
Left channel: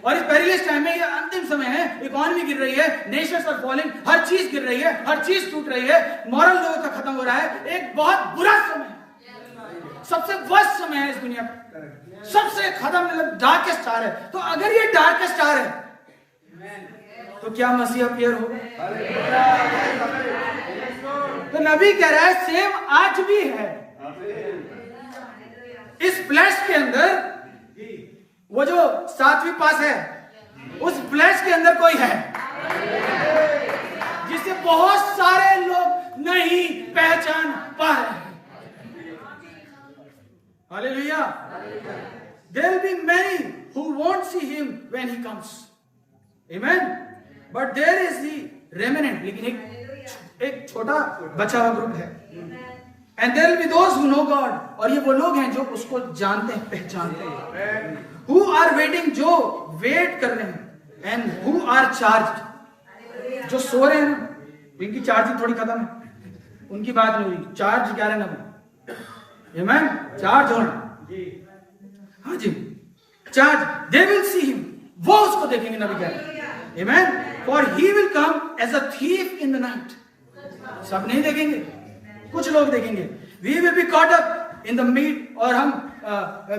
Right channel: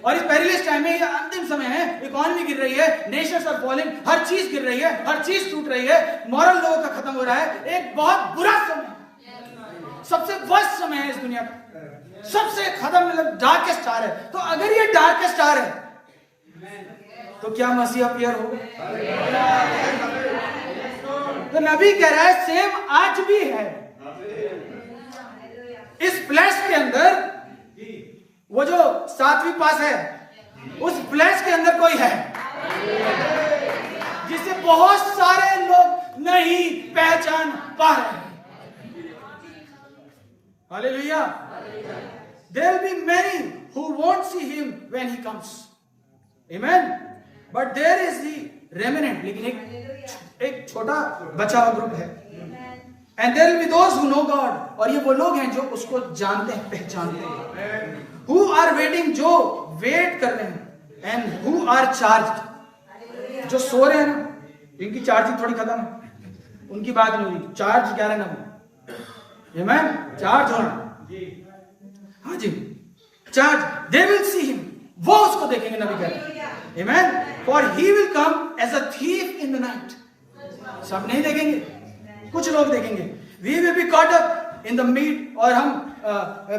और इस पेरिलियस टाइम में ये अंतिम समय है. इकोनॉमी गिर रही है, नेशंस आर फॉलिंग, हर चीज गिर रही है, हर चीज टूट रही है, मॉरल लोगों का खत्म हो रहा है. एक बहुत बुरा समय, सबसे वर्स्ट समय है इस दुनिया का, सबसे खत्म, मतलब डार्केस्ट स्टार है. तो अगर ये डार्केस्ट स्टार है तो क्या मसीह अपीयर होगा? तो नबी कह रहा है सेम आज भी है. इस फ्लैश के अंदर, वो जो 7वीं पास है, उस फ्लैश के अंदर कोई है जिसे बहुत सारे लोग नहीं पहचान पा रहे हैं. Hallelujah. There will be many who won't see him when he comes. Amen. But there is the remnant. लेकिन एक छोटा बचा हुआ ग्रुप है. And there will be those who know God. और ये वो लोग हैं जो उसको जानते हैं, पहचानते हैं. Who are waiting, जो वेट कर रहे हैं. And who are charged, जो सो रहे हैं ना, जिनकी चार्जिंग थोड़ी खत्म है, उनकी बात नहीं हुई. चार्ज क्या रहना वो, Amen. चार्ज होना, हाँ जी, charge. They will see him, वो उसको देखेंगे. नबी कह रहे हैं, आमेन. For he will come as a thief in the night. सब नहीं देखेंगे, कुछ लोग देखेंगे. We will be caught up in the meet, और हम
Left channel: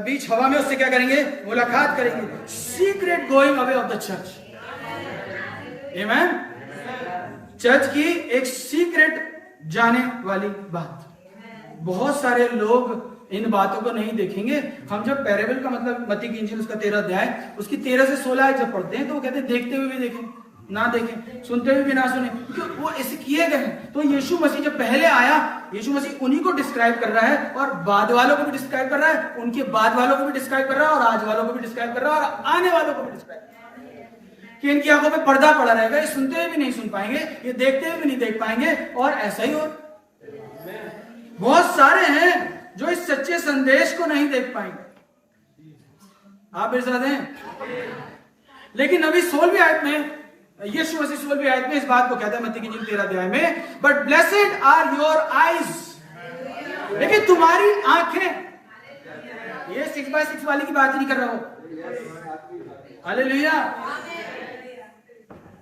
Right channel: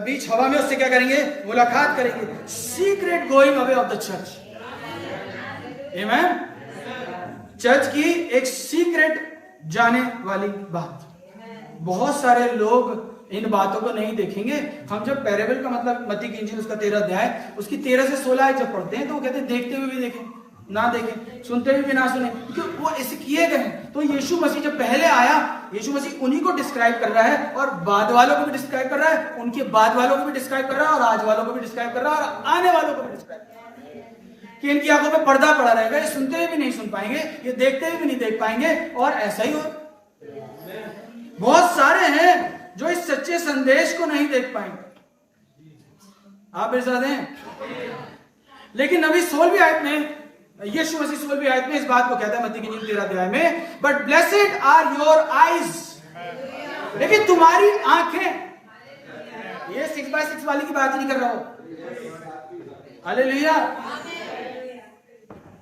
बीच हवा में उससे क्या करेंगे? मुलाकात करेंगे. Secret going away of the church. Amen. Church की एक सीक्रेट जाने वाली बात. बहुत सारे लोग इन बातों को नहीं देखेंगे. हम जब पैरेबल का मतलब मत्ती की इंजील उसका 13 अध्याय, उसकी 13 से 16 जब पढ़ते हैं तो वो कहते हैं देखते हुए भी देखें, ना देखें, सुनते हुए भी ना सुने, क्योंकि वो ऐसे किए गए हैं. तो यीशु मसीह जब पहले आया, यीशु मसीह उन्हीं को डिस्क्राइब कर रहा है, और बाद वालों को भी डिस्क्राइब कर रहा है, उनके बाद वालों को भी डिस्क्राइब कर रहा है, और आज वालों को भी डिस्क्राइब कर रहा है, और आने वालों को भी डिस्क्राइब कर रहा है कि इनकी आंखों पे पर्दा पड़ा रहेगा, ये सुनते हुए भी नहीं सुन पाएंगे, ये देखते हुए भी नहीं देख पाएंगे, और ऐसा ही हो। बहुत सारे हैं जो इस सच्चे संदेश को नहीं देख पाएंगे। आप मेरे साथ हैं? लेकिन नबी 16वीं आयत में, यीशु मसीह 16वीं आयत में इस बात को कहता है मत्ती की इंजील 13 अध्याय में, but blessed are your eyes, लेकिन तुम्हारी आंखें, ये 6x6 वाली की बात नहीं कर रहा हूं, hallelujah.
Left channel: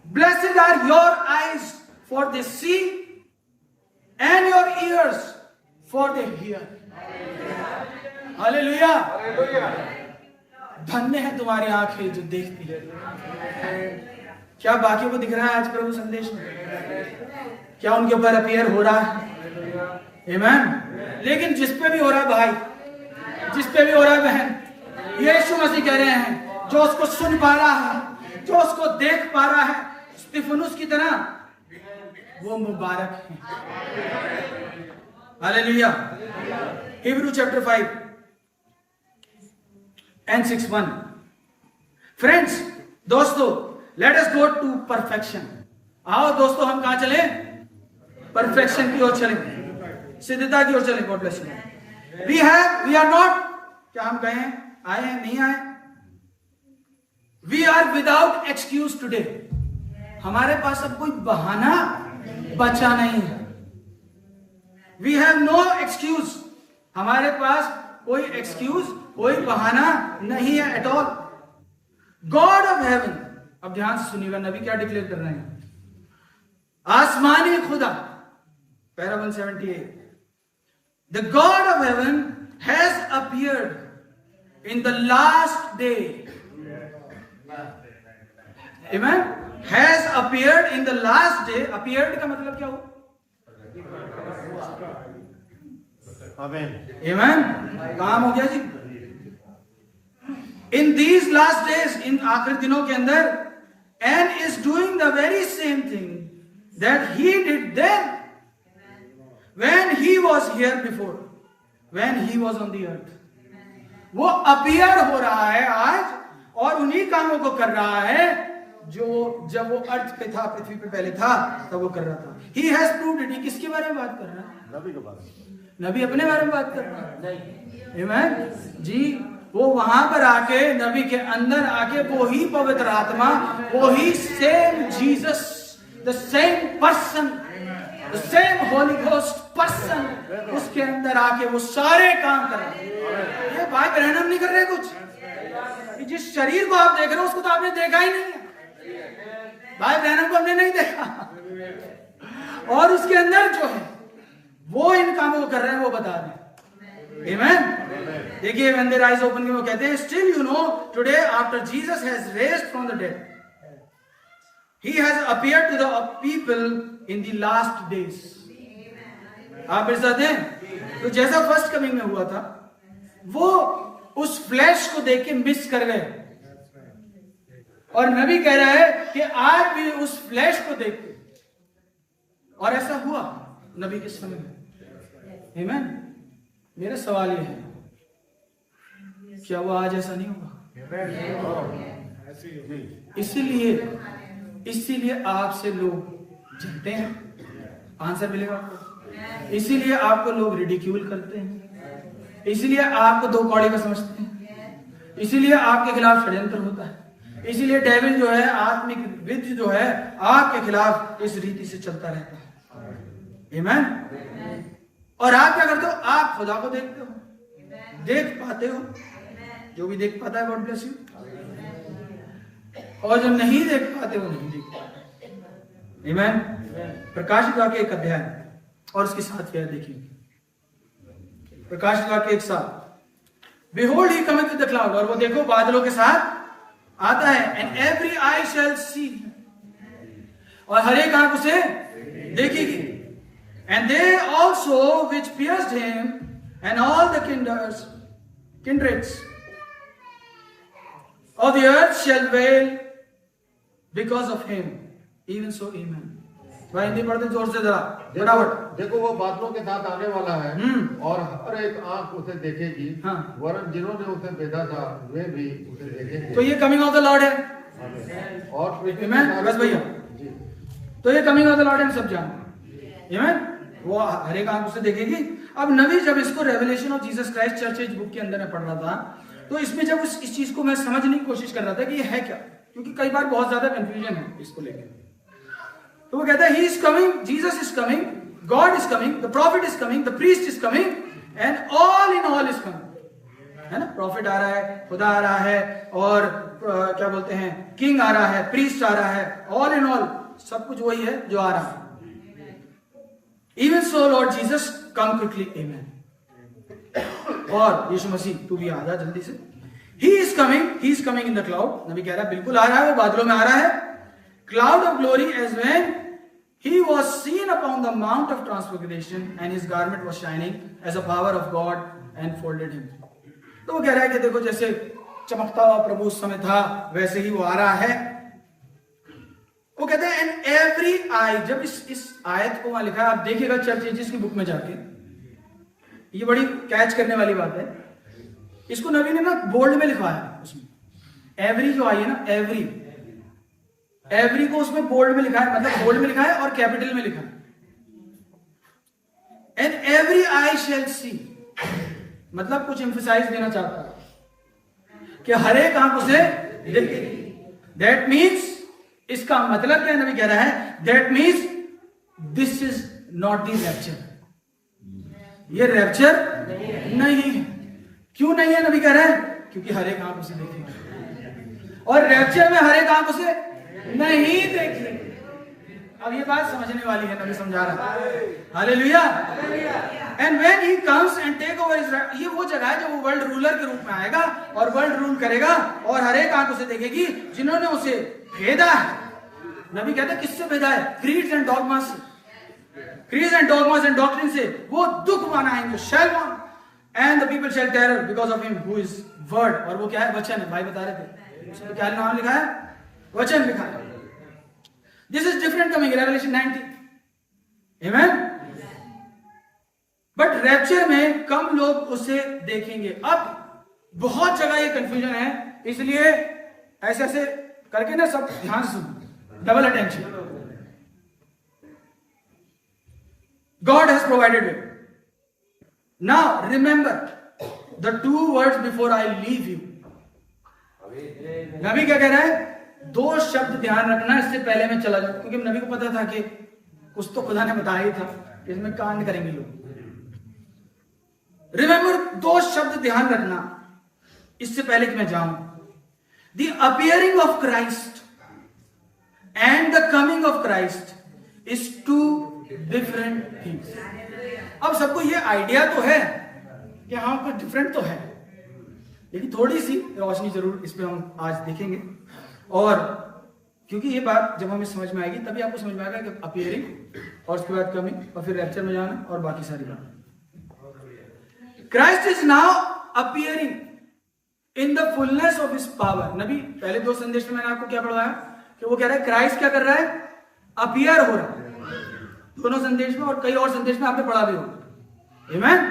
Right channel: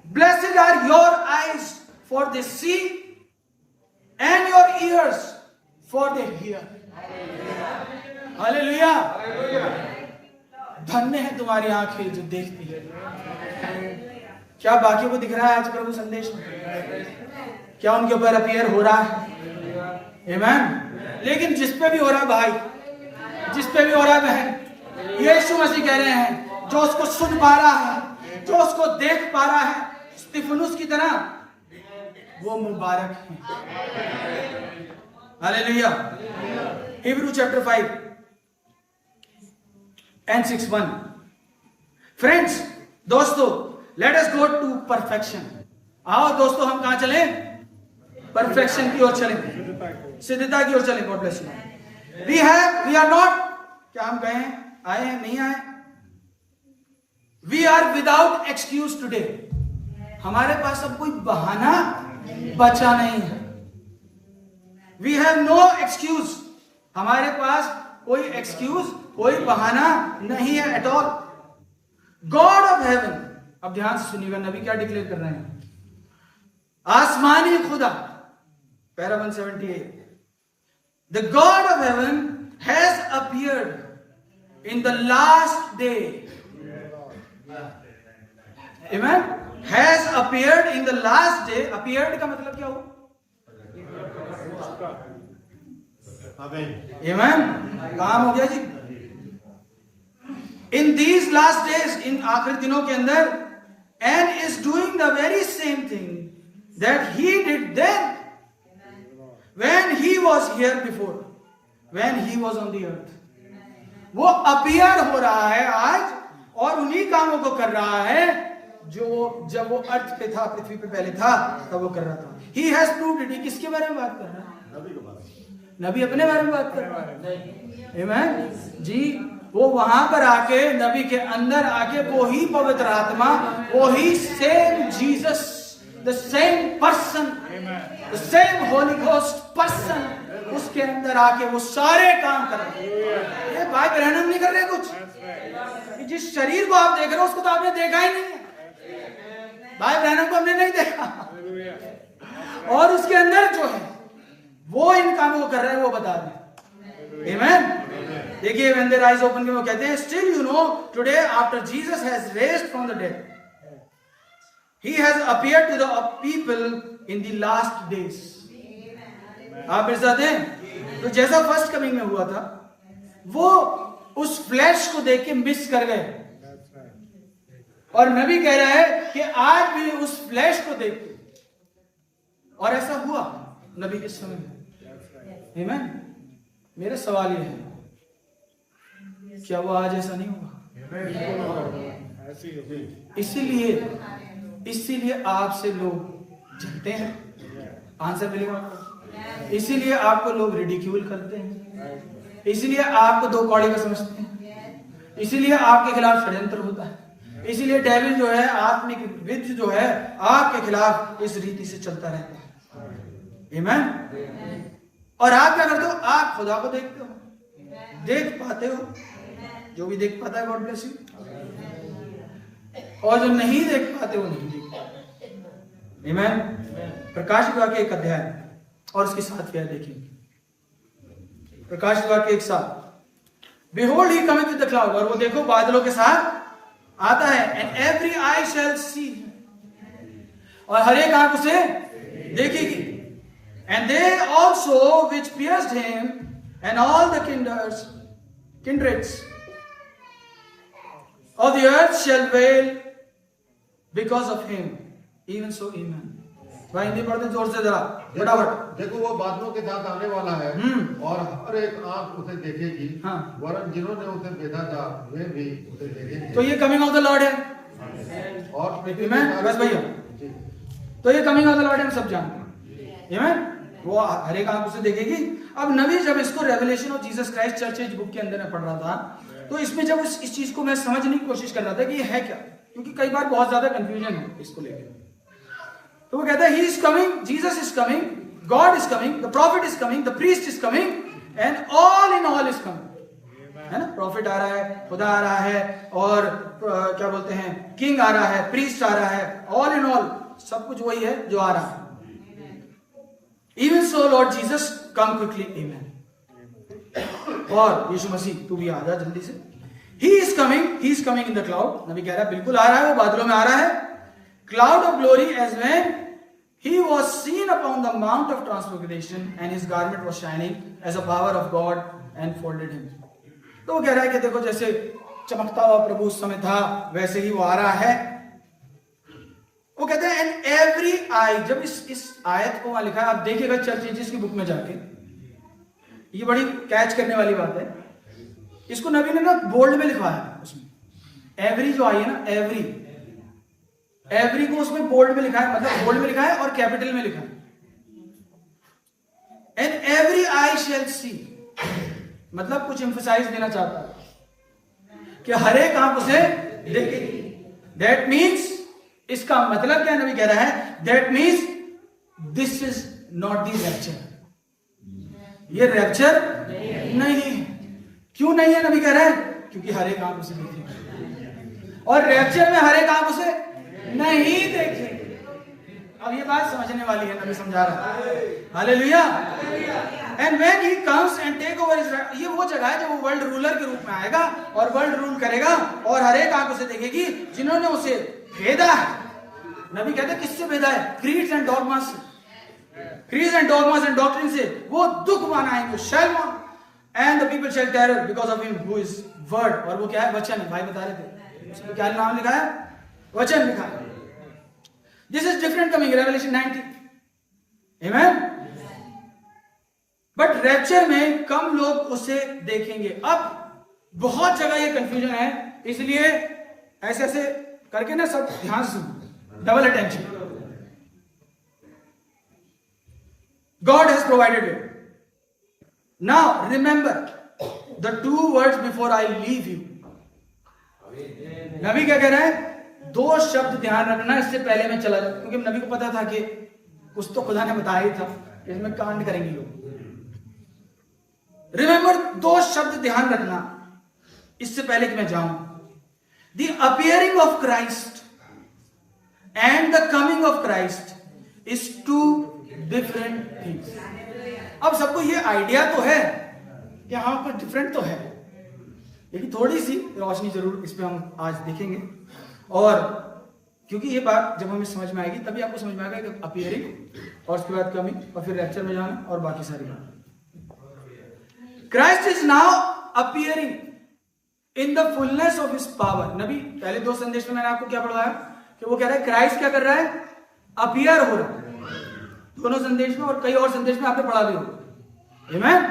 Blessed are your eyes for they see and your ears for they hear, hallelujah. धन्य है तुम्हारी आंखें जो देखती है। क्या बाकियों को दिख रहा है आज प्रभु संदेश में? क्या उनके ऊपर अपीयर हो रहा है? आमीन। लेकिन जिस पे भी हो रहा है भाई, जिस पे भी हो रहा है बहन, यीशु मसीह कह रहे हैं जो उसको सुन पा रहा है, जो उसको देख पा रहा है स्तिफनुस की तरह, वो मुबारक है। हालेलुया। Hebrew chapter 5 and 6:1। फ्रेंड्स, दोस्तों, let us go to perfection. आओ दोस्तों, हम कहां चलें? परफेक्शन की ओर चलें, सिद्धता की ओर चलें। God bless you. We are not, क्या हम गए हैं, आए हैं, नहीं आए? We are without excuse today. हमारे पास अब कोई बहाना बचा नहीं है। वी हैव नो एक्सक्यूज, हमारे पास कोई एक्सक्यूज, कोई बहाना नहीं है at all. God of haven, अब ध्यान से सुनिएगा नबी क्या डिक्लेयर कर रहे हैं। आसमानी खुदा, para 178, the God of heaven has appeared in the last day. आमीन। Has appeared in the last day. Appeared का मतलब क्या हुआ? आमीन। काम हो गया जी। इन दीज लास्ट डेज, इन आखिरी दिनों के अंदर, and is doing the very same thing that he did then when he was here before, when he was on the earth. वो अपीयर हो रहा है आज, और उन्हीं कामों को कर रहा है जो जब वो अर्थ पे था, पृथ्वी पे पहले था, तब वो कर रहा था। He has proved it. किसके बारे में बात कर रहा है? नबी अपने बारे में बात कर रहा है। आमीन जी। वो वहां पर आके, नबी के अंदर आके, वो ही पवित्र आत्मा, वो ही same Jesus, the same person, the same holy ghost person, उसके अंदर आके वो सारे काम कर रहा है। ये भाई बहन हम नहीं कर रहे कुछ। जिस शरीर को आप देख रहे हो उसको तो आपने देखा ही नहीं है, भाई बहनों को हमने नहीं देखा, और उसके अंदर जो है वो इन कामों को कर रहे हैं, वो बता रहे हैं। आमीन। देखिए, when their eyes open, वो कहते हैं, still you know today after Jesus has raised from the dead, he has appeared to the people in the last days। आप मेरे साथ हैं? तो जैसा फर्स्ट कमिंग में हुआ था, वो उस फ्लैश को देख के मिस कर गए, और नबी कह रहा है कि आज भी उस फ्लैश को देख के, और ऐसा हुआ नबी के समय में। आमीन। मेरा सवाल यह है, क्या वो आज ऐसा नहीं होगा? इसीलिए आपसे लोग जलते हैं। आंसर मिलेगा आपको। इसीलिए आपको लोग रिडिक्यूल करते हैं, इसीलिए आपको दो कौड़े का समझते हैं, इसीलिए आपके खिलाफ षड्यंत्र होता है, इसीलिए डेविल जो है, आत्मिक विद्य जो है, आपके खिलाफ इस रीति से चलता रहता है। आमीन। और आप क्या करते हो? आप खुदा को देखते हो, देख पाते हो, जो भी देख पाता है गॉड ब्लेस यू, और जो नहीं देख पाते वो नहीं देख पाते। आमीन। प्रकाशित वाक्य 1 अध्याय और उसके साथ क्या देखिए, प्रकाशित वाक्य 1:7, behold he coming with the cloud, और वो देखो बादलों के साथ आता है, एंड एवरी आई शैल सी, और हर एक आंख उसे देखेगी, and they also which pierced him and all the kindreds of the earth shall wail because of him, even so amen। भाई हिंदी पढ़ते जोर से जरा फटाफट। देखो वो बादलों के साथ आने वाला है, और हर एक आंख उसे देखेगी, वरन जिन्होंने उसे भेजा था वे भी उसे देखेंगे। तो ये कमिंग ऑफ द लॉर्ड है। और Amen? बस भैया, तो ये कमिंग ऑफ द लॉर्ड हम सब जानते हैं। Amen? वो हर एक आंख उसे देखेगी। अब नबी जब इसको revelation of Jesus Christ church age book के अंदर में पढ़ रहा था, तो इसमें जब इस चीज को मैं समझने की कोशिश कर रहा था कि ये है क्या, क्योंकि कई बार बहुत ज्यादा कंफ्यूजन है इसको लेकर। तो वो कहता है he is coming, Jesus is coming, God is coming, the profit is coming, the priest is coming and all in all is coming. है ना, प्रॉफिट आ रहा है, खुदा आ रहा है, और क्या बोलते हैं, किंग आ रहा है, प्रीस्ट आ रहा है, ऑल इन ऑल सब कुछ वही है जो आ रहा है। Even so, Lord Jesus, come quickly, Amen. और यीशु मसीह तू भी आ जा जल्दी से। He is coming in the cloud. नबी कह रहा है बिल्कुल आ रहा है, वो बादलों में आ रहा है। Cloud of glory, as when he was seen upon the mount of transfiguration and his garment was shining as a power of God enfolded him. तो वो कह रहा है कि देखो जैसे चमकता हुआ प्रभु उस समय था, वैसे ही वो आ रहा है। वो कहते हैं एंड एवरी आई, जब इस आयत को वहां लिखा है, आप देखिएगा चर्च एजेस की बुक में जाके, ये बड़ी कैच करने वाली बात है। इसको नबी ने ना बोल्ड में लिखवाया, उसमें एवरी जो आई है ना, एवरी को उसमें बोल्ड में लिखा है, मतलब बोल्ड में लिखा है और कैपिटल में लिखा है। And every I shall see, मतलब कुछ एम्फसाइज देना चाहता है कि हर एक आंख उसे देखेगी। दैट मीन्स, इसका मतलब क्या है, नबी कह रहा है that means this is not the rapture, ये रैप्चर नहीं है। क्यों नहीं है, नबी कह रहा है क्योंकि हर एक आंख उसे देखेगी, और रैप्चर में हर एक आंख उसे नहीं देखेगी। अब ये बात समझने वाली है, नबी समझा रहा है। Hallelujah. And when he comes and take over Israel, ये वो जगह है जब वो वर्ल्ड रूलर के रूप में आएगा और वर्ल्ड रूल करेगा, और हर एक आंख उसे देखेगी जिन्होंने उसे भेदा है। नबी कहते किससे भेदा है? क्रीड्स एंड डॉगमास से, creeds and dogmas and doctrine से। वो दुख मनाएंगे, shall one, and the people shall terror because of him who is word. और वो क्या है? वचन है। भाई बता रहे थे उसमें क्या नाम लिखा है? वचन लिखा है। This is different coming, revelation 19। Amen. But rapture में कम लोग उसे देखेंगे। अब बहुत जगह ये कंफ्यूजन है, इसलिए ऐसे ऐसे करके ना सब ध्यान से सुनो, double attention. God has provided it. Now remember the 2 words before I leave you. नबी क्या कह रहा है? 2 शब्द ध्यान रखना इससे पहले मैं चला जाऊं, क्योंकि नबी को पता था कि कुछ तो खुदा ने बताया ही था, इसमें कांड करेंगे लोग। रिमेंबर, 2 शब्द ध्यान रखना इससे पहले कि मैं जाऊं। The appearing of Christ and the coming of Christ is 2 different things. अब सबको ये आइडिया तो है कि हाँ कुछ डिफरेंट तो है, लेकिन थोड़ी सी रोशनी जरूर इस पे हम आज देखेंगे। और क्योंकि ये बात जब हमें समझ में आएगी तभी आपको समझ में आएगा कि अपीयरिंग और उसके बाद कमिंग और फिर रैप्चर में जाना और बाकी सारी बात। Christ is now appearing in the fullness of his power. नबी पहले 2 संदेश में मैंने आपको क्या पढ़ाया कि वो कह रहा है क्राइस्ट क्या कर रहा है? अपीयर हो रहा है। दोनों संदेश में और कई और संदेश में आपने पढ़ा भी होगा। आमेन।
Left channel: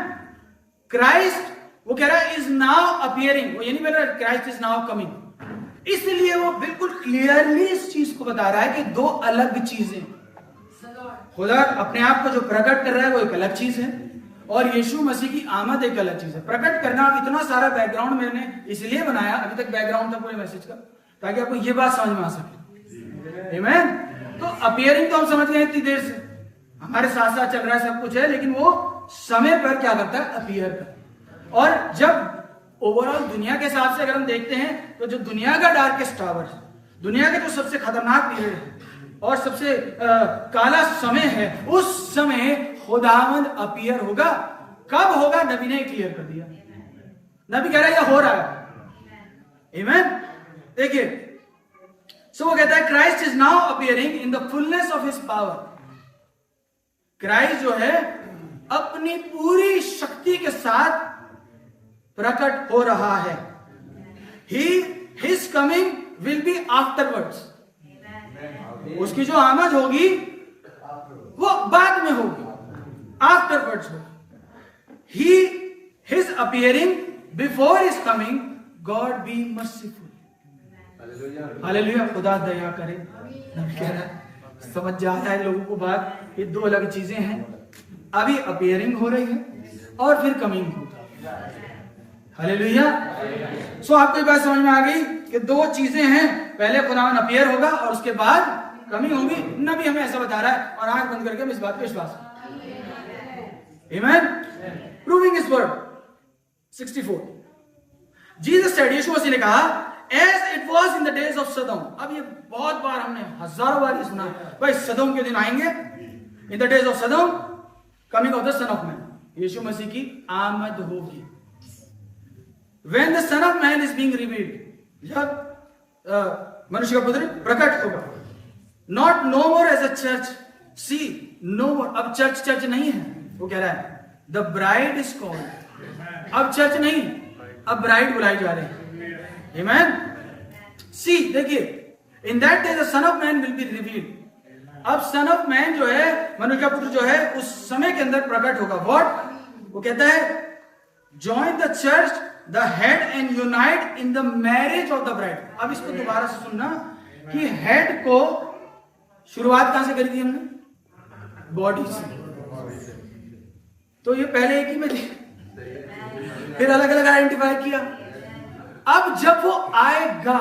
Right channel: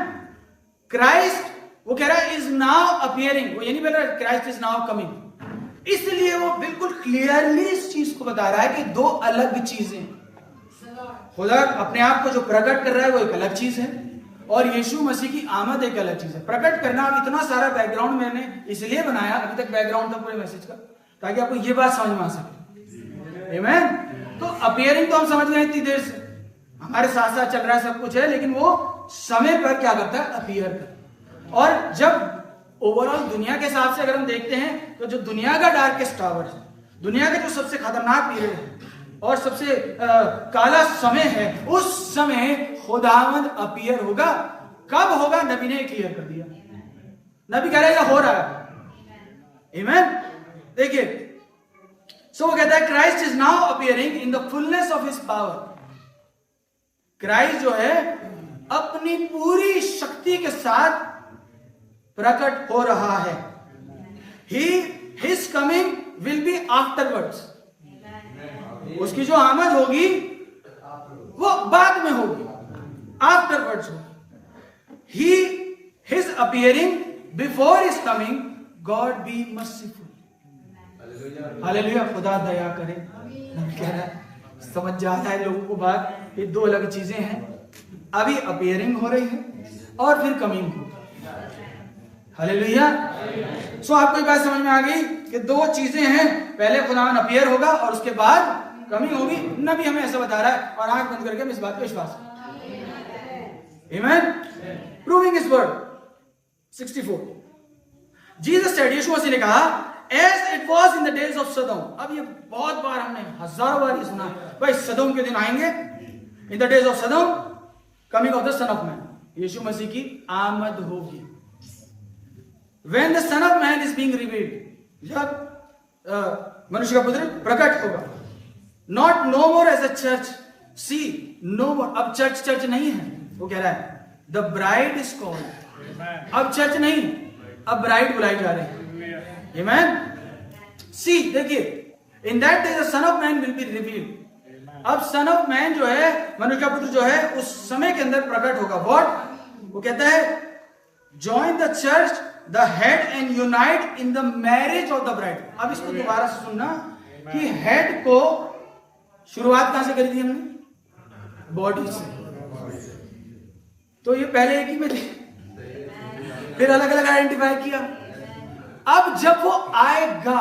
क्राइस्ट वो कह रहा है इज नाउ अपीयरिंग, वो ये नहीं बोल रहा क्राइस्ट इज नाउ कमिंग। इसलिए वो बिल्कुल क्लियरली इस चीज को बता रहा है कि 2 अलग चीजें। खुदा अपने आप को जो प्रकट कर रहा है वो एक अलग चीज है, और यीशु मसीह की आमद एक अलग चीज है। प्रकट करना, इतना सारा बैकग्राउंड मैंने इसलिए बनाया, अभी तक बैकग्राउंड था पूरे मैसेज का, ताकि आपको ये बात समझ में आ सके। आमेन। तो अपीयरिंग तो हम समझ गए इतनी देर से, हमारे साथ साथ चल रहा है, सब कुछ है, लेकिन वो समय पर क्या करता है? अपीयर करता। और जब ओवरऑल दुनिया के हिसाब से अगर हम देखते हैं तो जो दुनिया का डार्केस्ट आवर है, दुनिया के जो सबसे खतरनाक पीरियड है और सबसे काला समय है, उस समय खुदावंद अपीयर होगा। कब होगा? नबी ने क्लियर कर दिया। नबी कह रहा है ये हो रहा है। आमेन। देखिए, सो वो कहता है Christ is now appearing in the fullness of his power. Christ जो है अपनी पूरी शक्ति के साथ प्रकट हो रहा है। His coming will be afterwards. उसकी जो आमद होगी वो बाद में होगी, आफ्टरवर्ड्स होगी। His appearing before his coming, God B merciful. Hallelujah. खुदा दया करे। नबी कह रहा है, समझ जाता है लोगों को बात, ये दो अलग चीजें हैं। अभी अपीयरिंग हो रही है और फिर कमिंग होगी। हालेलुया। सो आपको ये बात समझ में आ गई कि दो चीजें हैं, पहले खुदावन अपीयर होगा और उसके बाद कमिंग होगी। नबी हमें ऐसा बता रहा है और आंख बंद करके हम इस बात पे विश्वास करें। आमीन। Proving his word 64 Jesus said, यीशु मसीह ने कहा, as it was in the days of Sodom. अब ये बहुत बार हमने हजारों बार ये सुना है, भाई सदोम के दिन आएंगे, in the days of Sodom coming of the son of man, यीशु मसीह की आमद होगी। When the son of man is being revealed, जब मनुष्य का पुत्र प्रकट होगा। Not no more as a church, see no more. अब चर्च नहीं है, वो कह रहा है द ब्राइड इज कॉल्ड। अब चर्च नहीं, अब ब्राइड बुलाई जा रही है। आमेन। सी देखिए, in that day the son of man will be revealed. अब सन ऑफ मैन जो है, मनुष्य का पुत्र जो है, उस समय के अंदर प्रकट होगा। व्हाट? वो कहता है, join the church the head and unite in the marriage of the bride. अब इसको दोबारा से सुनना कि हेड को शुरुआत कहां से करी थी हमने? बॉडी से। तो ये पहले एक ही में थे, फिर अलग अलग आइडेंटिफाई किया। अब जब वो आएगा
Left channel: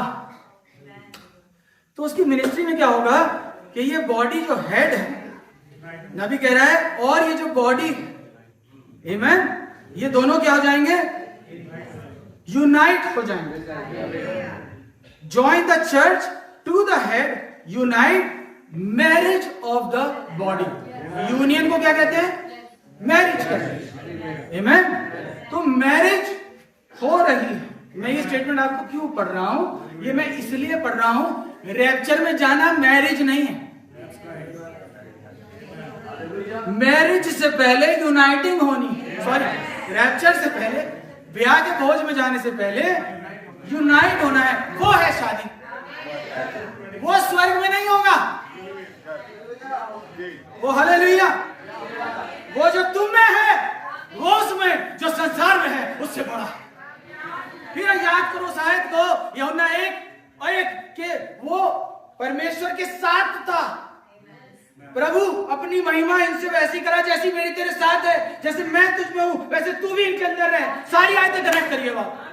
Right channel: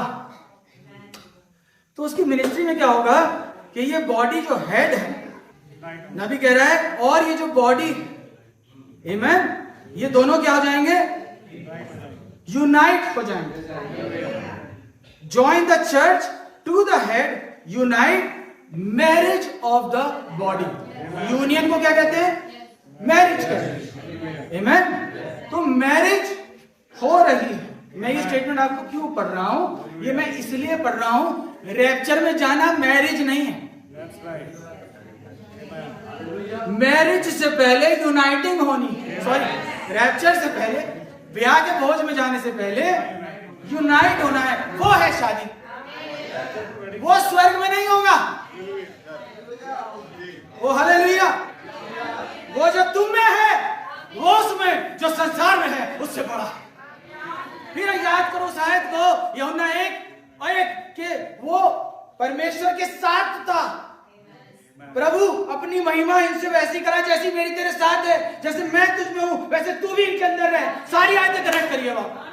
तो उसकी मिनिस्ट्री में क्या होगा कि ये बॉडी जो हेड है, नबी कह रहा है, और ये जो बॉडी, आमीन, ये दोनों क्या हो जाएंगे? यूनाइट हो जाएंगे। Join the church to the head, unite, marriage of the body. Union को क्या कहते हैं? मैरिज कहते हैं। आमीन। तो मैरिज हो रही है। मैं ये स्टेटमेंट आपको क्यों पढ़ रहा हूं? ये मैं इसलिए पढ़ रहा हूं, रैप्चर में जाना मैरिज नहीं है। मैरिज से पहले यूनाइटिंग होनी है। सॉरी, रैप्चर से पहले, ब्याह के भोज में जाने से पहले यूनाइट होना है। वो है शादी, वो स्वर्ग में नहीं होगा। वो हालेलुया। वो जो तुम में है, वो उसमें जो संसार में है उससे बड़ा है। फिर याद करो शायद को, यूहन्ना 1:1 के वो परमेश्वर के साथ था। प्रभु अपनी महिमा इनसे वैसी करा जैसी मेरी तेरे साथ है, जैसे मैं तुझ में हूं वैसे तू भी इनके अंदर है। सारी आयतें कनेक्ट करिए बात।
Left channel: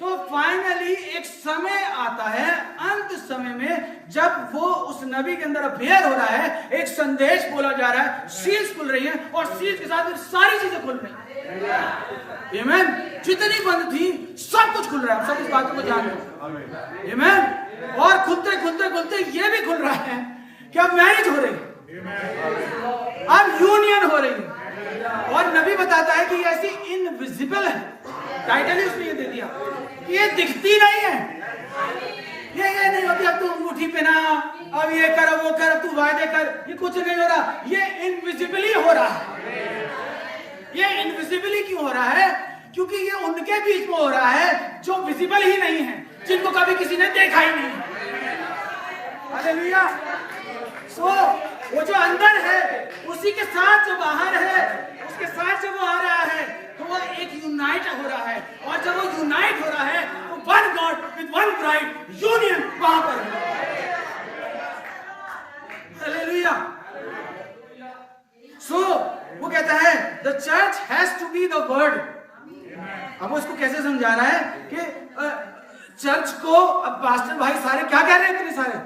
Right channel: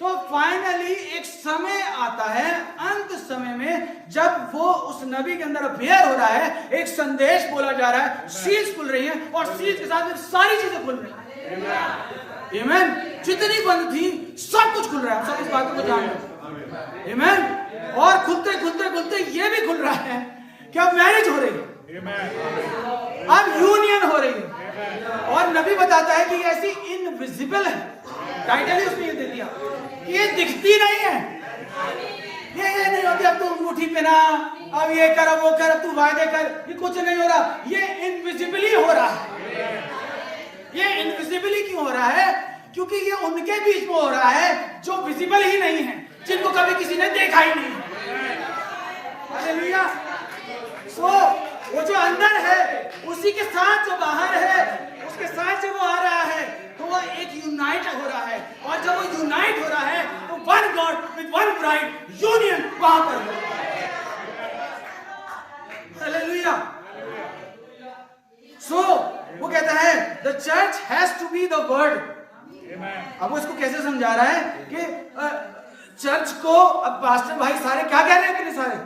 तो फाइनली एक समय आता है, अंत समय में, जब वो उस नबी के अंदर अफेयर हो रहा है, एक संदेश बोला जा रहा है, सील्स खुल रही हैं और सील्स के साथ सारी चीजें खुल रही हैं। आमीन। जितनी बंद थी सब कुछ खुल रहा है। सब इस बातों को जान रहे। आमीन। और खुलते खुलते खुलते ये भी खुल रहा है कि अब मैरिज हो रही है, अब यूनियन हो रही है। और नबी बताता है कि ऐसी इनविजिबल है, टाइटल ही उसने ये दे दिया, ये दिखती नहीं है। ये नहीं होती, अब तू अंगूठी पहना, अब ये कर, अब वो कर, अब तू वायदे कर, ये कुछ नहीं हो रहा। ये इनविजिबली हो रहा है। ये इनविजिबली क्यों हो रहा है? क्योंकि ये उनके बीच में हो रहा है जो विजिबल ही नहीं है, जिनको कभी किसी ने देखा ही नहीं है। हालेलुया। सो वो जो अंदर है उसी के साथ जो बाहर है, उसके साथ से वो आ रहा है, तो वो एक यूनाइट हो रहा है। और जब वो यूनाइट हो रहा है तो one God with one bride, union वहां पर है। हालेलुया। सो वो कहता है the church has to be the word. अब वो इसको कैसे समझा रहा है कि चर्च को, अब पास्टर भाई सारे क्या कह रहे हैं? इतने सारे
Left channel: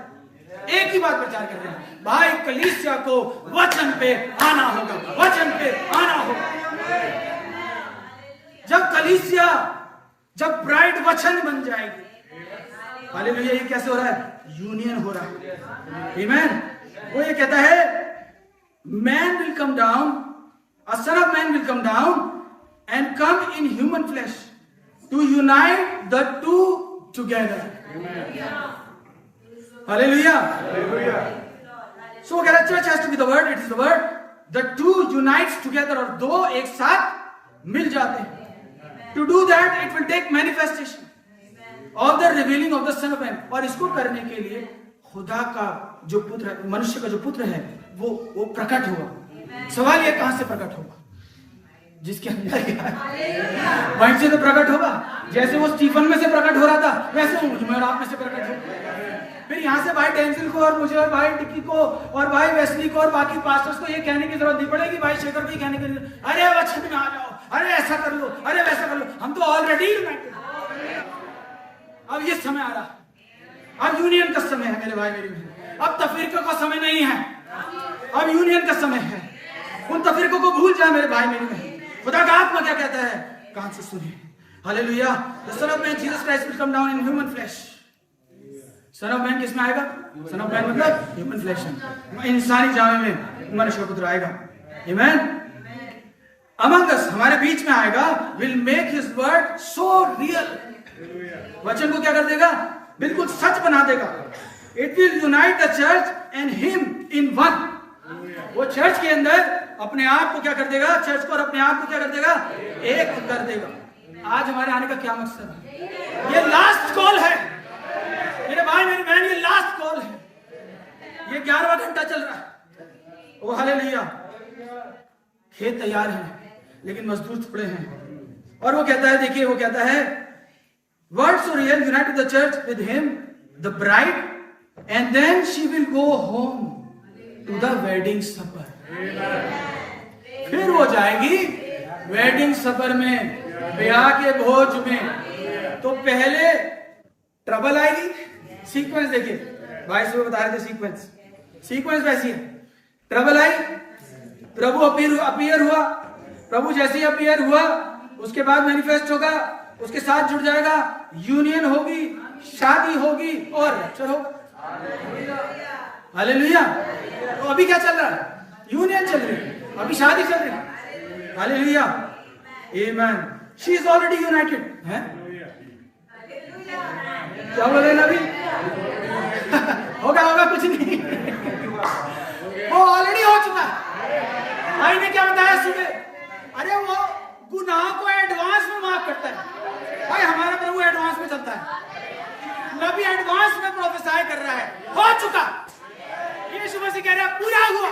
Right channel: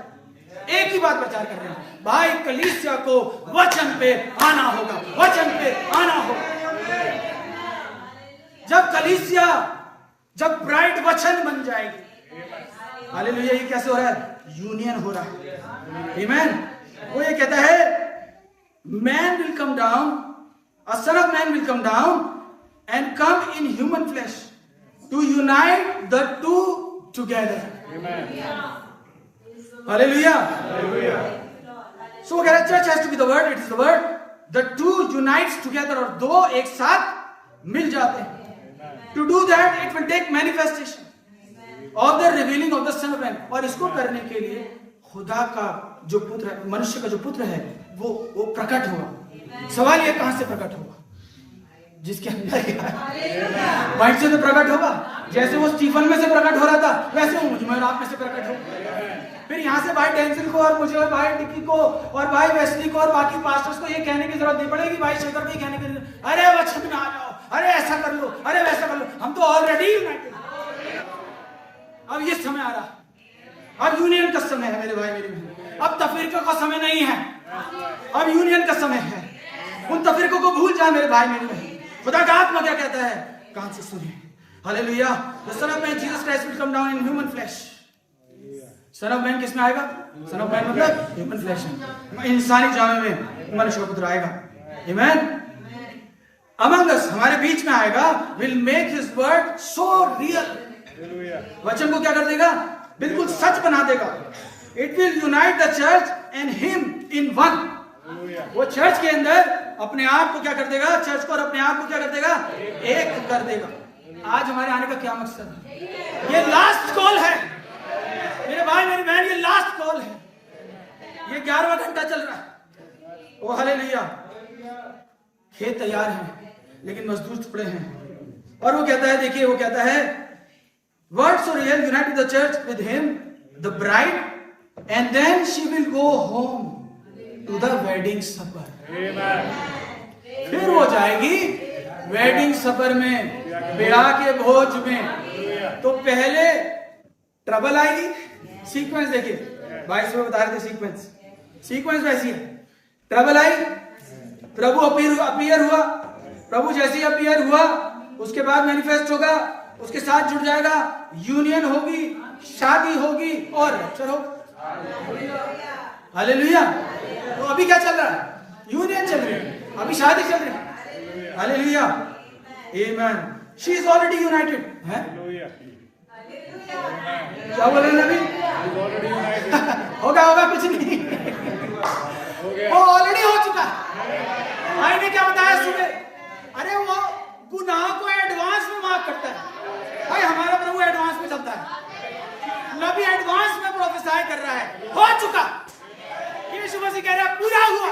एक ही बात प्रचार कर रहे हैं, भाई कलीसिया को वचन पे आना होगा, वचन पे आना होगा। जब कलीसिया, जब ब्राइड वचन बन जाएगी, हालेलुया। ये कैसे हो रहा है? यूनियन हो रहा है। आमीन। वो ये कहता है, man will come down, a sun of man will come down and come in human flesh to unite the two together. Hallelujah. So church has to be the word, it is the word. The two unites together, और दो एक साथ मिल जाते हैं। To do that it will take manifestation of the revealing of the Son of Man। और इसको करने के लिए खुदा का जो पुत्र, मनुष्य का जो पुत्र है, वो प्रकट होगा। सवाल ये कहां से प्रकट होगा? जिसके अंदर क्या है वहीं से तो प्रकट होगा। जैसे वो स्टीफन में से प्रकट हो रहा था वैसे वो मुझ में और आप में से प्रकट होगा। फिर यहाँ से भाई डेंसिल को और मुझे और भाई डिक्की को और भाई वेस्ली को और बाकी पास्टर्स को ये कहने की जरूरत नहीं पड़ेगी, भाई शेखर को कहने की, अरे वचन में आ जाओ, अरे ऐसा कर लो, अरे वैसा कर लो। हम तो ऑलरेडी यूनाइटेड। अब ये समय आ रहा, अब यूनियन का समय है मेरे भाई मेरी बहन। अब तफरीकों का समय नहीं है, अब यूनियन का समय है। उन तफरीकों को भूल जाए मेरे भाई मेरी बहन। खुदा का आत्मा क्या कहता है, कान से सुनिए। Hallelujah. The son of man Jesus Christ will come down in human flesh. Sun of man किसमें आएगा? सन ऑफ मैन मतलब ह्यूमन फ्लैश में, इंसानी जामे में मनुष्य का पुत्र आएगा। आमेन। अमंग अस, हमारे बीच में आएगा। Will make his word so real. वचन को क्या कर देगा? बिल्कुल सच बना देगा। It will unite the church and him in one. वो चर्च के अंदर अपने आप को क्या कर देगा? चर्च को और अपने आप को क्या कर देगा? एक कर देगा। आज हमारे आने का क्या मकसद है? ये लास्ट कॉल है मेरे भाई मेरी बहन, ये लास्ट कॉल है। ये 11वां घंटा चल रहा है। ओ हालेलुया। खेत तैयार है लेकिन मजदूर थोड़े हैं। और वो कहता है, देखिए वो कहता है, word so real unite the church with him the bride and then she will go home to the wedding supper. फिर वो जाएगी वेडिंग सपर में, ब्याह के भोज में। तो पहले ट्रबल आएगी। सीक्वेंस देखिए, 22 में बता रहे थे सीक्वेंस वैसी है। ट्रबल आई, प्रभु अपीयर हुआ। प्रभु जैसे ही अपीयर हुआ उसके बाद मैनिफेस्ट होगा, उसके साथ जुड़ जाएगा, यूनियन होगी, शादी होगी और रैप्चर होगा। हालेलुया। तो अभी क्या चल रहा है? यूनियन चल रही है, अभी शादी चल रही है। Hallelujah. Amen. She is already United है। क्या बोल रहे हैं अभी? होगा कुछ नहीं, वो ऑलरेडी हो चुका है। भाई ने क्या बताया सुबह? अरे वो गुनाह को एडवांस में माफ करता है। भाई हमारा प्रभु एडवांस में चलता है। नबी एडवांस में प्रोफेसाई कर रहा है, हो चुका। यीशु मसीह कह रहा है पूरा हुआ।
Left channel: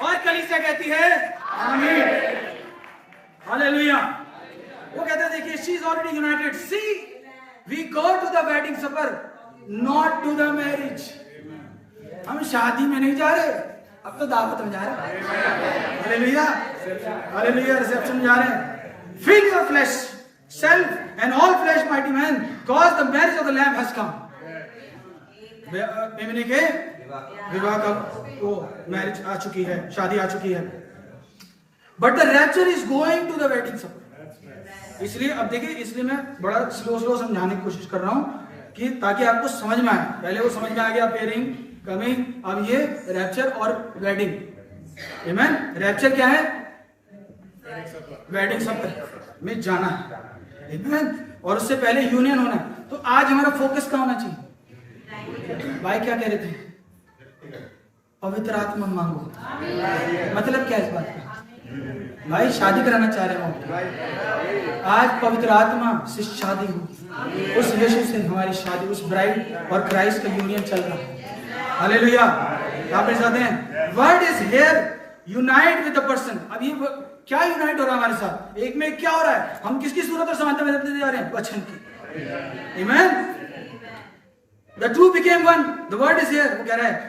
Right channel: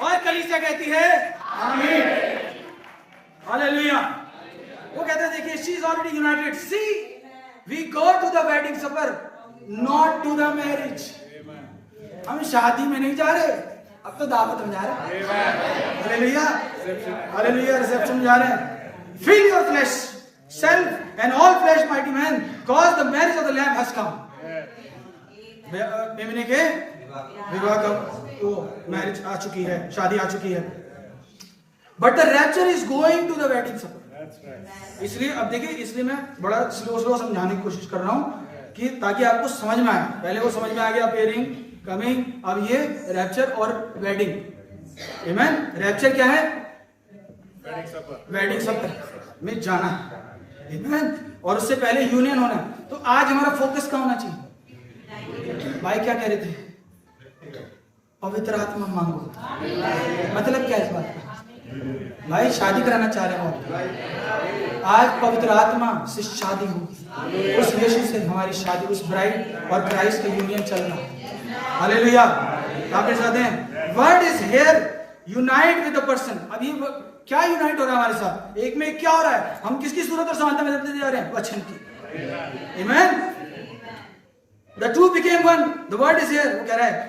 और कलीसिया कहती है आमीन। हालेलुया। वो कहता है, देखिए, she is already united. See we go to the wedding supper not to the marriage. हम शादी में नहीं जा रहे, अब तो दावत में जा रहे हैं। हालेलुया। हालेलुया। रिसेप्शन में जा रहे हैं। Fill your flesh self and all flesh mighty man cause the marriage of the lamb has come. मेमने के विवाह का वो मैरिज आ चुकी है, शादी आ चुकी है। But the rapture is going to the wedding supper. इसलिए अब देखिए, इसलिए मैं बड़ा स्लो समझाने की कोशिश कर रहा हूं कि ताकि आपको समझ में आए। पहले वो समझ में आ गया पेयरिंग, कमिंग, अब ये रैप्चर और वेडिंग। आमेन। रैप्चर क्या है? वेडिंग सपर में जाना है। आमेन। और उससे पहले यूनियन होना है। तो आज हमारा फोकस क्या होना चाहिए? भाई क्या कह रहे थे? पवित्र आत्मा मांगो। मतलब क्या इस बात का? भाई शादी कराना चाह रहे हो, आज पवित्र आत्मा से शादी होगी। उस यीशु से हमारी शादी, उस ब्राइड और क्राइस्ट का यूनियन चल रहा है। हालेलुया। आप चाहते हैं word is here unite with the person. अब ये क्या यूनाइट हो रहा है हमारे साथ? एक में क्या हो रहा है? हम किसकी सूरत और समानता में बदलते जा रहे हैं? वचन की। आमेन। The two became one, the word is here. वो कह रहा है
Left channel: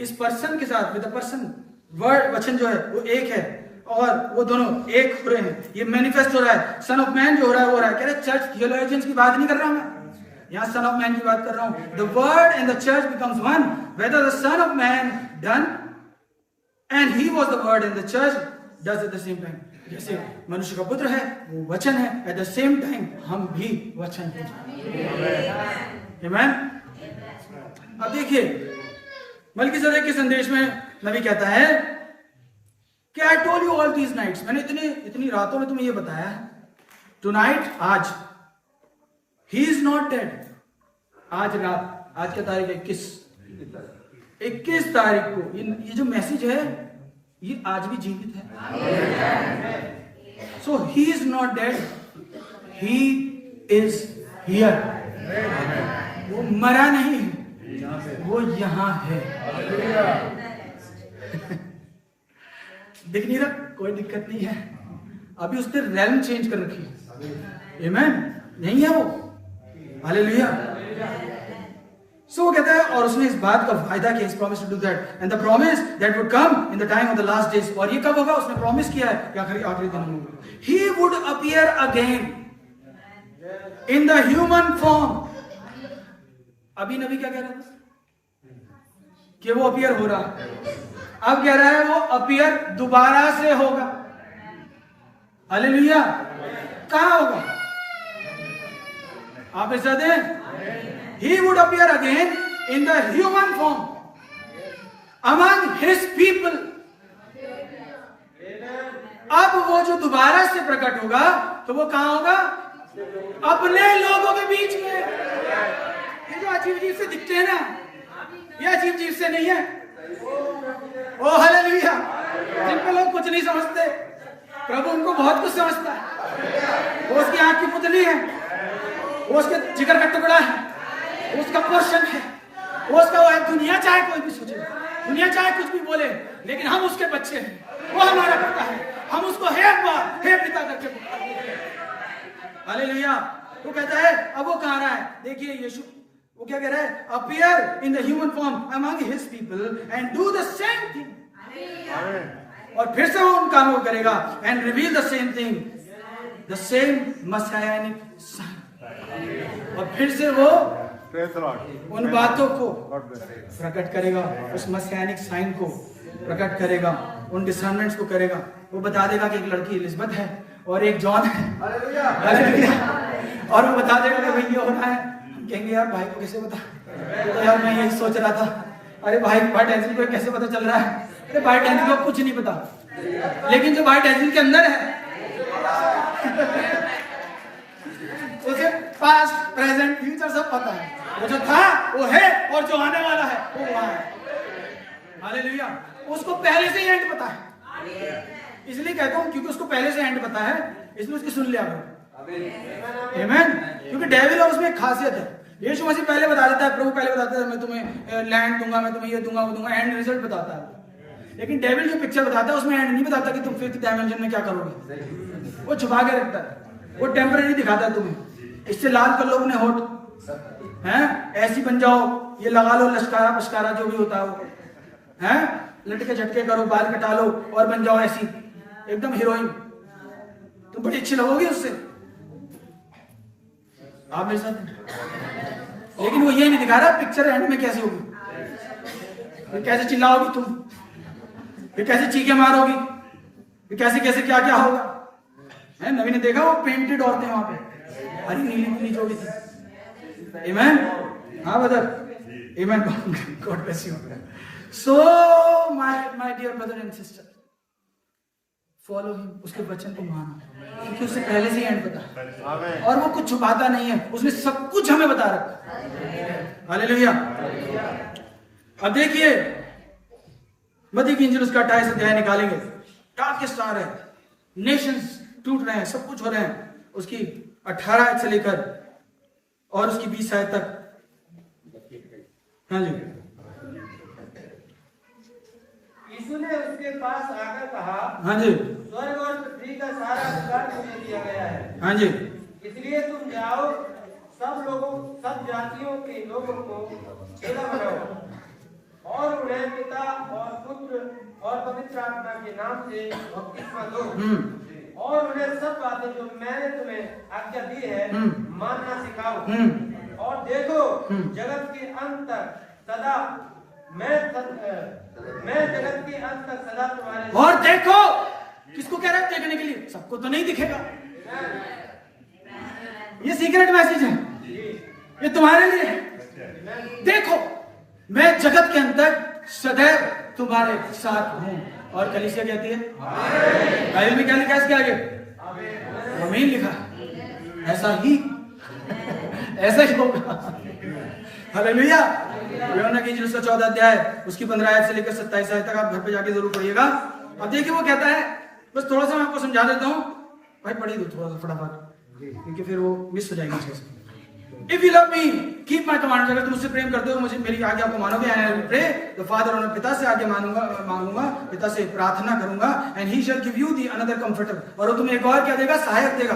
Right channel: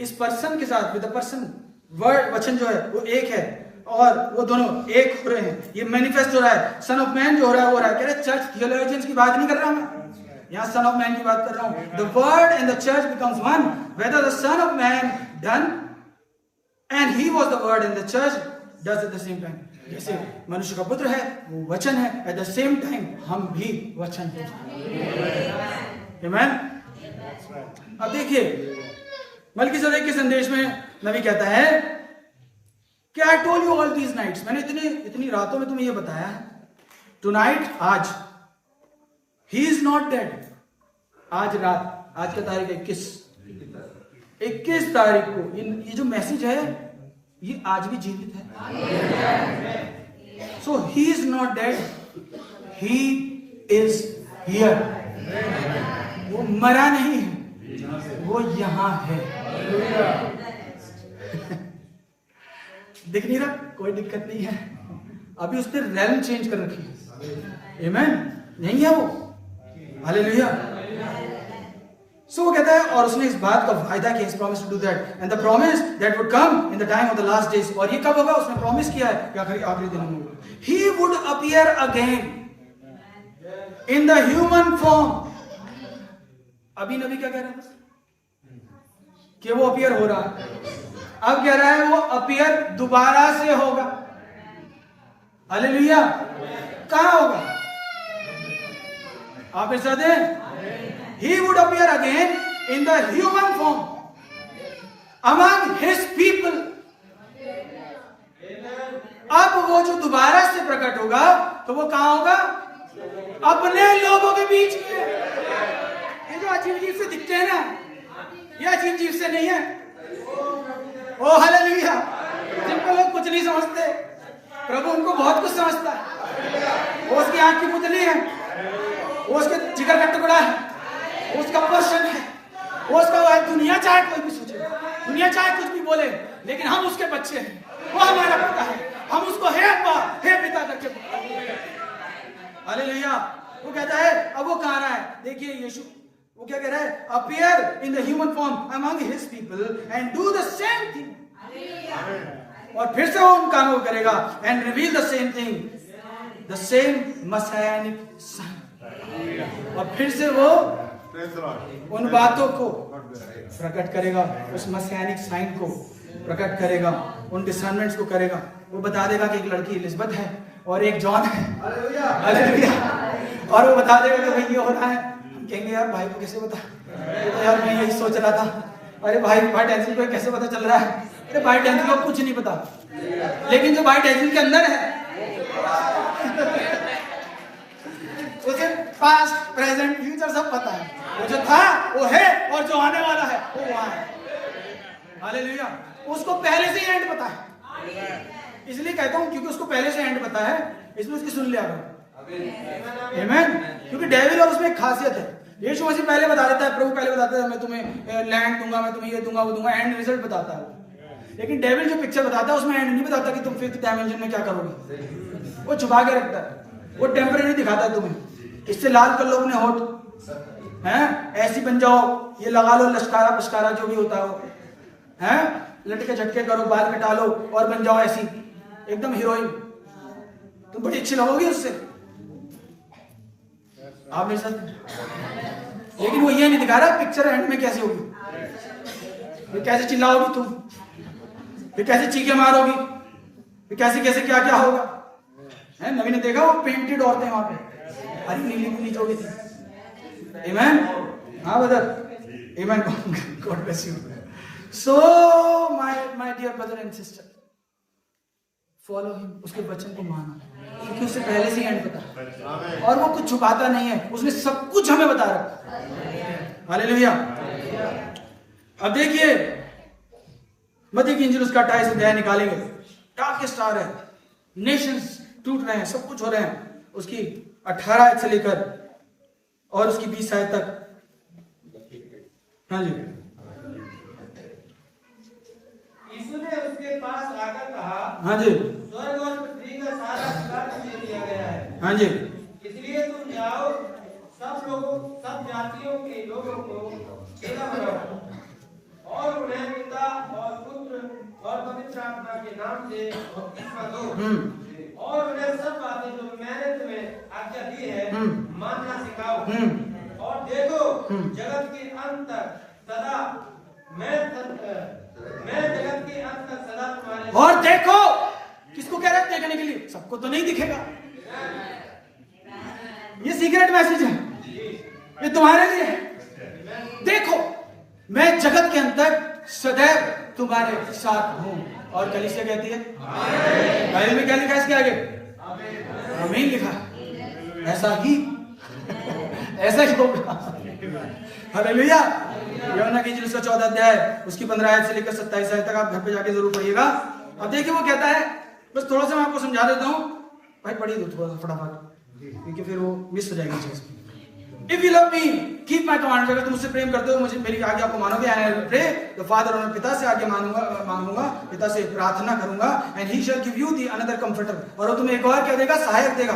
इस पर्सन के साथ, विद द पर्सन, वर्ड वचन जो है वो एक है और वो दोनों एक हो रहे हैं। ये मैनिफेस्ट हो रहा है। सन ऑफ मैन जो हो रहा है वो हो रहा है। कह रहे चर्च थियोलॉजियंस की बात नहीं कर रहा हूं मैं, यहां सन ऑफ मैन की बात कर रहा हूं। The word and the church becomes one whether the son of man done and he was the word and the church does at the same time. जैसे मनुष्य का पुत्र है वो वचन है, एट द सेम टाइम हम भी वचन हैं। आमेन। अब देखिए मलकीसेदेक के संदेश में नबी कहता है कि I told you all these nights, मैंने इतनी रातों में तुम्हें ये बताया है। टुनाइट, आज, ही इज नॉट डेड। आज रात, आज क्या तारीख है? 21 तारीख को ये जो मैसेज है ये आज भी जीवित है। So he is not dead, he is here. वो मरा नहीं है, वो यहां है। दिख नहीं रहा, कोई दिक्कत नहीं है, अभी उसने रेलम चेंज कर रखी है। आमेन, नहीं है वो। हालेलुया। सो वो कहता है, और उसने इस बात का वायदा किया, इस promise to do that and the promise that would come in the time of the last days. और ये कब होगा? उसने प्रॉमिस किया है कि आखिरी दिनों में होगा। He would appear again in the human form. अभी नबी क्या कह रहा था कि वो अपीयर हो रहा है, अब कह रहा है वो अपीयर दोबारा से होगा। हालेलुया। कहां होगा? आप इस दें, he would appear again in the human form among his people। अब वो जो दोबारा से प्रकट होगा तो वो कहां होगा? अपने लोगों के बीच में। ये जो अजीब अजीब से दिखते हैं ना, ये अजीब अजीब से नहीं है। ओ हालेलुया। जिन पर लोग कुछ नहीं समझते, प्रभु उनको बहुत कुछ समझता है। वो उसकी आंख की पुतली है, वो उसके जिगर का टुकड़ा है, वो उसका पोर्शन है, वो उसका वो है। दुनिया चाहे कोई भी सोचे, दुनिया चाहे कुछ भी बोले, लेकिन हम उसके बच्चे हैं, वो हमारा पिता है, हम उसको हे अब्बा हे पिता करके पुकारते हैं। हालेलुया। वो कहता है, अब वो कहां रहा है? देखिए यीशु वो क्या कह रहा है? Appear in the human form among his people and do the same thing. और फिर से वो उन कामों को करेगा and reveal the same thing, the same Messianic sign. और फिर से वो उन बातों को प्रकट करेगा, उस मसायानिक साइन को प्रकट करेगा, उन डिसर्नमेंट्स को करेगा। वो बता देगा कि एक लड़की एलिजबेथ है और एक जॉन है। हालेलुया। और वो बता देगा कि भाई ये हो रहा है। हम कहेंगे यार भाई को कैसे पता? तो यार मैं यही सोच रहा था, अरे भाई टेंसिल को कैसे पता चल रहा है? अरे भाई टेंसिल को कुछ नहीं पता, लेकिन जो भाई टेंसिल के अंदर है उसे पास्ट प्रेजेंट फ्यूचर सब पता है। वो जो था वो है, और जो आने वाला है वो वहां है। हालेलुया। उसको पहले से ही एंड पता है। इसलिए कहता हूं क्योंकि उसको पहले से एंड पता है, इसलिए उसकी सुन लिया करो। आमीन। क्योंकि डेविल और उसमें एक खासियत है, यीशु मसीह पहले बता देता है, प्रभु पहले बताता है मैं तुम्हें लैंड दूंगा, मैं तुम्हें ये दूंगा वो दूंगा, एंड रिजल्ट बताता है। लेकिन डेविल जो पिक्चर बताता है उसमें एंड नहीं बताता कि तुम फिफ्थ डायमेंशन में क्या करोगे। वो छुपा के रखता है, वो टेम्परेरी दिखाता है तुम्हें। इससे लाल कर लो अपने होठ, हैं ऐसी बन जाओ, ये लगा लो लश्कारा पश्कारा जो भी होता है वो, हैं लटके झटके करो, बाल कटा लो और बन जाओ ऐसी एकदम हीरोइन। तुम बड़ी अच्छी लगोगी उससे, आप मेरे साथ। लेकिन वो ये नहीं दिखा रहा पिक्चर एंड में कैसे होगी, फिर कैसे चिल्लाओगी तुम, फिर कैसे चीखे मारोगी, फिर कैसे कैसे क्या क्या होगा। है नवी ने देखा वो पेंटेड औरतें वहां पे, हरी नीली नीली जो भी थी। आमेन। हाँ brother, amen. God bless you. So my dear brother and sister, follow him, उसके वचन को मानो, क्योंकि उससे पहले से एंड पता है और वो कुछ छुपाता नहीं है, उसने सब कुछ हमें बता रखा। हालेलुया। अब देखिए मत्ती की इंजील उसका 28 अध्याय निकालेंगे। डार्केस्ट स्टार है, नेशंस टूट रहे हैं, सब कुछ हो रहे हैं। उसकी 18 आयत से लेकर और उसकी 20 आयत तक। हाँ जी। यीशु ने उसके पास आकर कहा, हाँ जी। स्वर्ग और पृथ्वी का सारा अधिकार तुझे दिया गया है। हाँ जी। इसलिए तुम जाओ, सब लोगों सब जातियों के लोगों को सेवा करो और उन्हें पिता और पुत्र और पवित्र आत्मा के नाम से बपतिस्मा दो और उन्हें सब बातें जो मैंने तुम्हें आज्ञा दी है मानना सिखाओ। और देखो जगत के अंत तक सदा मैं जगत के अंत तक सदा तुम्हारे। और देखो, किसको कह रहा है देखने के लिए? सबको तो नहीं दिखेगा, ये सीक्रेट मैसेज है, ये तुम्हारे लिए है। देखो मैं जगत के अंत तक सदैव तुम्हारे साथ हूं। और कलीसिया कहती है बाइबल में क्या लिखा है इसके आगे? आमीन लिखा। ऐसा ही ऐसा ही होगा। हालेलुया। यूहन्ना की इंजील 14 अध्याय उसकी 15 आयत से लेकर 27 आयत तक आप घर पे जाके जरूर पढ़िएगा। अब देखिए वो कहता है, बस थोड़ा सा मैं आपको समझा देता हूं, भाई पढ़ी दो थोड़ा सा फटाफट, क्योंकि फिर वो मिस हो जाएगी चीज। If you love me keep my commands, अगर तुम मुझसे प्रेम करते हो, मुझे मेरी आज्ञा को मानोगे, and I will pray the father, और मैं पिता से आज्ञा मांगूंगा, पिता से प्रार्थना करूंगा, and he shell give you the another comforter, और वो तुम्हें एक और क्या देगा, सहायक देगा,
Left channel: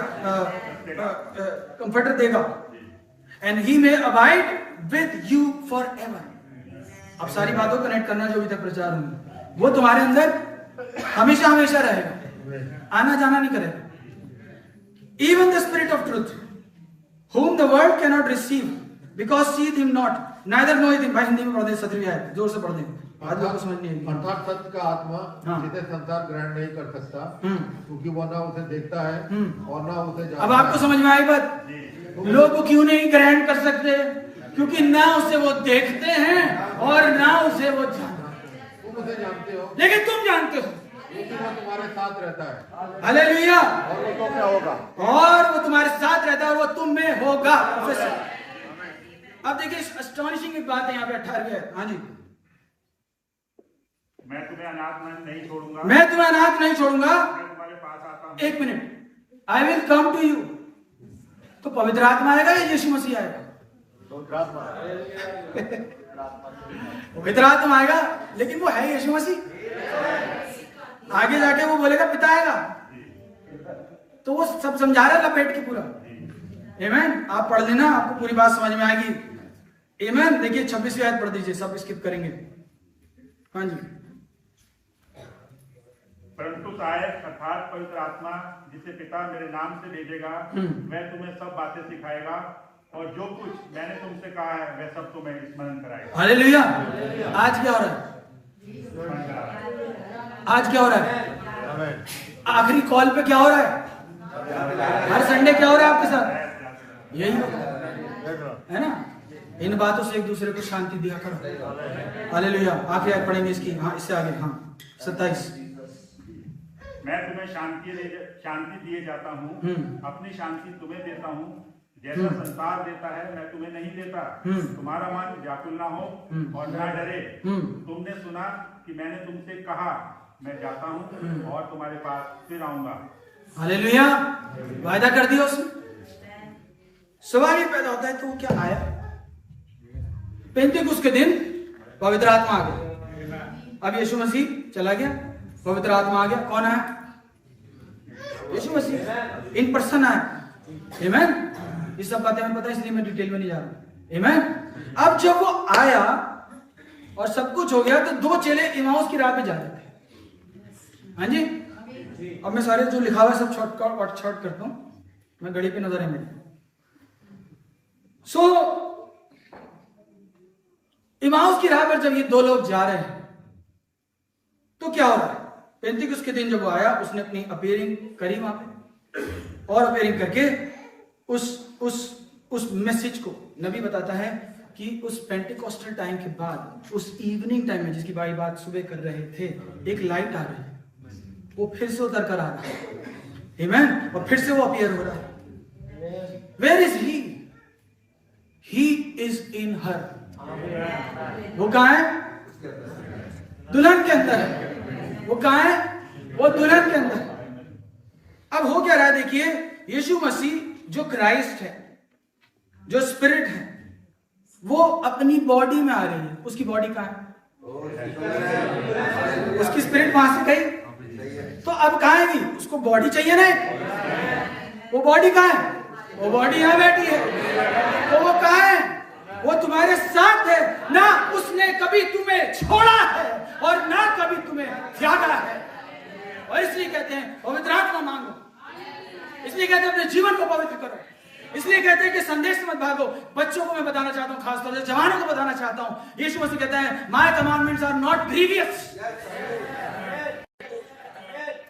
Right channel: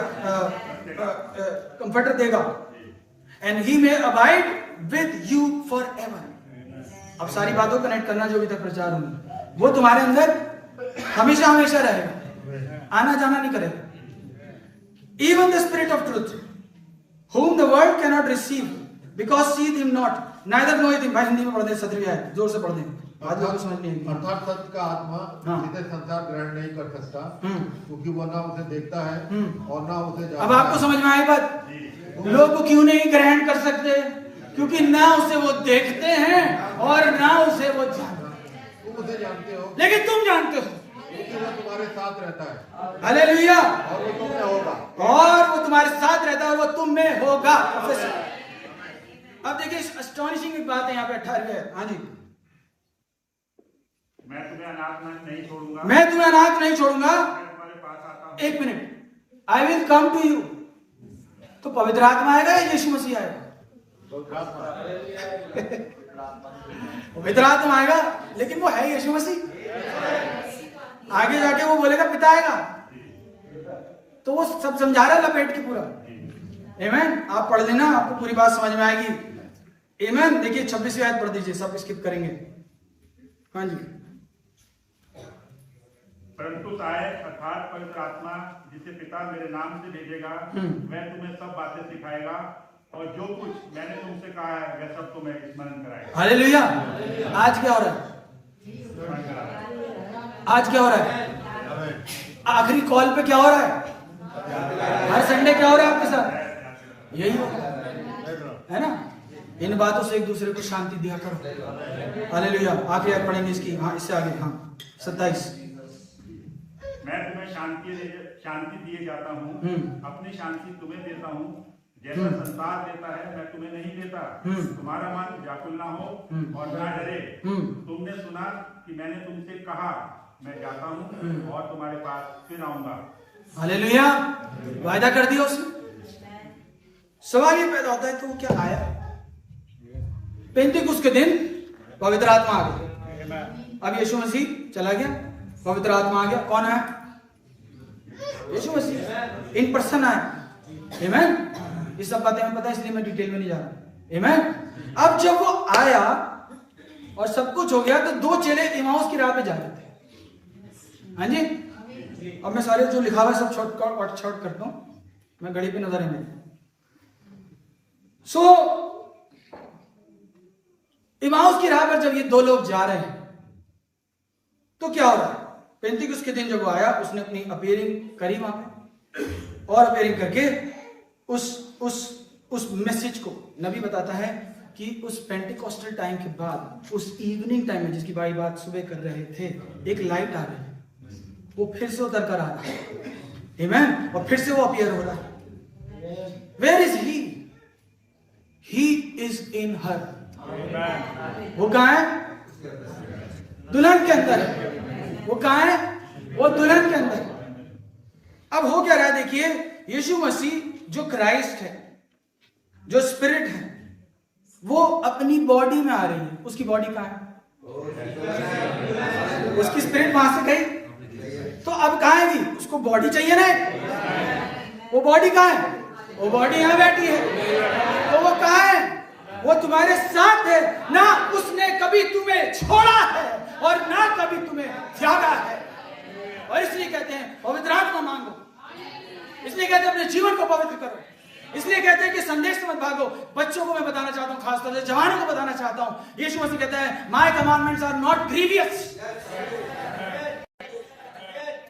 कंफर्टर देगा, and he may abide with you for ever. अब सारी बातों को कनेक्ट करना जो अभी तक प्रचार हुई, वो तुम्हारे अंदर हमेशा हमेशा रहेगा, आना जाना नहीं करेगा। Even the spirit of truth whom the world cannot receive because seeth him not neither knoweth him। भाई हिंदी में पढ़ दे, 17वीं आयत जोर से पढ़ दे, आज लोगों को समझ नहीं आएगी। अर्थात सत्य का आत्मा जिसे संसार ग्रहण नहीं कर सकता, क्योंकि वो ना उसे देखता है और ना उसे जानता। अब आपको समझ में आई बात, लोग क्यों नहीं ग्रहण कर सकते, क्योंकि ना उसे वो देखते हैं और ना उसे वो जानते हैं। तुम उसे जानते हो, लेकिन तुम जानते हो, लेकिन वो तुम्हारे साथ रहता है हालेलुया, और वो तुम में होगा। और वो तुम्हारे साथ रहता है और वो तुम में होगा। अब देखिए अस्टॉनिशिंग एक बात है यहाँ पे 18वीं है। हाँ जी, मैं तुम्हें अनाथ नहीं छोड़ूंगा, मैं तुम्हें अनाथ नहीं छोड़ूंगा, मैं तुम्हारे पास आता हूं। एक minute, I will come to you. तो पवित्र आत्मा आएगा या यीशु मसीह आएगा? पवित्र आत्मा आएगा, लेकिन वो है यीशु मसीह। आगे जाके वो बोलेगा पिता आएगा, तो वो सब समझा रहा लपेट के पूरा। आमेन, आप पढ़ लेना, आपको पूरी बात समझ में आएगी। आमेन। देखिए 26वीं आयत पढ़ दीजिए, सब स्किप करेंगे। हाँ जी, परंतु सहायक अर्थात पवित्र आत्मा जिसे पिता मेरे नाम से भेजेगा, वह तुम्हें सब बातें सिखाएगा और जो कुछ मैंने तुमसे कहा है वह सब तुम्हें स्मरण कराएगा। हालेलुया। आज क्या हो रहा है? आज क्या हो रहा है? आखिरी कॉल पे क्या हो रहा है? हर संडे क्या हो रहा है आपके साथ? यही होगा, है ना? इन बातों से एक दूसरे को शांति दिया करो। हालेलुया। आखिरी आयत पढ़ेंगे इसकी, हाँ इससे आगे, हाँ 27। मैं तुम्हें शांति दिए जाता हूँ, अपनी शांति तुम्हें देता हूँ, जैसा संसार देता है मैं तुम्हें नहीं देता। तुम्हारा मन व्याकुल ना हो और ना डरे। तुमने सुना कि मैंने तुमसे कहा मैं जाता हूँ और तुम्हारे पास फिर आऊंगा। हालेलुया। वायदा कर दिया उसने। सवाल ये पैदा होता है, तो वो क्या आया? पेंतिकुस्त के दिन पवित्र आत्मा आ गया। अब यीशु मसीह चला गया, पवित्र आत्मा आ गया। कौन आया? यीशु मसीह इन पर्सन आया। आमेन। ये सब बातें हमें पता है, इसलिए मैं डिटेल में नहीं जा रहा। आमेन। अब जब वो आया और सब कुछ हो गया, तो दो चेले इमाउस की राह पे जा रहे थे। हाँ जी, अब मैं सारे जो लिखा हुआ है सब शॉर्ट करता हूं, मैं घड़ी पे नजर है मेरी। सो इमाउस की राह पर जब ये दो लोग जा रहे हैं, तो क्या हो रहा है? पेंतिकुस्त के दिन जब वो आया, उसने अपनी अपीयरिंग करी वहां पे, और अपीयरिंग करके उस मैसेज को, नबी बताता है कि उस पेंटिकॉस्टल टाइम के बाद, उस इवनिंग टाइम में जिसकी भाई बात सुबह कर रहे थे, एक लाइट आ रही है, वो फिर से उतर कर आ रहा है। आमेन। और फिर से वो अपीयर हो रहा है। Where is he? He is in her. वो कहां है? दुल्हन के अंदर है। वो कहां है? वो दुल्हन के अंदर। अब हो क्या रहा है? देखिए, यीशु मसीह जो क्राइस्ट है, जो स्पिरिट है, वो अपनी बॉडी में आ रही है। उसकी बॉडी कहां है? उसकी स्पिरिट वहां से गई, तो अब कहां है? उसको बॉडी चाहिए ना। वो बॉडी कहां है? वो बॉडी यहां बैठी है। तो वो कहां है? वो तुम्हारे साथ है ना। उसने कभी तुम्हें छोड़ा है और ना कभी तुम्हें त्यागा है। और इसलिए कहते हैं पवित्र आत्मा मांगो, इसलिए कहते हैं अपने जीवन को पवित्र करो, इसलिए कहते हैं कि संदेश से मत भागो। बच्चों को मैं बताना चाहता हूं, खासतौर से जवानों को बताना चाहता हूं, यीशु मसीह कहता है my commandments are not grievous.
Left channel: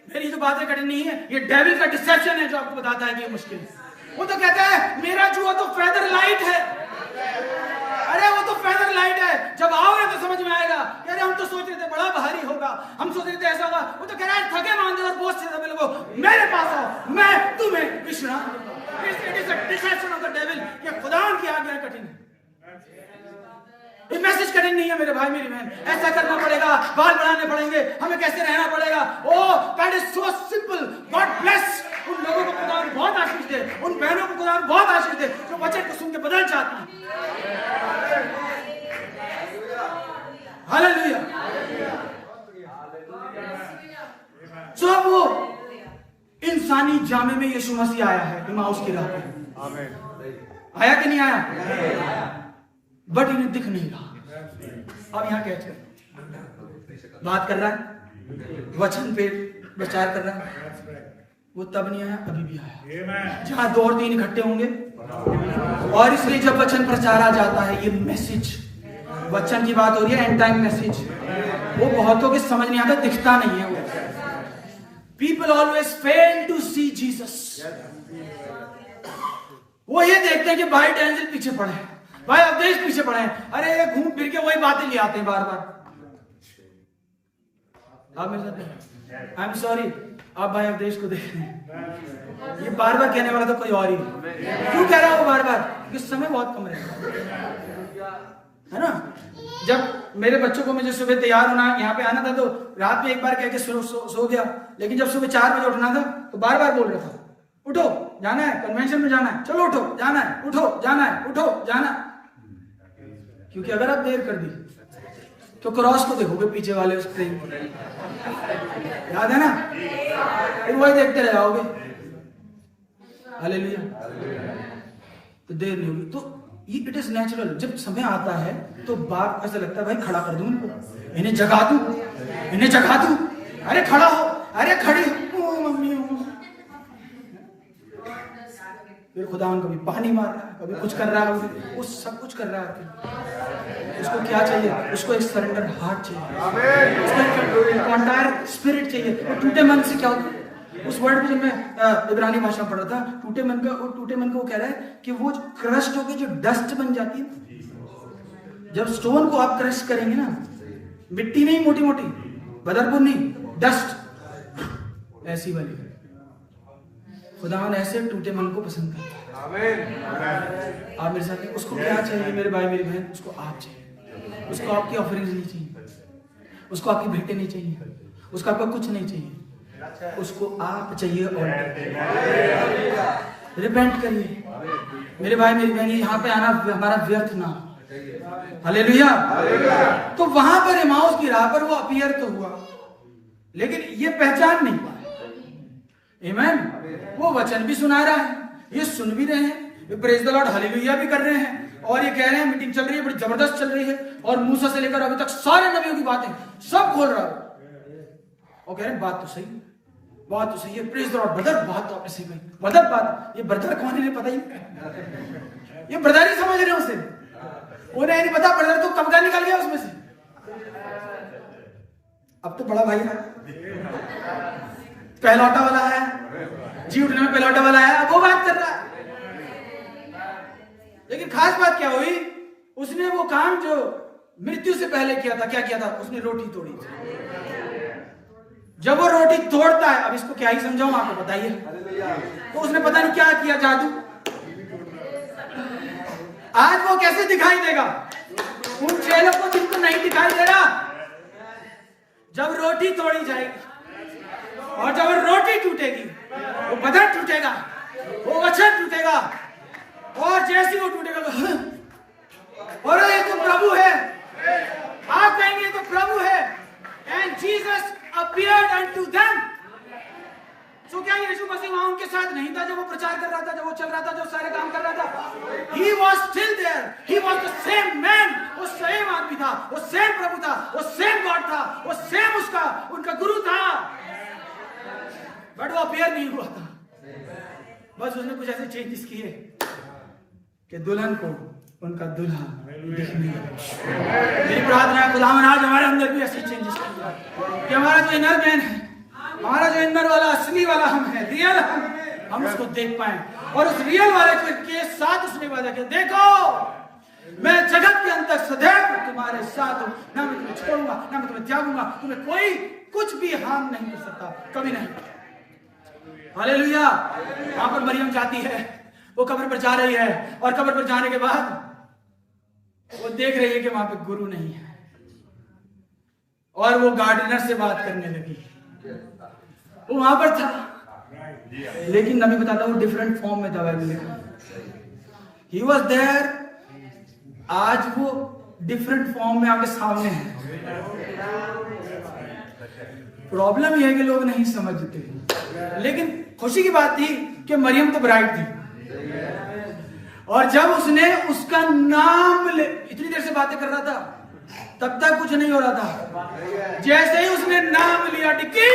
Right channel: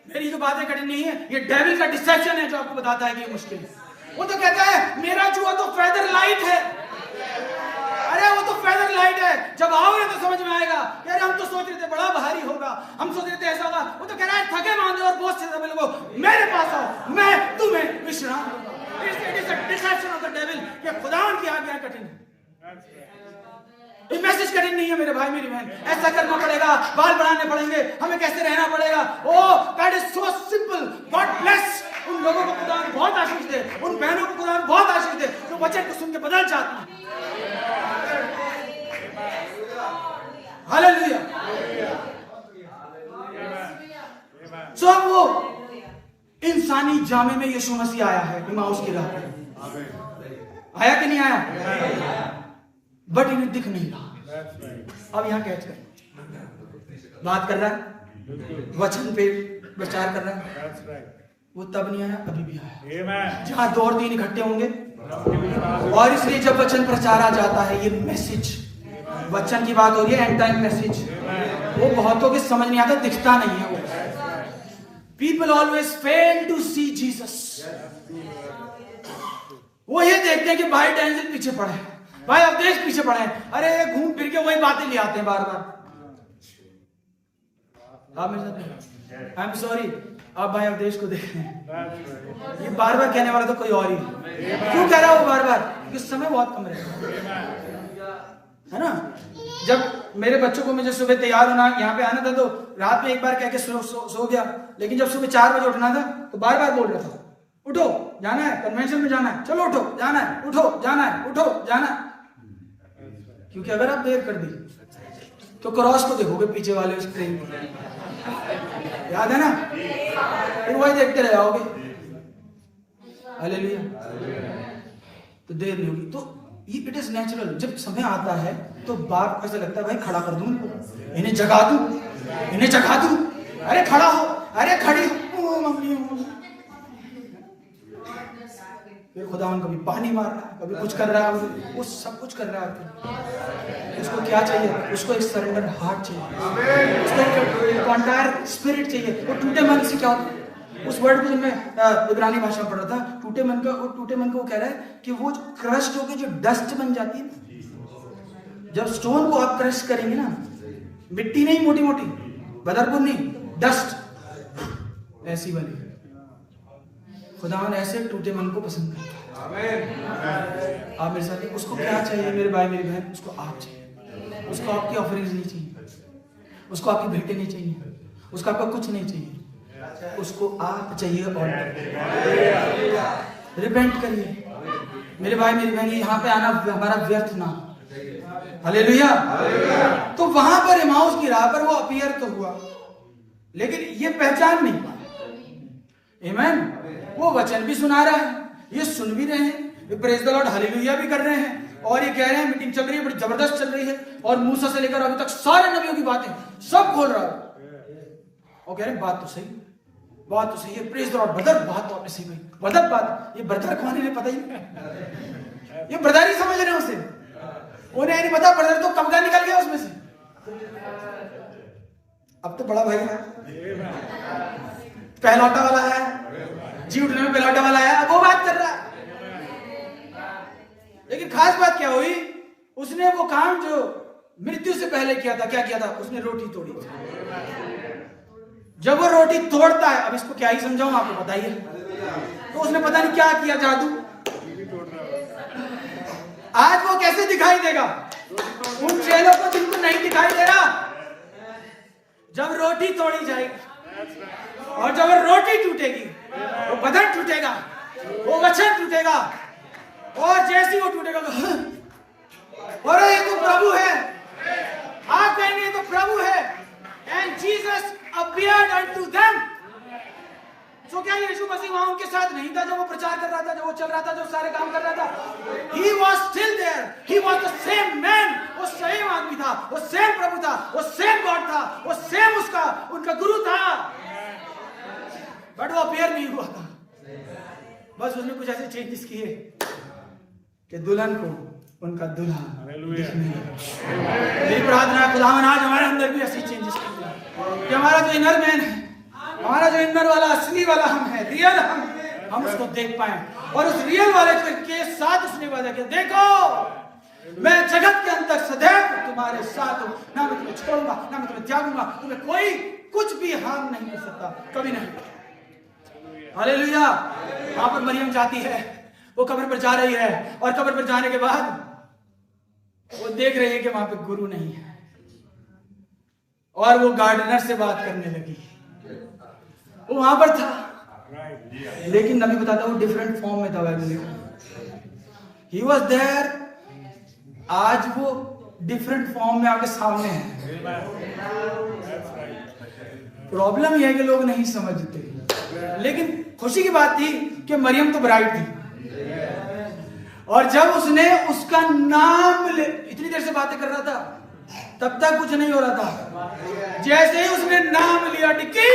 मेरी जो बातें कठिन नहीं है, ये डेविल का डिसेप्शन है जो आपको बताता है कि ये मुश्किल है। वो तो कहता है मेरा जुआ तो फेदर लाइट है। अरे वो तो फेदर लाइट है, जब आओगे तो समझ में आएगा। कह रहे हम तो सोच रहे थे बड़ा भारी होगा, हम सोच रहे थे ऐसा होगा। वो तो कह रहा है थके मांदे और बोझ से सभी लोगों मेरे पास आओ, मैं तुम्हें विश्राम दूंगा। It is the deception of the devil कि खुदा की आज्ञा कठिन है। ये मैसेज कठिन नहीं है मेरे भाई मेरी बहन। ऐसा करना पड़ेगा, बाल बढ़ाने पड़ेंगे, हमें कैसे रहना पड़ेगा। Oh that is so simple. God bless उन लोगों को खुदा बहुत आशीष दे, उन बहनों को खुदा बहुत आशीष दे जो वचन को सुन के बदल जाती हैं। हालेलुया। सो अब वो इंसानी जामे में यीशु मसीह आया है इमाउस की राह पे। आया कि नहीं आया? बट इन्हें दिख नहीं रहा। अब यहां कैच कर बात कर रहा है, वचन पे प्रचार कर रहा है। वो तब नहीं आया, अभी भी आया। जहां 2 और 3 इकट्ठे होंगे, और इसलिए जब वचन प्रचारा जाता है, ये मैसेज, वचन की बात हो रही है, एंड टाइम मैसेज, वो बहुतों के समझ नहीं आता, दिखता नहीं है। वो people always fail to see Jesus. वो ये देखते हैं कि भाई डेंजल पीछे पड़े हैं, भाई अवधेश पीछे पड़े हैं, अरे ये घूम फिर के वही बातें ले आते हैं बार बार। आप मेरे साथ आई एम सॉरी, आप भाई अवधेश को देख रहे हैं, ये बार बार कहने वाला तो कोई और ही है। क्यों कह रहा है वो बार बार? क्योंकि समय बहुत कम रहेगा, है ना। जब मेरे बच्चों को मुझे सुबह तैयार होना, यहाँ पे आना था, तो रात में एक बार कह के सो गया, लेकिन जब सुबह 4 बजे उठना था तो बार बार बोल रहा था, उठो जाना है, कन्वेंशन में जाना है, चलो उठो जाना है, उठो जाना है, उठो जाना है। क्योंकि अगर आप देर कर दी तो क्रॉस को देखोगे पीछे वाले उस ट्रेन, याद है ना, फिर वही देखते रह जाओगे। हालेलुया। तो देर नहीं होगी। तो इट इज नेचुरल। जब समय आता है तो बाप ऐसा लगता है भाई खड़ा कर दूं इनको, इन्हें जगा दूं, इन्हें जगा दूं, अरे खड़ा हो, अरे खड़ी हो, मम्मी हो। फिर खुदा कभी पानी मार रहा है, कभी कुछ कर रहा है, कभी वो सब कुछ कर रहा है। उसको क्या चाहिए? उसको एक सरेंडर हार्ट चाहिए, उसको एक कॉन्टायर स्पिरिट चाहिए। वो टूटे मन से क्या होता है? उस वर्ड को जब मैं इब्रानी भाषा में पढ़ा था, टूटे मन का वो कह रहा है कि वो क्रस्ट होकर जो डस्ट बन जाती है, जब स्टोन को आप क्रश करेंगे ना, मिट्टी नहीं मोटी मोटी, बदरपुर नहीं, डस्ट, ऐसी वाली। खुदावन ऐसे टूटे मन को पसंद करता है। आप मेरे साथ हैं। उसको क्या चाहिए मेरे भाई मेरी बहन? उसको आप चाहिए। उसको आपकी ऑफरिंग्स नहीं चाहिए, उसको आपकी भेंटें नहीं चाहिए, उसको आपका कुछ नहीं चाहिए, उसको आप चाहिए। और रिपेंट करिए मेरे भाई मेरी बहन, यहाँ पे आना हमारा व्यर्थ ना। हालेलुया। तो वहां पर इमाउस की राह पर वो अपीयर तो हुआ, लेकिन ये पहचान नहीं पाया। आमीन। वो वचन भी सुना रहा है, ये सुन भी रहे हैं, प्रेज द लॉर्ड हालेलुया भी कर रहे हैं, और ये कह रहे हैं मीटिंग चल रही है, बड़ी जबरदस्त चल रही है, और मूसा से लेकर अभी तक सारे नबियों की बातें सब खोल रहा है, और कह रहे हैं बात तो सही, बात तो सही है, प्रेज द लॉर्ड ब्रदर, बात तो आपने सही कही, ब्रदर बात। ये ब्रदर कौन है पता ही, ये ब्रदर ही समझ रहे हैं उसे, उन्हें नहीं पता ब्रदर तो कब का निकल गया उसमें से। अब तो बड़ा भाई है, पहलौटा वाला है, जी उठने में पहलौटा वाला है, अब वो बात कर रहा है। लेकिन खास बात क्या हुई? उसने वो काम जो मृत्यु से पहले किया था, क्या किया था? उसने रोटी तोड़ी। जब वो रोटी तोड़ता है, अब इसको क्या ही समझाऊं आपको, बताइए। तो उसने पता नहीं क्या किया, जादू। आज वो कैसे दिखाई देगा उन चेलों को जिनको नहीं दिखाई दे रहा? जब रोटी तोड़ी जाएगी, और जब रोटी टूटेगी, वो बदन टूटेगा, वो वचन टूटेगा, और जैसे वो टूटेगा तो और ये तो प्रभु है, आप कहेंगे तो प्रभु है। And Jesus appeared unto them. तो क्या यीशु मसीह वहां उनके साथ नहीं था जब वो प्रचार कर रहा था, जब वो चल रहा था, जब सारे काम कर रहा था? He was still there. He was the same man. वो सेम आदमी था, वो सेम प्रभु था, वो सेम गॉड था, वो सेम उसका उनका गुरु था, बट वो अपीयर नहीं हुआ था। बस उसने कुछ ऐसे चेंजेस किए कि दुल्हन को उनका दूल्हा दिखने लगे। मेरी प्रार्थना है खुदावन आज हमारे अंदर भी ऐसी चेंजेस कर दे कि हमारा जो इनर मैन है, हमारा जो इंदर वाला असली वाला हम है, रियल हम उसको देख पाए, और उस रियल वाले के साथ उसने वादा किया, देखो मैं जगत के अंत तक सदैव तुम्हारे साथ हूं, ना मैं तुम्हें छोड़ूंगा, ना मैं तुम्हें त्यागूंगा, तुम्हें कोई कुछ भी हार्म नहीं कर सकता, कभी नहीं। हालेलुया। वहां पर मरियम जाती है, वो कब्र पर जा रही है, और कब्र पर जाने के बाद वो देख रही है कि वहां पे गुरु नहीं है, और वो गार्डनर से बात करने लगी। वो वहां पर था, लेकिन नबी बताता है वो डिफरेंट फॉर्म में था बाइबल लिखा। ही वॉज देयर, आज वो डिफरेंट फॉर्म में आपके सामने है। प्रॉब्लम यह है कि लोग नहीं समझते, लेकिन खुशी की बात थी कि मरियम तो ब्राइड थी, और जब उसने उसका नाम इतनी देर से बातें कर रहा था तब तक कुछ नहीं हो रहा था। जैसे ही उसने नाम लिया टिक्की,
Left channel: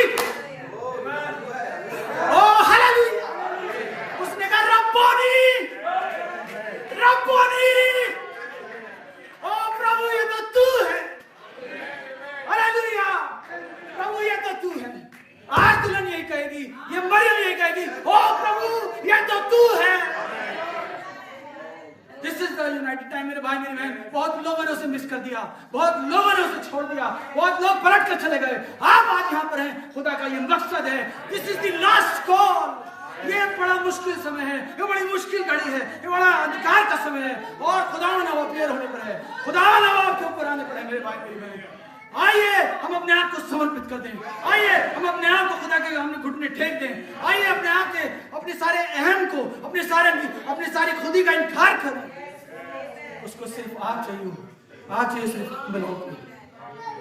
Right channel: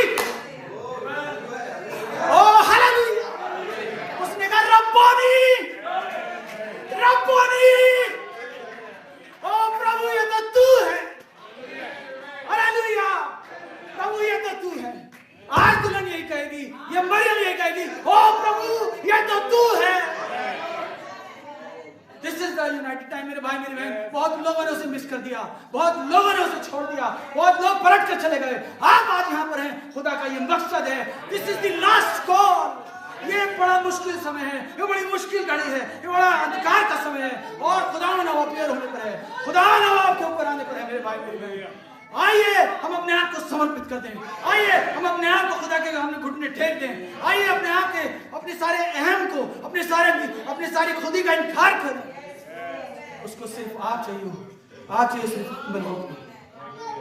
ओ हालेलुया, उसने कहा रब्बोनी रब्बोनी, ओ प्रभु ये तो तू है, हालेलुया, प्रभु ये तो तू है। आज दुल्हन यही कहेगी, ये मरियम यही कहेगी, ओ प्रभु ये तो तू है। This is the United time. मेरे भाई मेरी बहन, बहुत लोगों ने उसे मिस कर दिया, बहुत लोगों ने उसे छोड़ दिया, बहुत लोग पलट कर चले गए। आप आज यहाँ पर हैं, खुदा का ये मकसद है। This is the last call. ये बड़ा मुश्किल समय है, ये बड़ी मुश्किल घड़ी है, ये बड़ा अंधकार का समय है, और खुदा नवा अपीयर होने पर है, खुदा नवा आपके ऊपर आने पर है। मेरे भाई मेरी बहन, आइए हम अपने आप को समर्पित कर दें, आइए हम अपने आप को खुदा के सामने घुटने टेक दें, आइए अपने आप के अपने सारे अहम को, अपने सारी खुदी का इनकार करें। उसको सिर्फ आप चाहिए, आप चाहिए सिर्फ बल्कि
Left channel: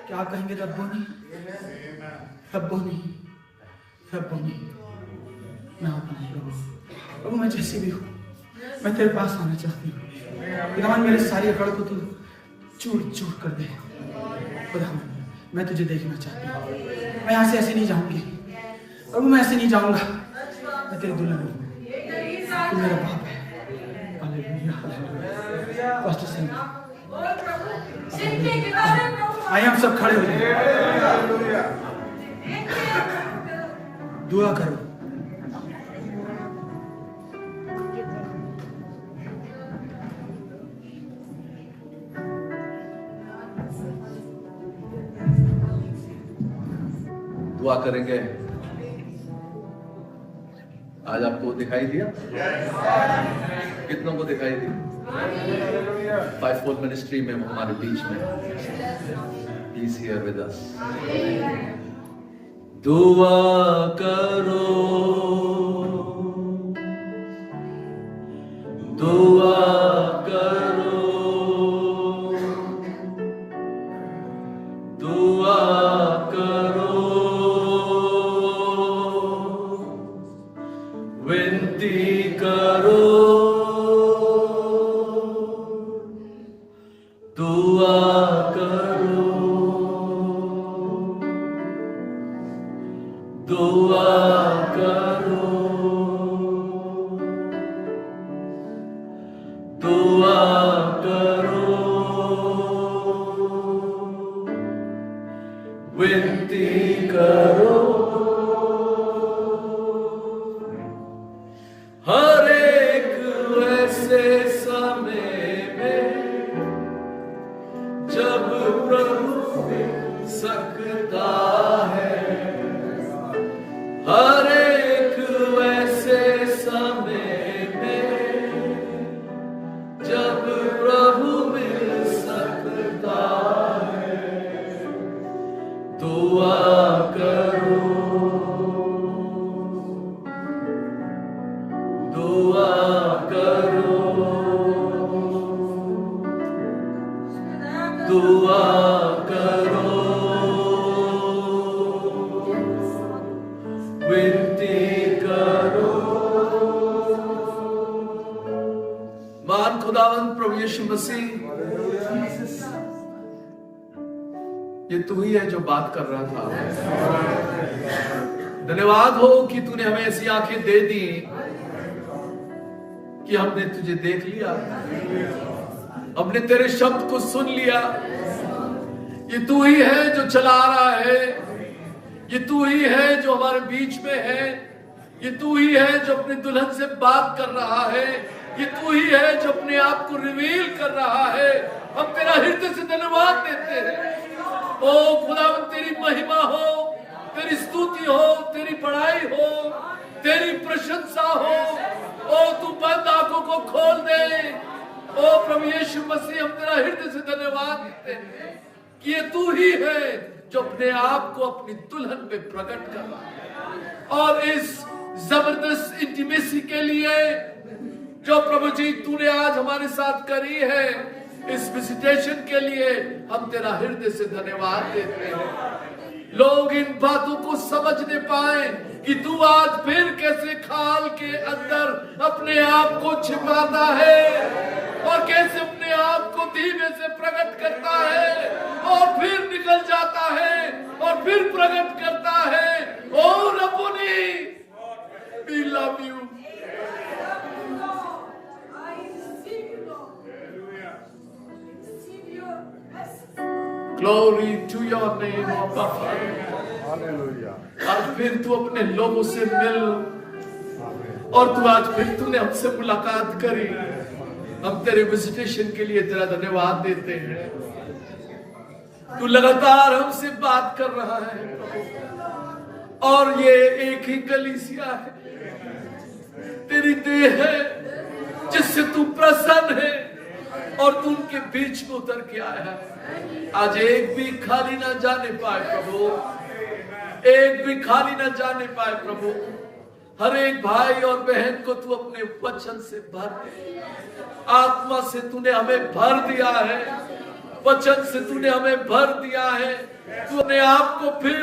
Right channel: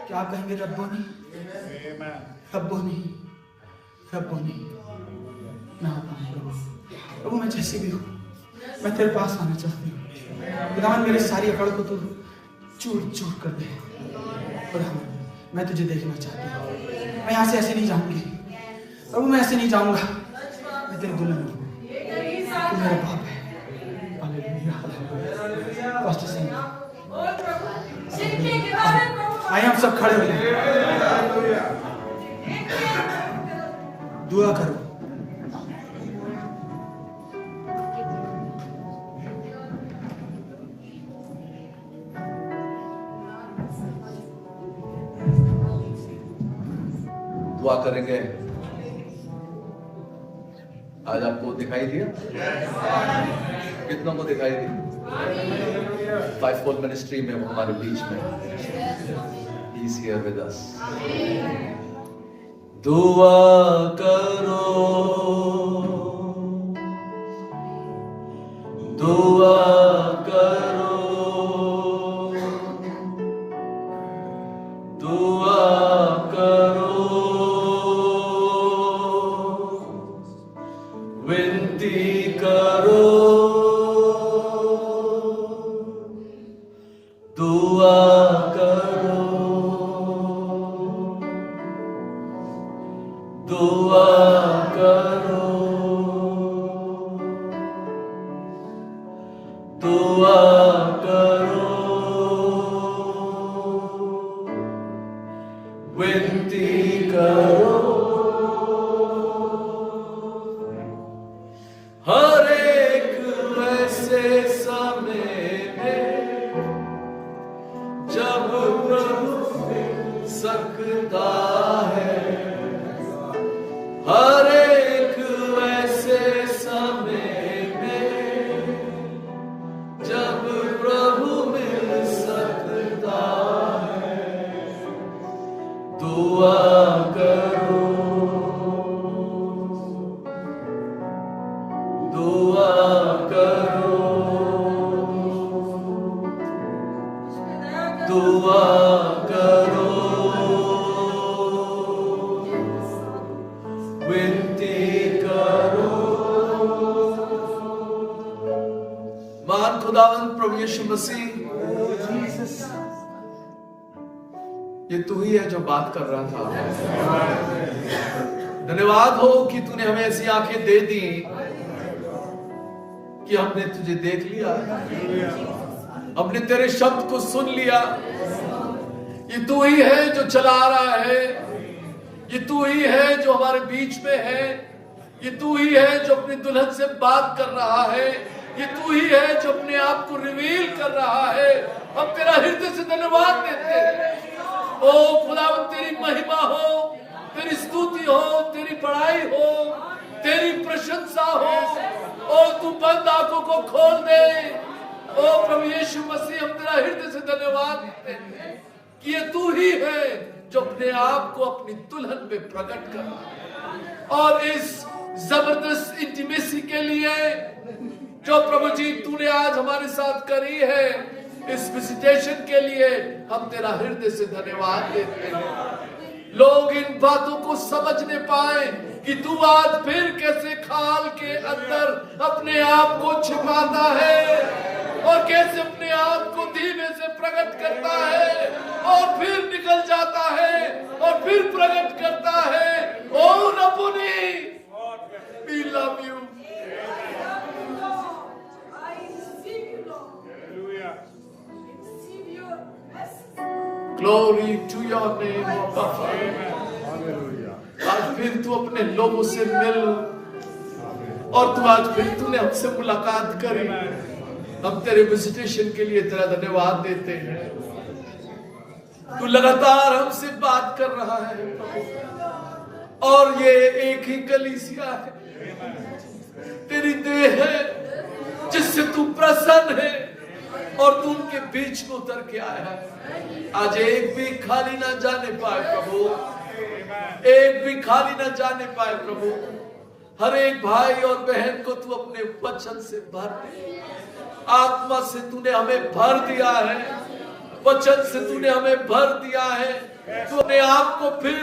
क्या आप कहेंगे रब्बोनी रब्बोनी रब्बोनी, मैं आता हूँ प्रभु, प्रभु मैं जैसी भी हूँ, मैं तेरे पास आना चाहती हूँ। खुदावन मेरी सारी अकड़ को तू चूर चूर कर दे। खुदावन मैं तुझे देखना चाहती हूँ, मैं यहाँ से ऐसे नहीं जाऊंगी प्रभु, मैं ऐसे नहीं जाऊंगा, मैं तेरी दुल्हन हूँ, तू मेरा बाप है। Hallelujah hallelujah. पास्टर सिंह, आइए हम सब खड़े हो जाएं, दुआ करो। दुआ करेंगे। आज आपको दिखाई दिया? कितनों को दिखाई दिया? फाइवफोल्ड मिनिस्ट्री में हमारे बीच में, He is here with us। दुआ करो, दुआ करो, दुआ करो, विनती करो, दुआ करो, दुआ करो, दुआ करो, विनती करो। हर एक ऐसे समय में जब प्रभु सकता है, हर एक ऐसे समय में जब प्रभु मिल सकता है, दुआ करो, दुआ करो, दुआ करो, विनती करो। महान खुदावंद प्रभु यीशु मसीह, ये तू ही है जो बात कर रहा था। धन्यवाद हो कि तूने हमें ऐसी आंखें दे दी कि हमने तुझे देख लिया, हमने तेरे शब्द को सुन लिया। ये तू ही है जो चला रहा है, ये तू ही है जो हमारे बीच में है, ये तू ही है जो अपनी दुल्हन से बात कर रहा है, ये तू ही है जो अपने आप को रिवील कर रहा है। हम तेरा हृदय से धन्यवाद देते हैं। ओ खुदावंद, तेरी महिमा हो, तेरी स्तुति हो, तेरी बड़ाई हो, तेरी प्रशंसा हो। ओ तू बंद आंखों को खोल दे। ओ प्रभु यीशु मसीह, हम तेरा हृदय से धन्यवाद देते हैं कि ये तू ही है जो अपने आप को अपनी दुल्हन में प्रकट कर रहा है। और इस जबरदस्त इंटीमेसी के लिए जो प्रभु जी तूने आज हमारे साथ करी है, इस विजिटेशन के लिए हम तेरा हृदय से धन्यवाद देते हैं। लोग इन बातों को समझ नहीं पाए कि तू आज फिर कैसे खाल के अंदर अपने आप को छिपाता है और कैसे अपने आप को धीमे से प्रकट करता है और फिर निकल जाता है और फिर प्रकट करता है। ओ रब्बुनी, we love you. Glory to your name, Abba Father. आज फिर तू अपने लोगों से मिल और तू आज फिर तूने हमसे मुलाकात करी। हम तेरे विजिटेशन के लिए तेरा धन्यवाद देते हैं। तू लगातार हमसे बात कर रहा है प्रभु, और ये एक ही कलीसिया है, तेरी देह है जिससे तू प्रसन्न है और तू उनके बीच में उतर के आया है। आज एक भी खाली ना जाने पाए प्रभु, एक भी खाली ना जाने पाए प्रभु। हर एक भाई और बहन को तू अपने वचन से भर दे, आत्मा से तूने हमें भर दिया है, वचन से तूने हमें भर दिया है। तू अपने आप को फिर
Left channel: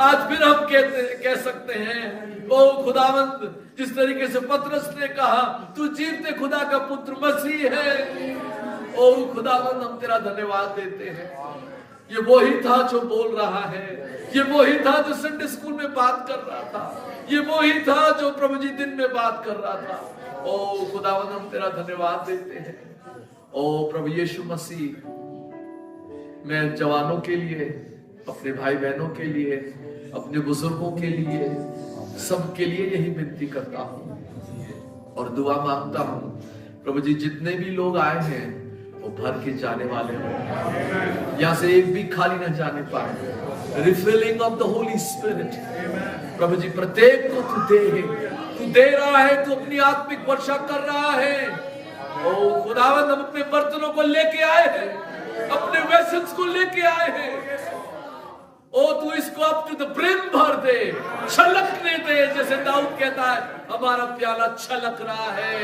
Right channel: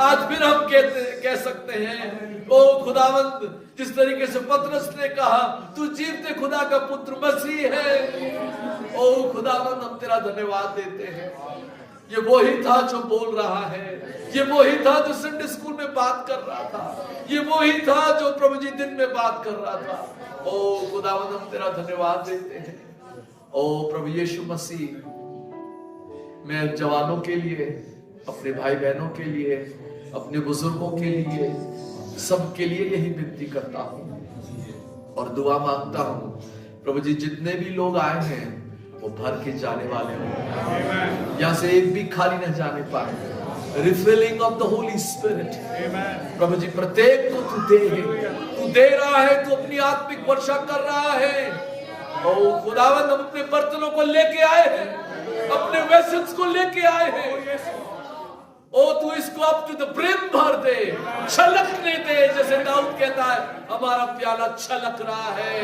आज फिर हम कह सकते हैं, ओ खुदावंद, जिस तरीके से पतरस ने कहा तू जीवते खुदा का पुत्र मसीह है। ओ खुदावंद, हम तेरा धन्यवाद देते हैं। ये वही था जो बोल रहा है, ये वही था जो संडे स्कूल में बात कर रहा था, ये वही था जो प्रभु जी दिन में बात कर रहा था। ओ खुदावंद, हम तेरा धन्यवाद देते हैं। ओ प्रभु यीशु मसीह, मैं जवानों के लिए, अपने भाई बहनों के लिए, अपने बुजुर्गों के लिए, सबके लिए यही विनती करता हूं और दुआ मांगता हूं प्रभु जी, जितने भी लोग आए हैं वो भर के जाने वाले हों, यहां से एक भी खाली न जाने पाए। Refilling of the holy spirit प्रभु जी, प्रत्येक को तू दे रहा है, तू अपनी आत्मिक वर्षा कर रहा है। ओ खुदावंद, हम अपने बर्तनों को लेके आए हैं, अपने वेसल्स को लेके आए हैं। ओ तू इसको अप टू द ब्रिम भर दे, छलकने दे, जैसे दाऊद कहता है, हमारा प्याला छलक रहा है,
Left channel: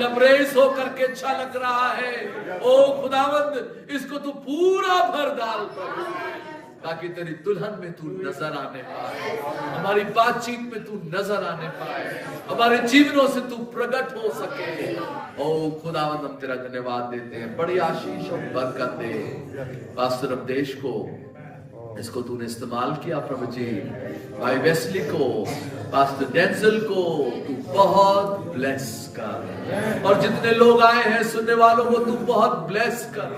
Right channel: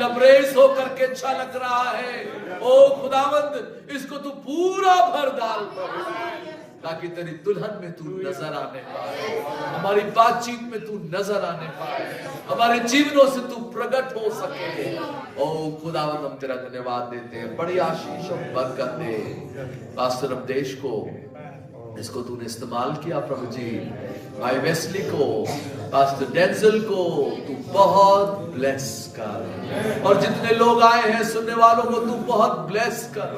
लबरेज होकर के छलक रहा है। ओ खुदावंद, इसको तू पूरा भर डाल प्रभु, ताकि तेरी दुल्हन में तू नजर आने पाए, हमारी बातचीत में तू नजर आने पाए, हमारे जीवनों से तू प्रकट हो सके। ओ खुदावंद, हम तेरा धन्यवाद देते हैं। बड़ी आशीष और बरकत दे पास्टर अवधेश को, इसको तूने इस्तेमाल किया प्रभु जी, भाई वेस्ली को, पास्टर डेंजल को तू बहुत ब्लेस कर, और जितने लोग आए हैं सुनने वालों को तू बहुत ब्लेस कर,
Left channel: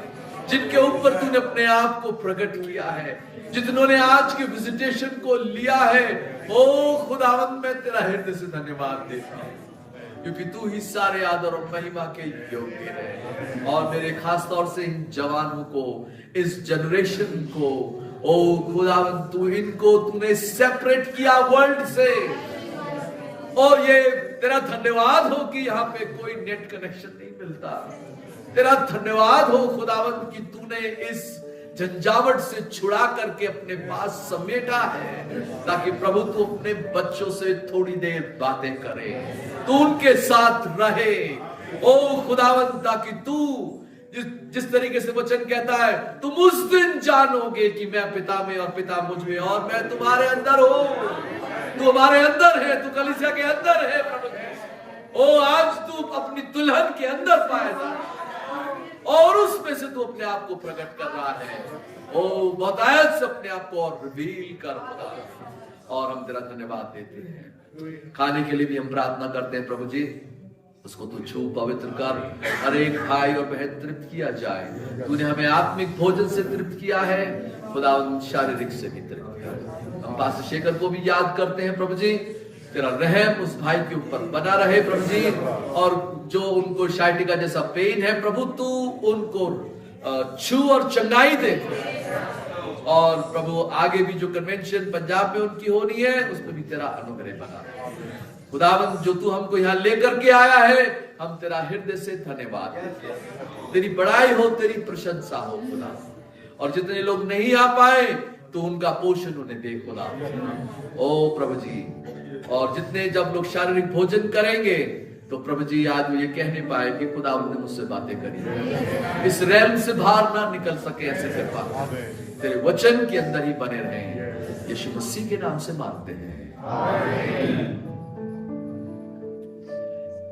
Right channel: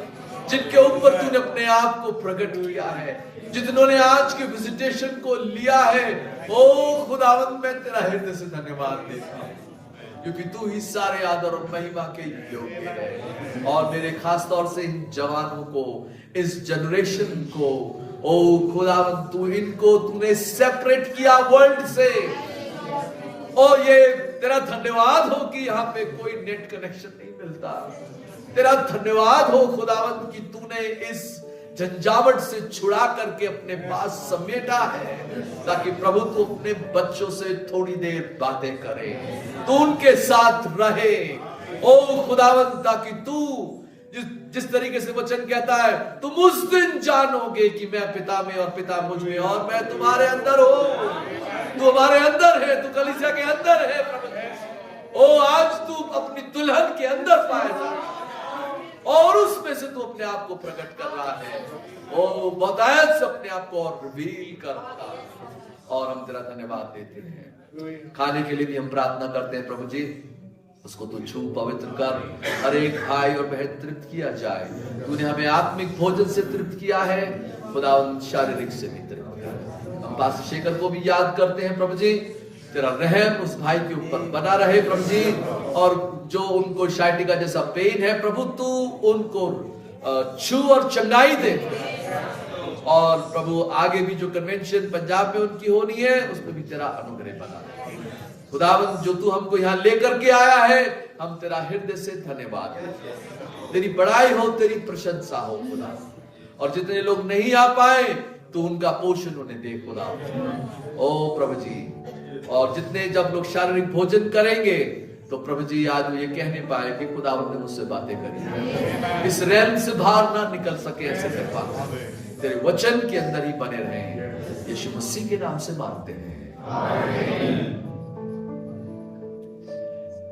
जिनके ऊपर तूने अपने आप को प्रकट किया है, जिन्होंने आज के विजिटेशन को लिया है। ओ खुदावंद, मैं तेरा हृदय से धन्यवाद देता हूँ, क्योंकि तू ही सारे आदर और महिमा के योग्य है। और मेरे खास तौर से इन जवानों को, इस जनरेशन को, ओ खुदावंद, तू इनको तूने सेपरेट किया वर्ल्ड से। और ये तेरा धन्यवाद हो कि यहाँ पे कोई नेट कनेक्शन नहीं मिलता। तेरा धन्यवाद हो खुदावंद कि तूने इस झंझावट से छुड़ा करके अपने पास समेटा है, ताकि प्रभु तू अपने बच्चों से थोड़ी देर बातें करे, तू उनके साथ रहे। ओ खुदावंद, ताकि तू जिस तरीके से वचन कहता है, तुम उस दिन जानोगे कि मैं पिता में और पिता मुझ में और मैं तुम्हारे अंदर हूं। तू हमारे अंदर है, तू कलीसिया के अंदर है प्रभु जी। ओ आज तू अपनी दुल्हन के अंदर पाया जा और उसमें से तू अपने आप को प्रकट कर रहा है। ओ बतायत से अपने आप को और रिवील कर खुदा, और हम तेरा धन्यवाद देते हैं। खाने के लिए भी हम प्रार्थना करते हैं प्रभु जी, उसको तू छू पवित्र कर, हर एक भाई और बहन तृप्त किया जाए। तूने हमें आत्मिक भोजन से तृप्त किया है, खुदावंद शारीरिक से भी तृप्त कर। हम पास्टर शेखर को भी याद करते हैं प्रभु जी, तेरा रहम उस भाई के ऊपर बना रहे प्रभु जी, और जो उनको शाइटिका जैसा पेन है प्रभु, तू उनको छू और चंगाई दे। और प्रभु आगे भी जो कन्वेंशन पंजाब में उनकी होनी है, उसमें भी तेरा अनुग्रह बना रहे। खुदावंद, जो तू हमको यहाँ लेकर के आया है, हम तेरा हृदय से धन्यवाद देते हैं। तेरी बड़ाई हो, तेरी प्रशंसा हो खुदा। और जितने लोग नहीं आ पाए तो उनका पोषण उन्हें दे खुदा। ओ प्रभु जी, और जितने जब लोग शारीरिक भोजन करेंगे तो प्रभु जी आज वो ये कह नहीं पाए कि खुदा ने मुझसे बातें करी, इस रैम से बाहर ना निकल सके, ऐसे कर पाता तेरे वचन के अंदर ही बने रहे। यीशु मसीह के नाम से मांगते हैं,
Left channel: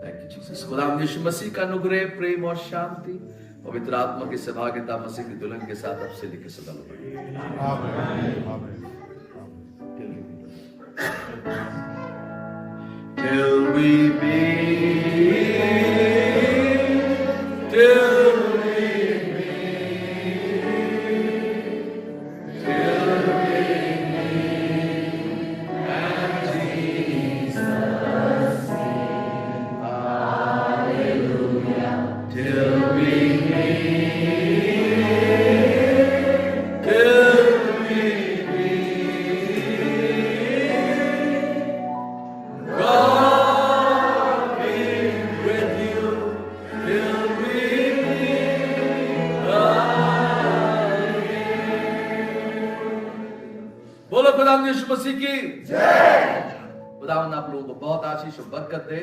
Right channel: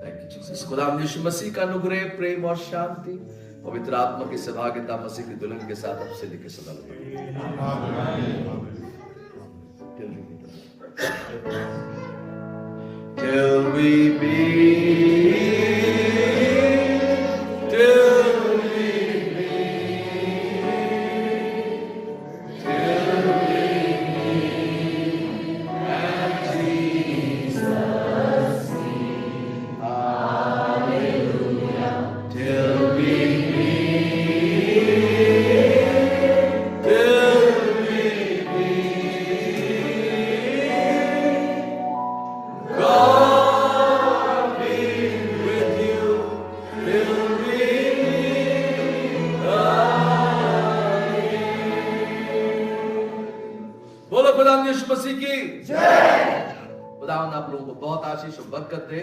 थैंक यू जीसस। खुदा यीशु मसीह का अनुग्रह, प्रेम और शांति पवित्र आत्मा की सहभागिता मसीह की दुल्हन के साथ अब से लेकर सदा till we meet, till we meet, till we meet at Jesus' feet. Hallelujah. Till we meet, till we meet. God be with you till we meet again. बोलो खुदा यीशु मसीह की जय। खुदा आप लोगों को बहुत आशीष और बरकत दे।